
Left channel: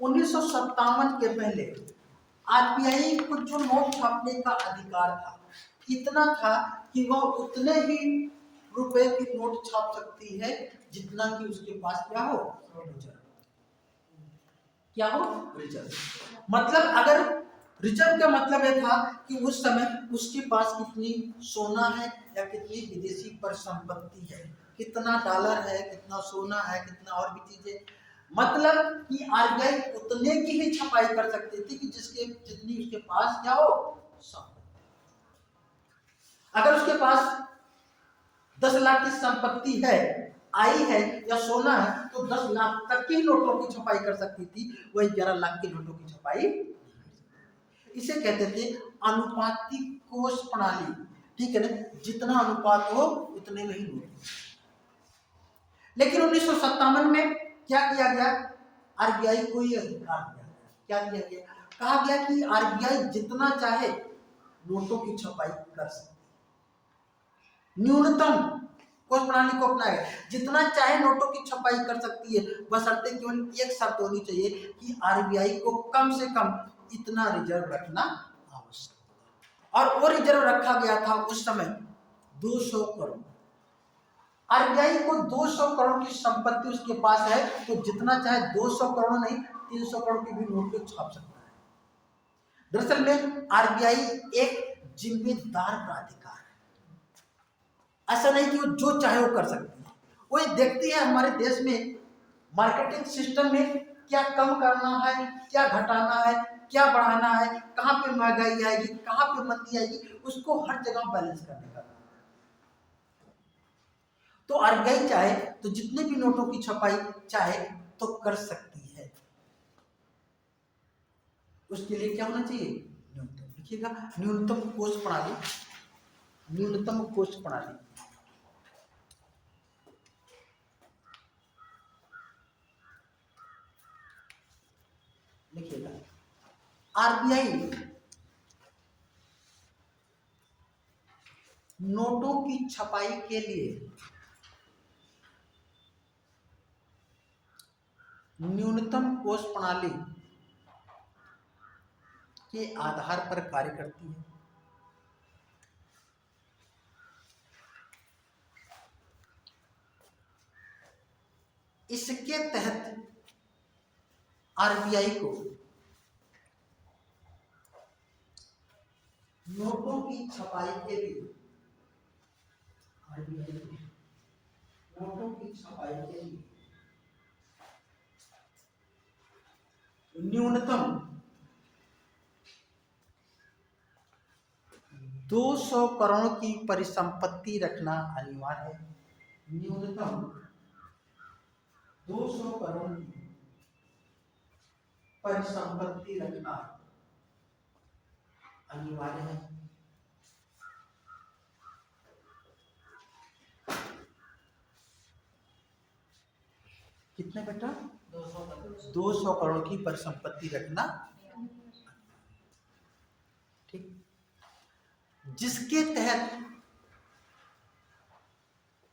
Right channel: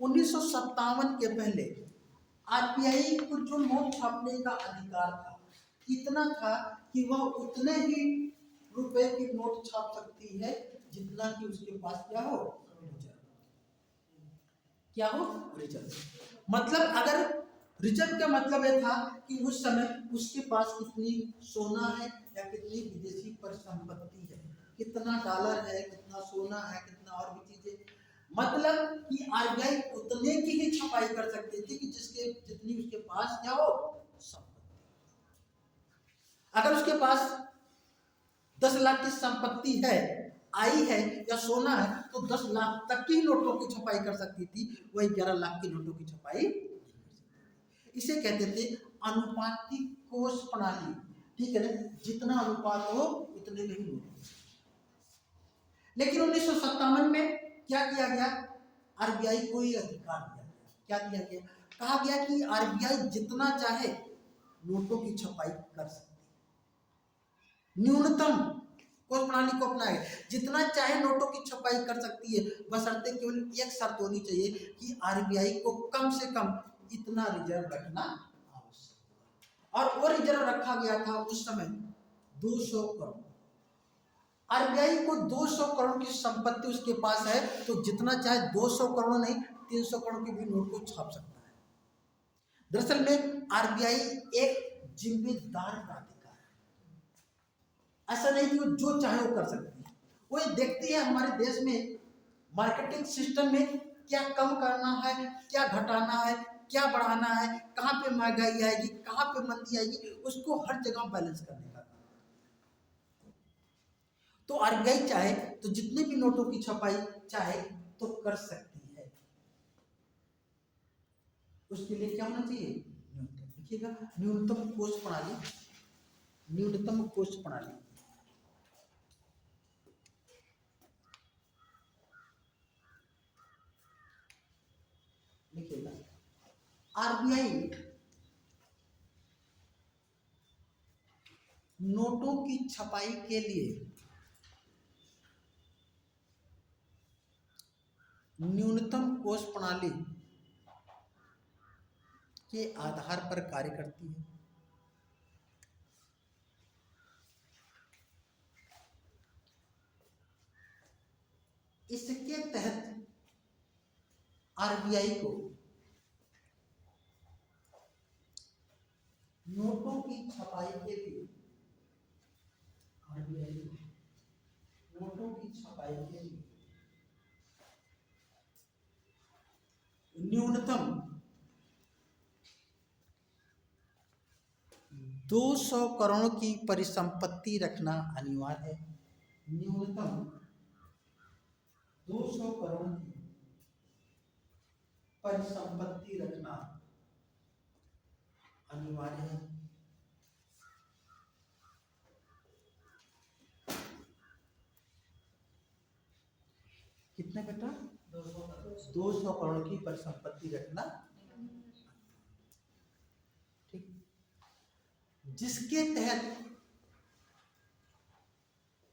1957 के पहले आरबीआई को जो नोट छापने का अधिकार था इतना था कि वह उतने ही रुपए की नोट छाप सकती है जितना कि उसके पास क्या हो, रिजर्व। क्या हो? रिजर्व। मतलब अगर रिजर्व का मतलब यह था कि उस समय उसके पास कितनी सोना है या कितनी विदेशी परिसंपत्ति है, कितना डॉलर है, कितना सोना है, कितना और भी चीजें, मतलब कि आरबीआई उतने की ही छपाई कर सकती थी कि जितनी उसके पास क्या हो, संपत्ति। अगर उसके पास 10 लाख की संपत्ति है, आई है या सोना है, तो 10 लाख तक की नोटों की छपाई कर सकती थी, वही 11 लाख के नोटों की छपाई। इसे कहते थे अनुपातिक कोष प्रणाली। ठीक है ना, जितना अनुपात हो उतने में ही नोट। लेकिन 1957 में क्या किया गया? आरबीआई को ये अधिकार दिया गया। क्या दिया गया? कहा गया कि आरबीआई जितना चाहे नोटों की छपाई कर सकती है। न्यूनतम कोष प्रणाली को अपनाए, जितना चाहे नोटों की छपाई कर सकती है, बशर्ते केवल एक शर्त होनी चाहिए कि आरबीआई को कम से कम इतना रिजर्व रखना आवश्यक। और वो रिजर्व रखा गया था उस समय 200 करोड़। आरबीआई को 200 करोड़ की संपत्ति उसके पास है, तो जितना चाहे 200 करोड़ नहीं 300 करोड़ की भी नोट को छाप सकता है। दरअसल में आरबीआई एक जिम्मेदार प्राधिकार है। ऐसा नहीं कि वो जो चाहे वो कर सकती है, वो ये देखती है हमारे देश में मार्केटिंग सिस्टम में क्या कम करना है, क्या घटाना है, क्या बढ़ाना है, कहाँ पे महंगाई आएगी, कहाँ पे मंदी आएगी, उसको हर जगह बैलेंस करने का। तो आरबीआई चाहे तो जितने भी नोटों की छपाई चाहे तो कर सकती है। उसके लिए क्या होना चाहिए? न्यूनतम। लिखिएगा, न्यूनतम कोष प्रणाली, न्यूनतम कोष प्रणाली। लिखिएगा, आरबीआई नोटों की छपाई के लिए न्यूनतम कोष प्रणाली के आधार पर कार्य करती है। इसके तहत आरबीआई को नोटों की छपाई के लिए, आरबीआई को नोटों की छपाई के लिए न्यूनतम 200 करोड़ की परिसंपत्ति रखना अनिवार्य है। न्यूनतम 200 करोड़ की परिसंपत्ति रखना अनिवार्य है। कितने बेटा? 200 करोड़ की परिसंपत्ति रखना, ठीक, जिसके तहत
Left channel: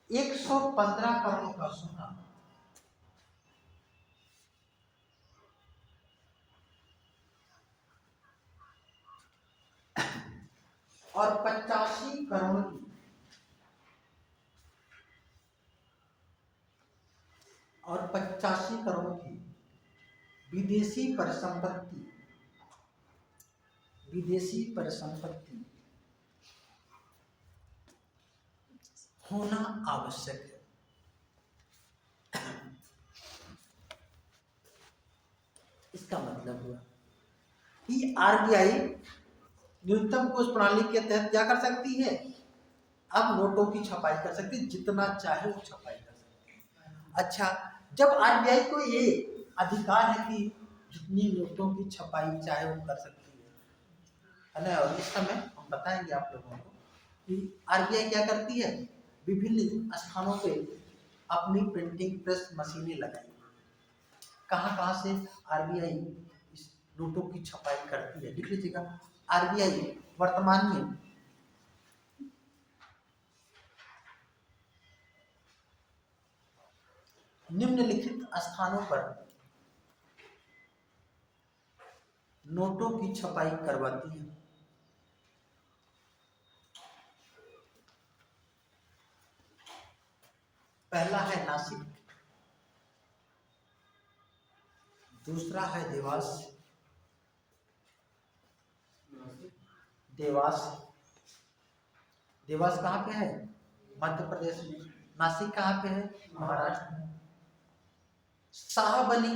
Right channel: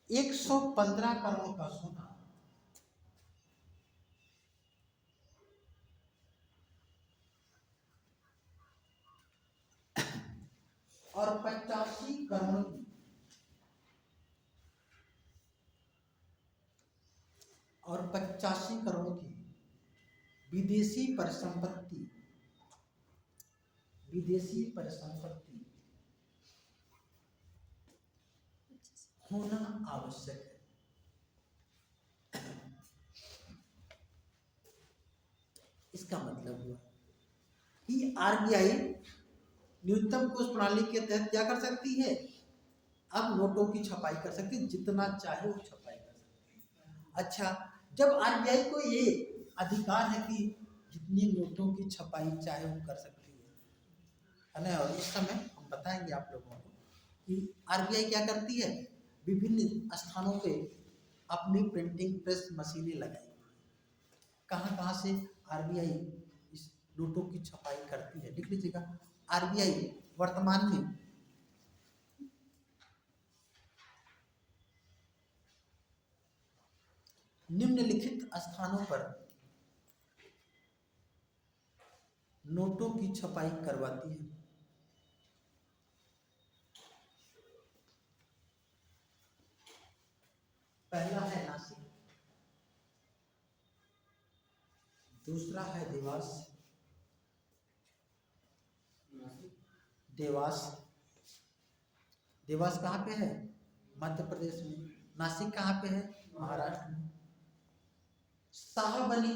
115 करोड़ का सोना और 85 करोड़ की विदेशी परिसंपत्ति होना आवश्यक है। कि आरबीआई न्यूनतम कोष प्रणाली के तहत क्या कर सकती है, अब नोटों की छपाई कर सकती है, जितना चाहे वो छपाई कर सकती है। अच्छा, जब आरबीआई को ये अधिकार है कि जितनी नोटों की छपाई चाहे वो कर सकती है ना, और इस समय हम बताएंगे आप लोगों को कि आरबीआई क्या करती है, विभिन्न स्थानों पे अपनी प्रिंटिंग प्रेस मशीनें लगाई। कहाँ कहाँ से आरबीआई इस नोटों की छपाई करती है, लिख लीजिएगा। आरबीआई वर्तमान में निम्नलिखित स्थानों पर नोटों की छपाई करवाती है। पहला है नासिक, दूसरा है देवास, देवास देवास कहाँ पे है, मध्य प्रदेश में। नासिक कहाँ पे है, महाराष्ट्र में। शाहबनी,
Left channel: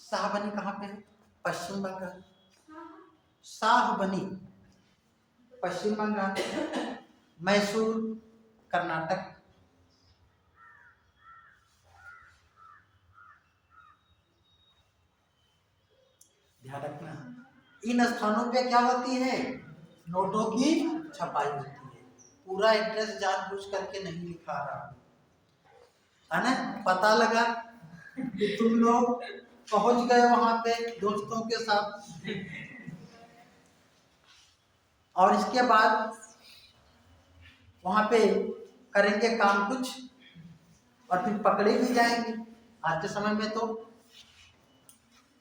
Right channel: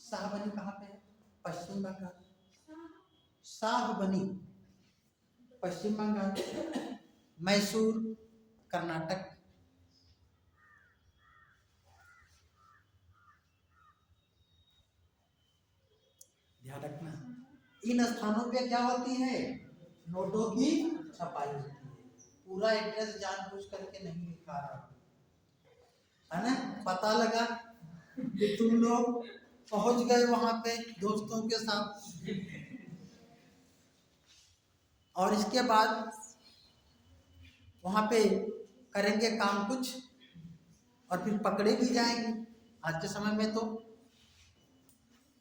शाहबनी कहाँ पे है, पश्चिम बंगाल। शाहबनी पश्चिम बंगाल। मैसूर कर्नाटक। ध्यान रखना, इन स्थानों पे क्या होती है, नोटों की छपाई होती है। पूरा एड्रेस जानबूझ करके नहीं लिखा रहा है ना, पता लगा कि तुम लोग पहुंच गए वहां पे दोस्तों के साथ, और इसके बाद वहां पे करेंगे काम कुछ और फिर पकड़े भी जाएंगे। आज के समय में तो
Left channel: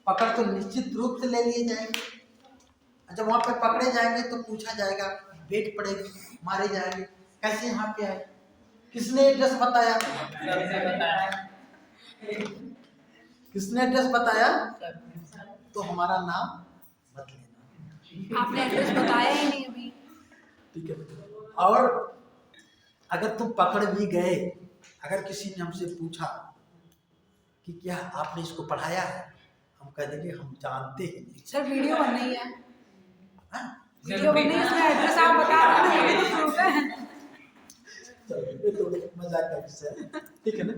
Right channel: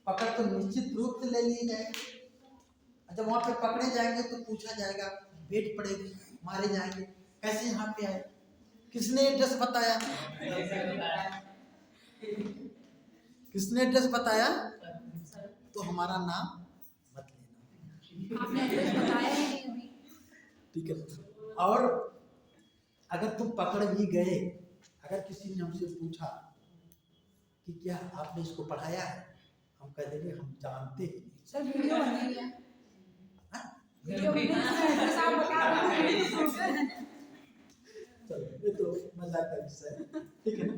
पकड़ तो निश्चित रूप से ले लिए जाएंगे। जब वहां पे पकड़े जाएंगे तो पूछा जाएगा, वेट पड़ेगी, मारे जाएंगे, कैसे यहाँ पे आए, किसने एड्रेस बताया, किसने एड्रेस बताया, तो हमारा नाम मत लेना। आपने एड्रेस बताया ही नहीं अभी। ठीक है। और अगर तुम पकड़ भी गए, अगर किसी ने हमसे पूछा कि क्या आपने इसको पढ़ाया है, हम कह देंगे हम जानते हैं नहीं। सर वीडियो बन रही है, हाँ? वीडियो बन रही है, इसमें एड्रेस आप बता रहे हैं, वीडियो प्रूफ है। चलो, ये तो मजाक का विषय है, ठीक है ना।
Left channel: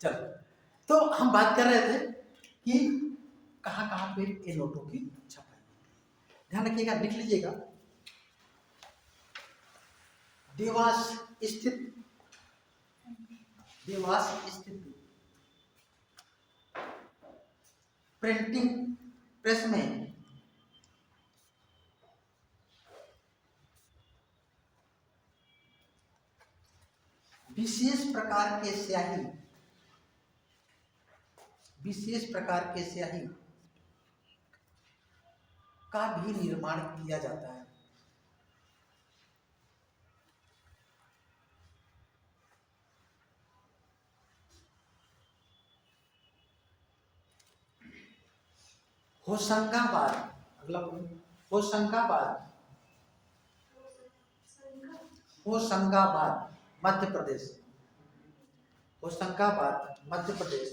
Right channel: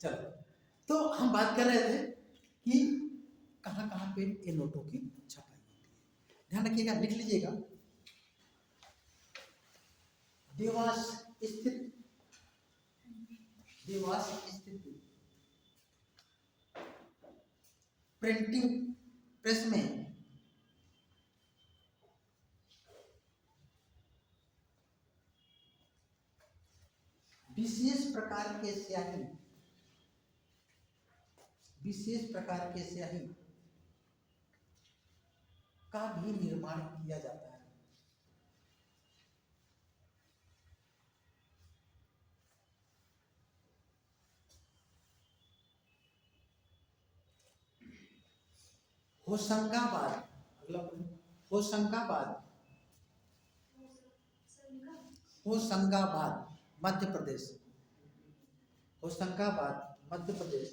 चलो, तो हम बात कर रहे थे कि कहाँ कहाँ पे ये नोटों की छपाई। ध्यान रखिएगा, लिख लीजिएगा। देवास स्थित, देवास स्थित प्रिंटिंग प्रेस में विशेष प्रकार के स्याही, विशेष प्रकार के स्याही का भी निर्माण किया जाता है। होशंगाबाद, अगला होशंगाबाद, होशंगाबाद मध्य प्रदेश, होशंगाबाद मध्य प्रदेश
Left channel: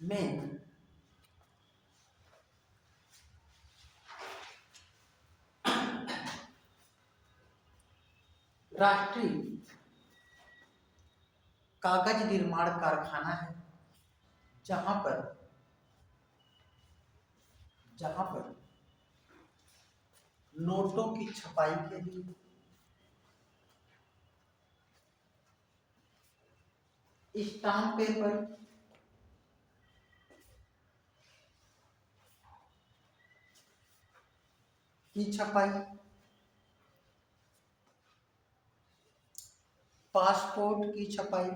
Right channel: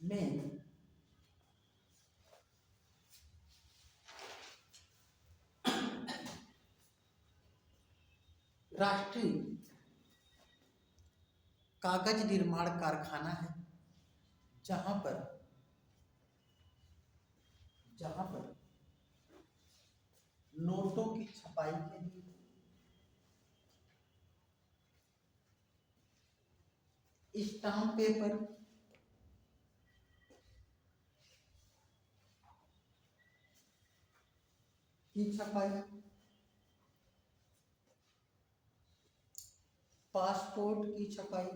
में राष्ट्रीय कागज निर्माण कारखाना है, जहां पर नोटों की छपाई के लिए स्टाम्प पेपर, की छपाई, पासपोर्ट की छपाई,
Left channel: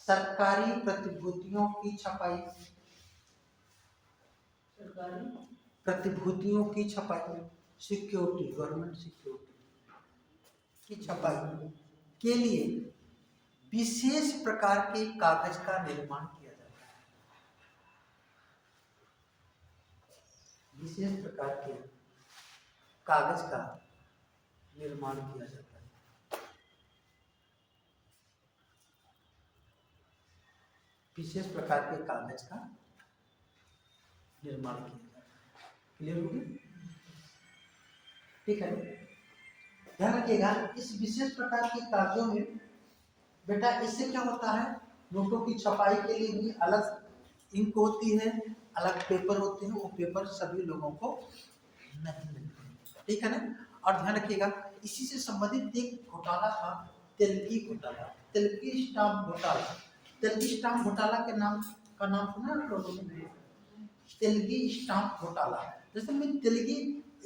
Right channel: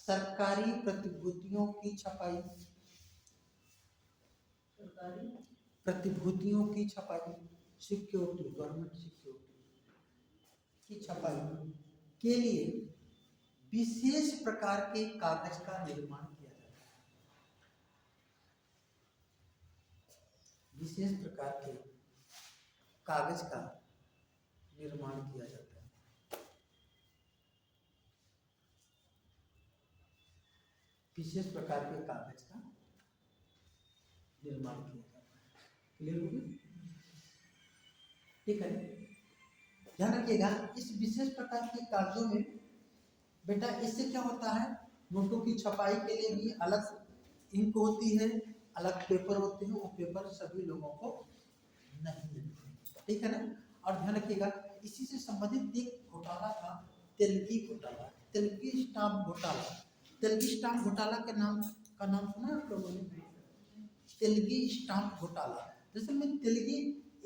सरकारी प्रतिभूतियों की छपाई, प्रतिभूतियों की छपाई, सिक्योरिटी, गवर्नमेंट सिक्योरिटी की छपाई के लिए विशेष प्रकार के कागज का निर्माण किया जाता है। विशेष प्रकार के कागज का निर्माण किया जाता है। विशेष प्रकार के कागज का निर्माण किया जाता है। क्लियर हो गया? ठीक है, ध्यान रखिएगा इस विशेष प्रकार के कागजों में बेटा इससे क्या होता है, नोटों की छपाई के लिए भी अलग इंक होती है, अलग पेपर होते हैं, वो पेपर सभी लोगों को नहीं मिलते। ठीक है ना? और ध्यान रखिएगा इसी से संबंधित एक घोटाला था, तेलगी घोटाला, तेलगी स्टाम्प घोटाला। तेलगी स्टाम्प घोटाला के नाम का नाम सुना है आप लोगों ने? तेलगी स्टाम्प घोटाला, जैसे में तेलगी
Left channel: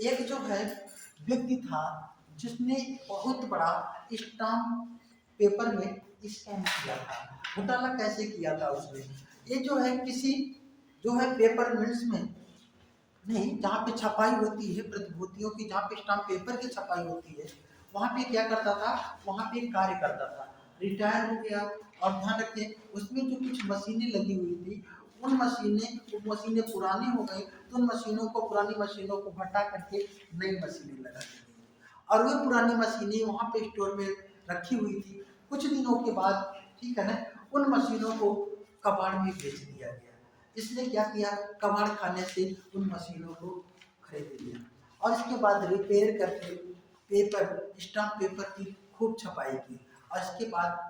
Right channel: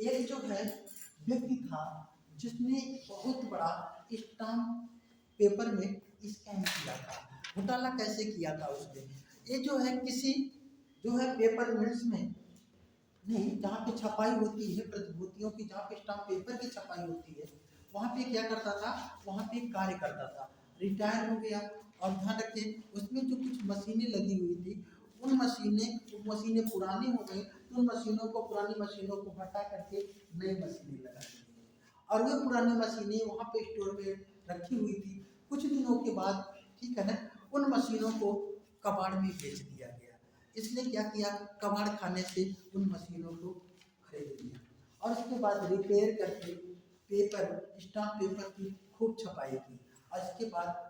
एक जो है व्यक्ति था जिसने बहुत बड़ा स्टाम्प पेपर में स्कैम किया था। घोटाला कैसे किया था उसने, ये जो है किसी जो है पेपर मिल्स में नहीं, जहाँ पे छपाई होती है प्रतिभूतियों की, जहाँ पे स्टाम्प पेपर की छपाई होती है, वहाँ पे क्या करता था, वहाँ पे कार्य करता था, रिटायर हो गया। और ध्यान रखिए उसमें जो कुछ मशीनें लगी हुई थी, उन मशीनें पुरानी हो गई, तो उन मशीनों को, पुरानी मशीनों को हटा करके नई मशीनें लगा दी गई और वो पुरानी मशीनें वहाँ पे स्टोर में रखी हुई थी। कुछ दिनों के बाद ठीक है ना, उन मशीनों को कबाड़ में बेच दिया गया। इसने क्या किया, कबाड़ खाने से उन मशीनों को खरीद लिया और इसके बाद रिपेयर करके पेपर, स्टाम्प पेपर की खूब छपाई की और इसके बाद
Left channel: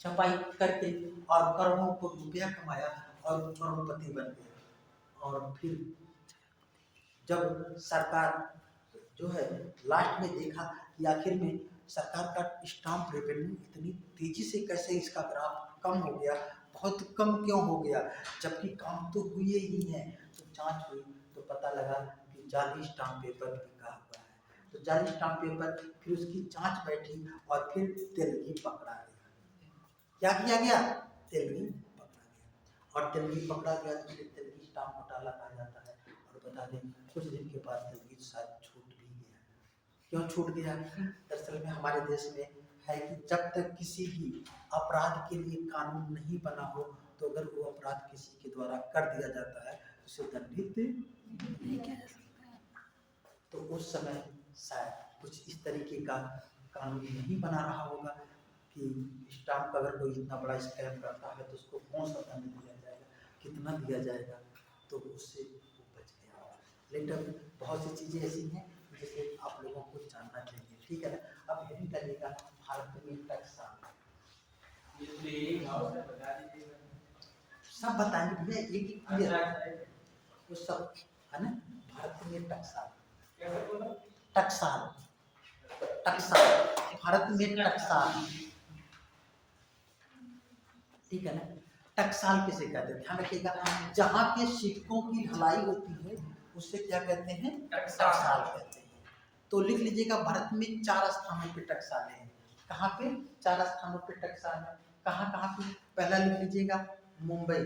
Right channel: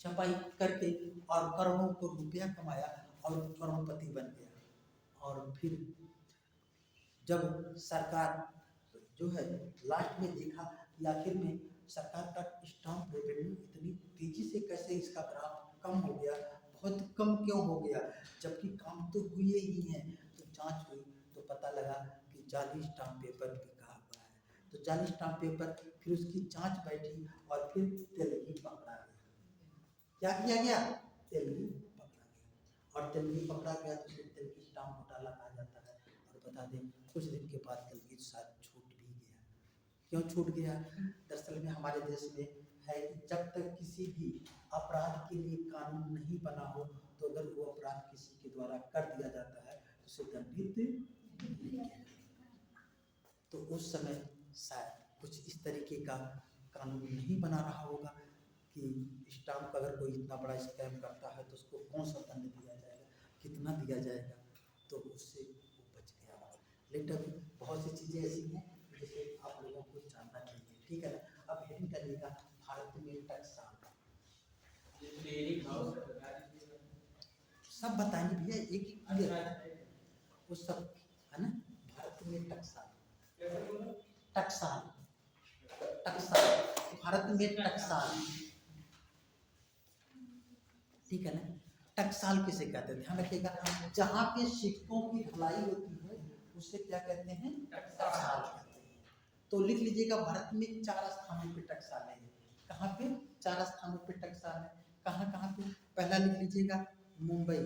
छपाई करके और करोड़ों को रुपया कमाया और करोड़पति बन गया। और फिर जब सरकार जो है लास्ट में देखा कि आखिर में सरकार का स्टाम्प रेवेन्यू इतनी तेजी से कैसे इसका ग्राफ कम हो गया, बहुत कम क्यों हो गया, जबकि काम तो हुए ही हैं। तो जांच हुई तो पता लगा कि जाली स्टाम्प पेपर बिका हुआ है। तो जाली स्टाम्प पेपर, फिर उसकी जांच बैठी और फिर तेलगी पकड़ा गया। क्या किया गया, तेलगी पकड़ा गया और तेलगी पकड़ा गया तो उसे तेलगी स्टाम्प घोटाला कहा जाता है। और बता दें कुछ दिन के बाद तेलगी शायद छूट भी गया। क्यों छूट गया, दरअसल में हमारे देश में है कि जब तक किसी भी अपराध के लिए कानून नहीं बना हो, तो अगर वो अपराध किसी के द्वारा कर दिया जाता है तो उसे दंडित नहीं किया जा सकता। तो उस समय शायद कुछ इस तरीके का कानून नहीं बना रहा होगा कि स्टाम्प अगर कोई इतना बड़ा स्कैम करता है तो उसको कौन सा दंड दिया जाएगा, कितना दिया जाएगा, तो उससे वो बच गया। लेकिन बहुत सी चीज़ें ऐसी हैं जिसे आप लोगों को जानना चाहिए। ठीक है, अब हेडिंग करिएगा भारत में टकसाल। सब बताएंगे भैया, एक एक क्लियर वो सब है ना। भारत में टकसाल, टकसाल, टकसाल, भारत में टकसाल, ठीक है ना। टकसाल किसे कहते हैं, ध्यान रखिएगा, जहाँ पे सिक्कों की ढलाई होती है उसे क्या कहते हैं, टकसाल कहते हैं। तो लिख लीजिएगा भारत में 4 स्थानों पे टकसालें हैं। कहाँ पे 4 स्थानों पे टकसाल है, कहाँ कहाँ पे, पहला लिख लीजिएगा मुंबई,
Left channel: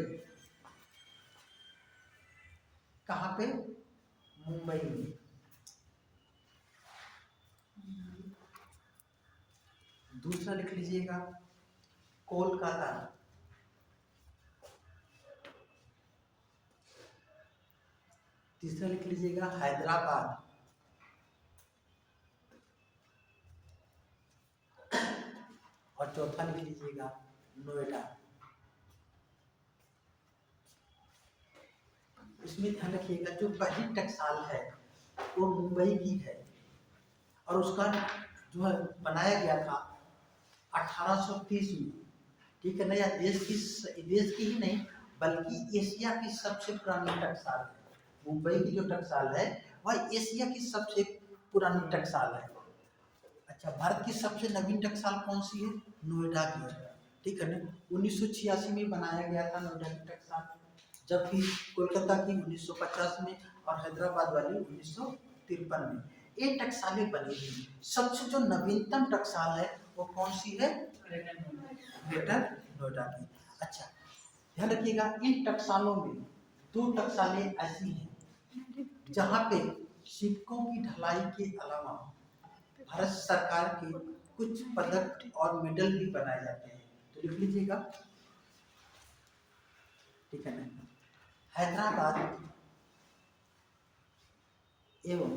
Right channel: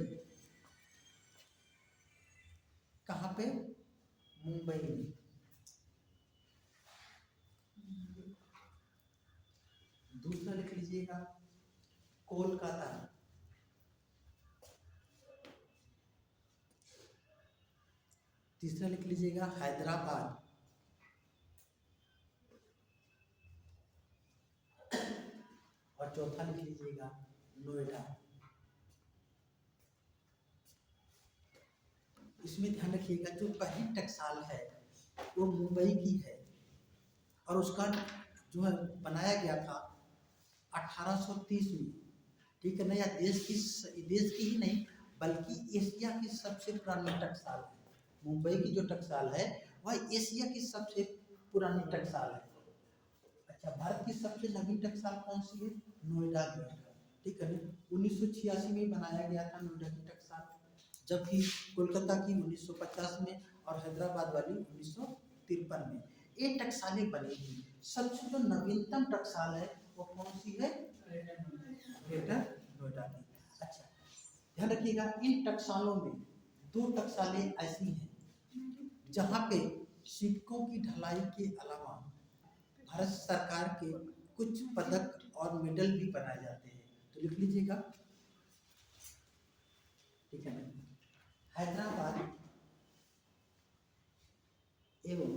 कहाँ पे, मुंबई में। दूसरा लिख लीजिएगा कोलकाता, तीसरा लिख लीजिएगा हैदराबाद, और चौथा लिख लीजिएगा नोएडा। इसमें ध्यान रखिएगा जो पहली टकसाल है वो मुंबई की है और उसका जो है बनाया गया था 1830 में। ठीक है ना, या देश की ही नहीं बल्कि एशिया की सबसे पुरानी टकसाल है। मुंबई की जो टकसाल है वह एशिया की सबसे पुरानी टकसाल है। अच्छा, भारत की सबसे नवीन टकसाल कौन सी है, नोएडा की। ठीक है ना, 1986 में बनाया गया था नोएडा की टकसाल, जबकि कोलकाता की 1950 में और हैदराबाद वाली 1953 में। ये टकसालें बनी थी। सबसे जो नवीनतम टकसाल है वो कौन सी है, ग्रेटर नोएडा की। अच्छा, ध्यान रखिएगा इन टकसालों में 2 टकसालें ऐसी हैं जहाँ पे सिक्कों की ढलाई के अलावा भारत सरकार के कुछ पदक और मेडल भी बनाए जाते हैं। तो लिख लीजिएगा, ठीक है ना, हैदराबाद एवं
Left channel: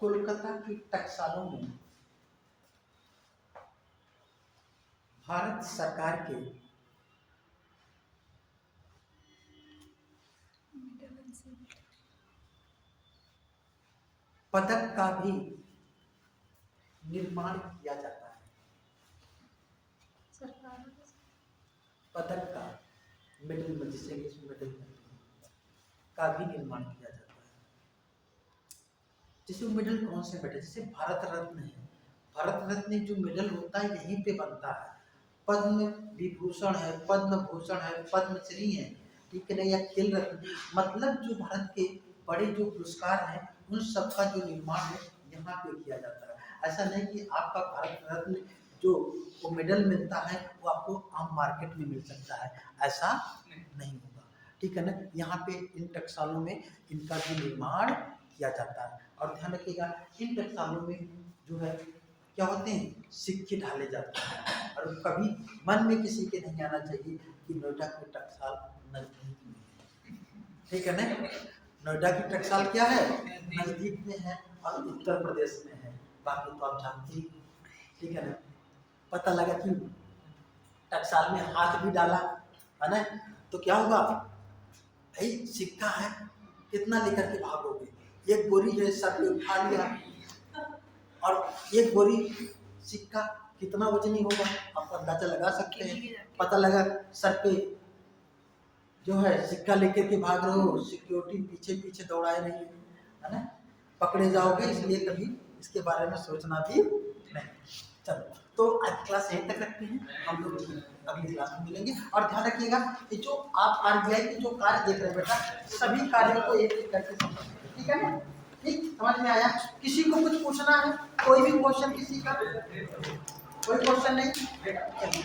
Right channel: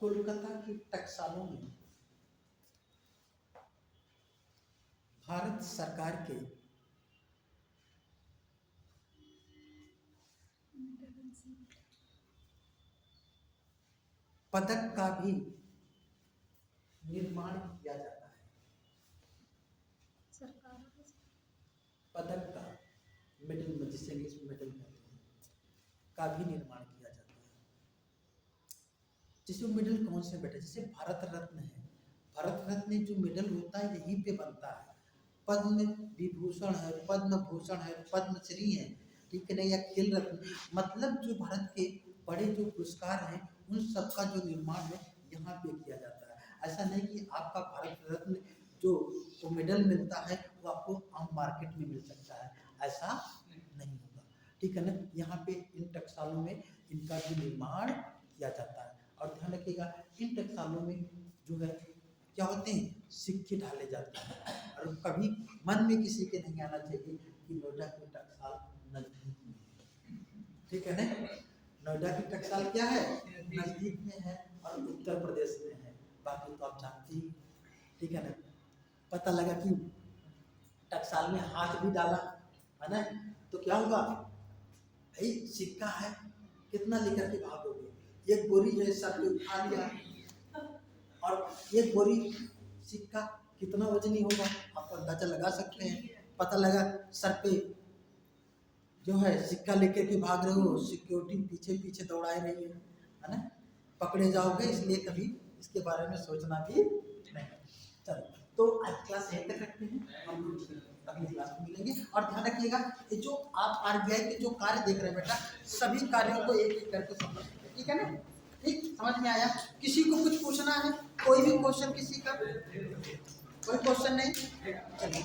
कोलकाता की टकसालों में भारत सरकार के पदक का भी निर्माण किया जाता है। सरकार पदक का, मेडल में जिसे इंग्लिश में मेडल कहते हैं, का भी निर्माण किया जाता है। जैसे मेडल कौन से मेडल, जैसे भारत रत्न है, भारत रत्न जो मेडल होता है यहीं पे बनता है। पद्म विभूषण है, पद्म भूषण है, पद्मश्री है, ठीक है ना, या खेल रत्न, मतलब जो भारत के बड़े जो पुरस्कार हैं उन सब का जो निर्माण है यहाँ पे किया जाता है। ऐसा नहीं कि आपका भारत रत्न जो वो मेडल मिलता है वो आपको आम मार्केट में मिल सकता है, ऐसा नहीं होगा, ठीक है ना। यहाँ पे इन टकसालों में इनका भी निर्माण किया जाता है। और ध्यान रखिएगा इन टकसालों में जो है क्या होते हैं, सिक्के डाले जाते हैं। और कभी मन में किसी के नहीं आना चाहिए कि नोएडा के टकसाल नजदीक में है, ठीक है ना। नोएडा की टकसाल क्या है, नजदीक में है और उत्तर प्रदेश में है, बाकी तो आप जानते ही, ठीक है ना। पता लगा कि टकसाल में हाथ भी डाला है ना, तो क्या होगा भाई, सिक्का है, कितना लेकर के भागोगे, एक बोरी है सर पे उठा लिया, और एक बोरी सिक्का कितना वजनी होगा आप अंदाजा लगा सकते हैं। पता लगा सर पे जो है सिक्का लेकर के भाग रहे हो, सिक्योरिटी पीछे पीछे दौड़ाए रही है ना, पकड़े जाओगे, इसलिए कभी इसके बारे में सोचना भी नहीं। चलो तो आज क्लास यहीं तक रखते हैं, हम लोग अगली क्लास में मिलेंगे। और ध्यान रखिएगा ये जो आप आरबीआई के जो कार्य देख रहे हैं बेटा, सभी कार्यों को एक एक करके समझिए, ठीक है ना। ठीक, समझ में आया? किसी को कुछ पूछना है, कोई भी क्वेश्चन, किसी का कोई क्वेश्चन नहीं? चलिए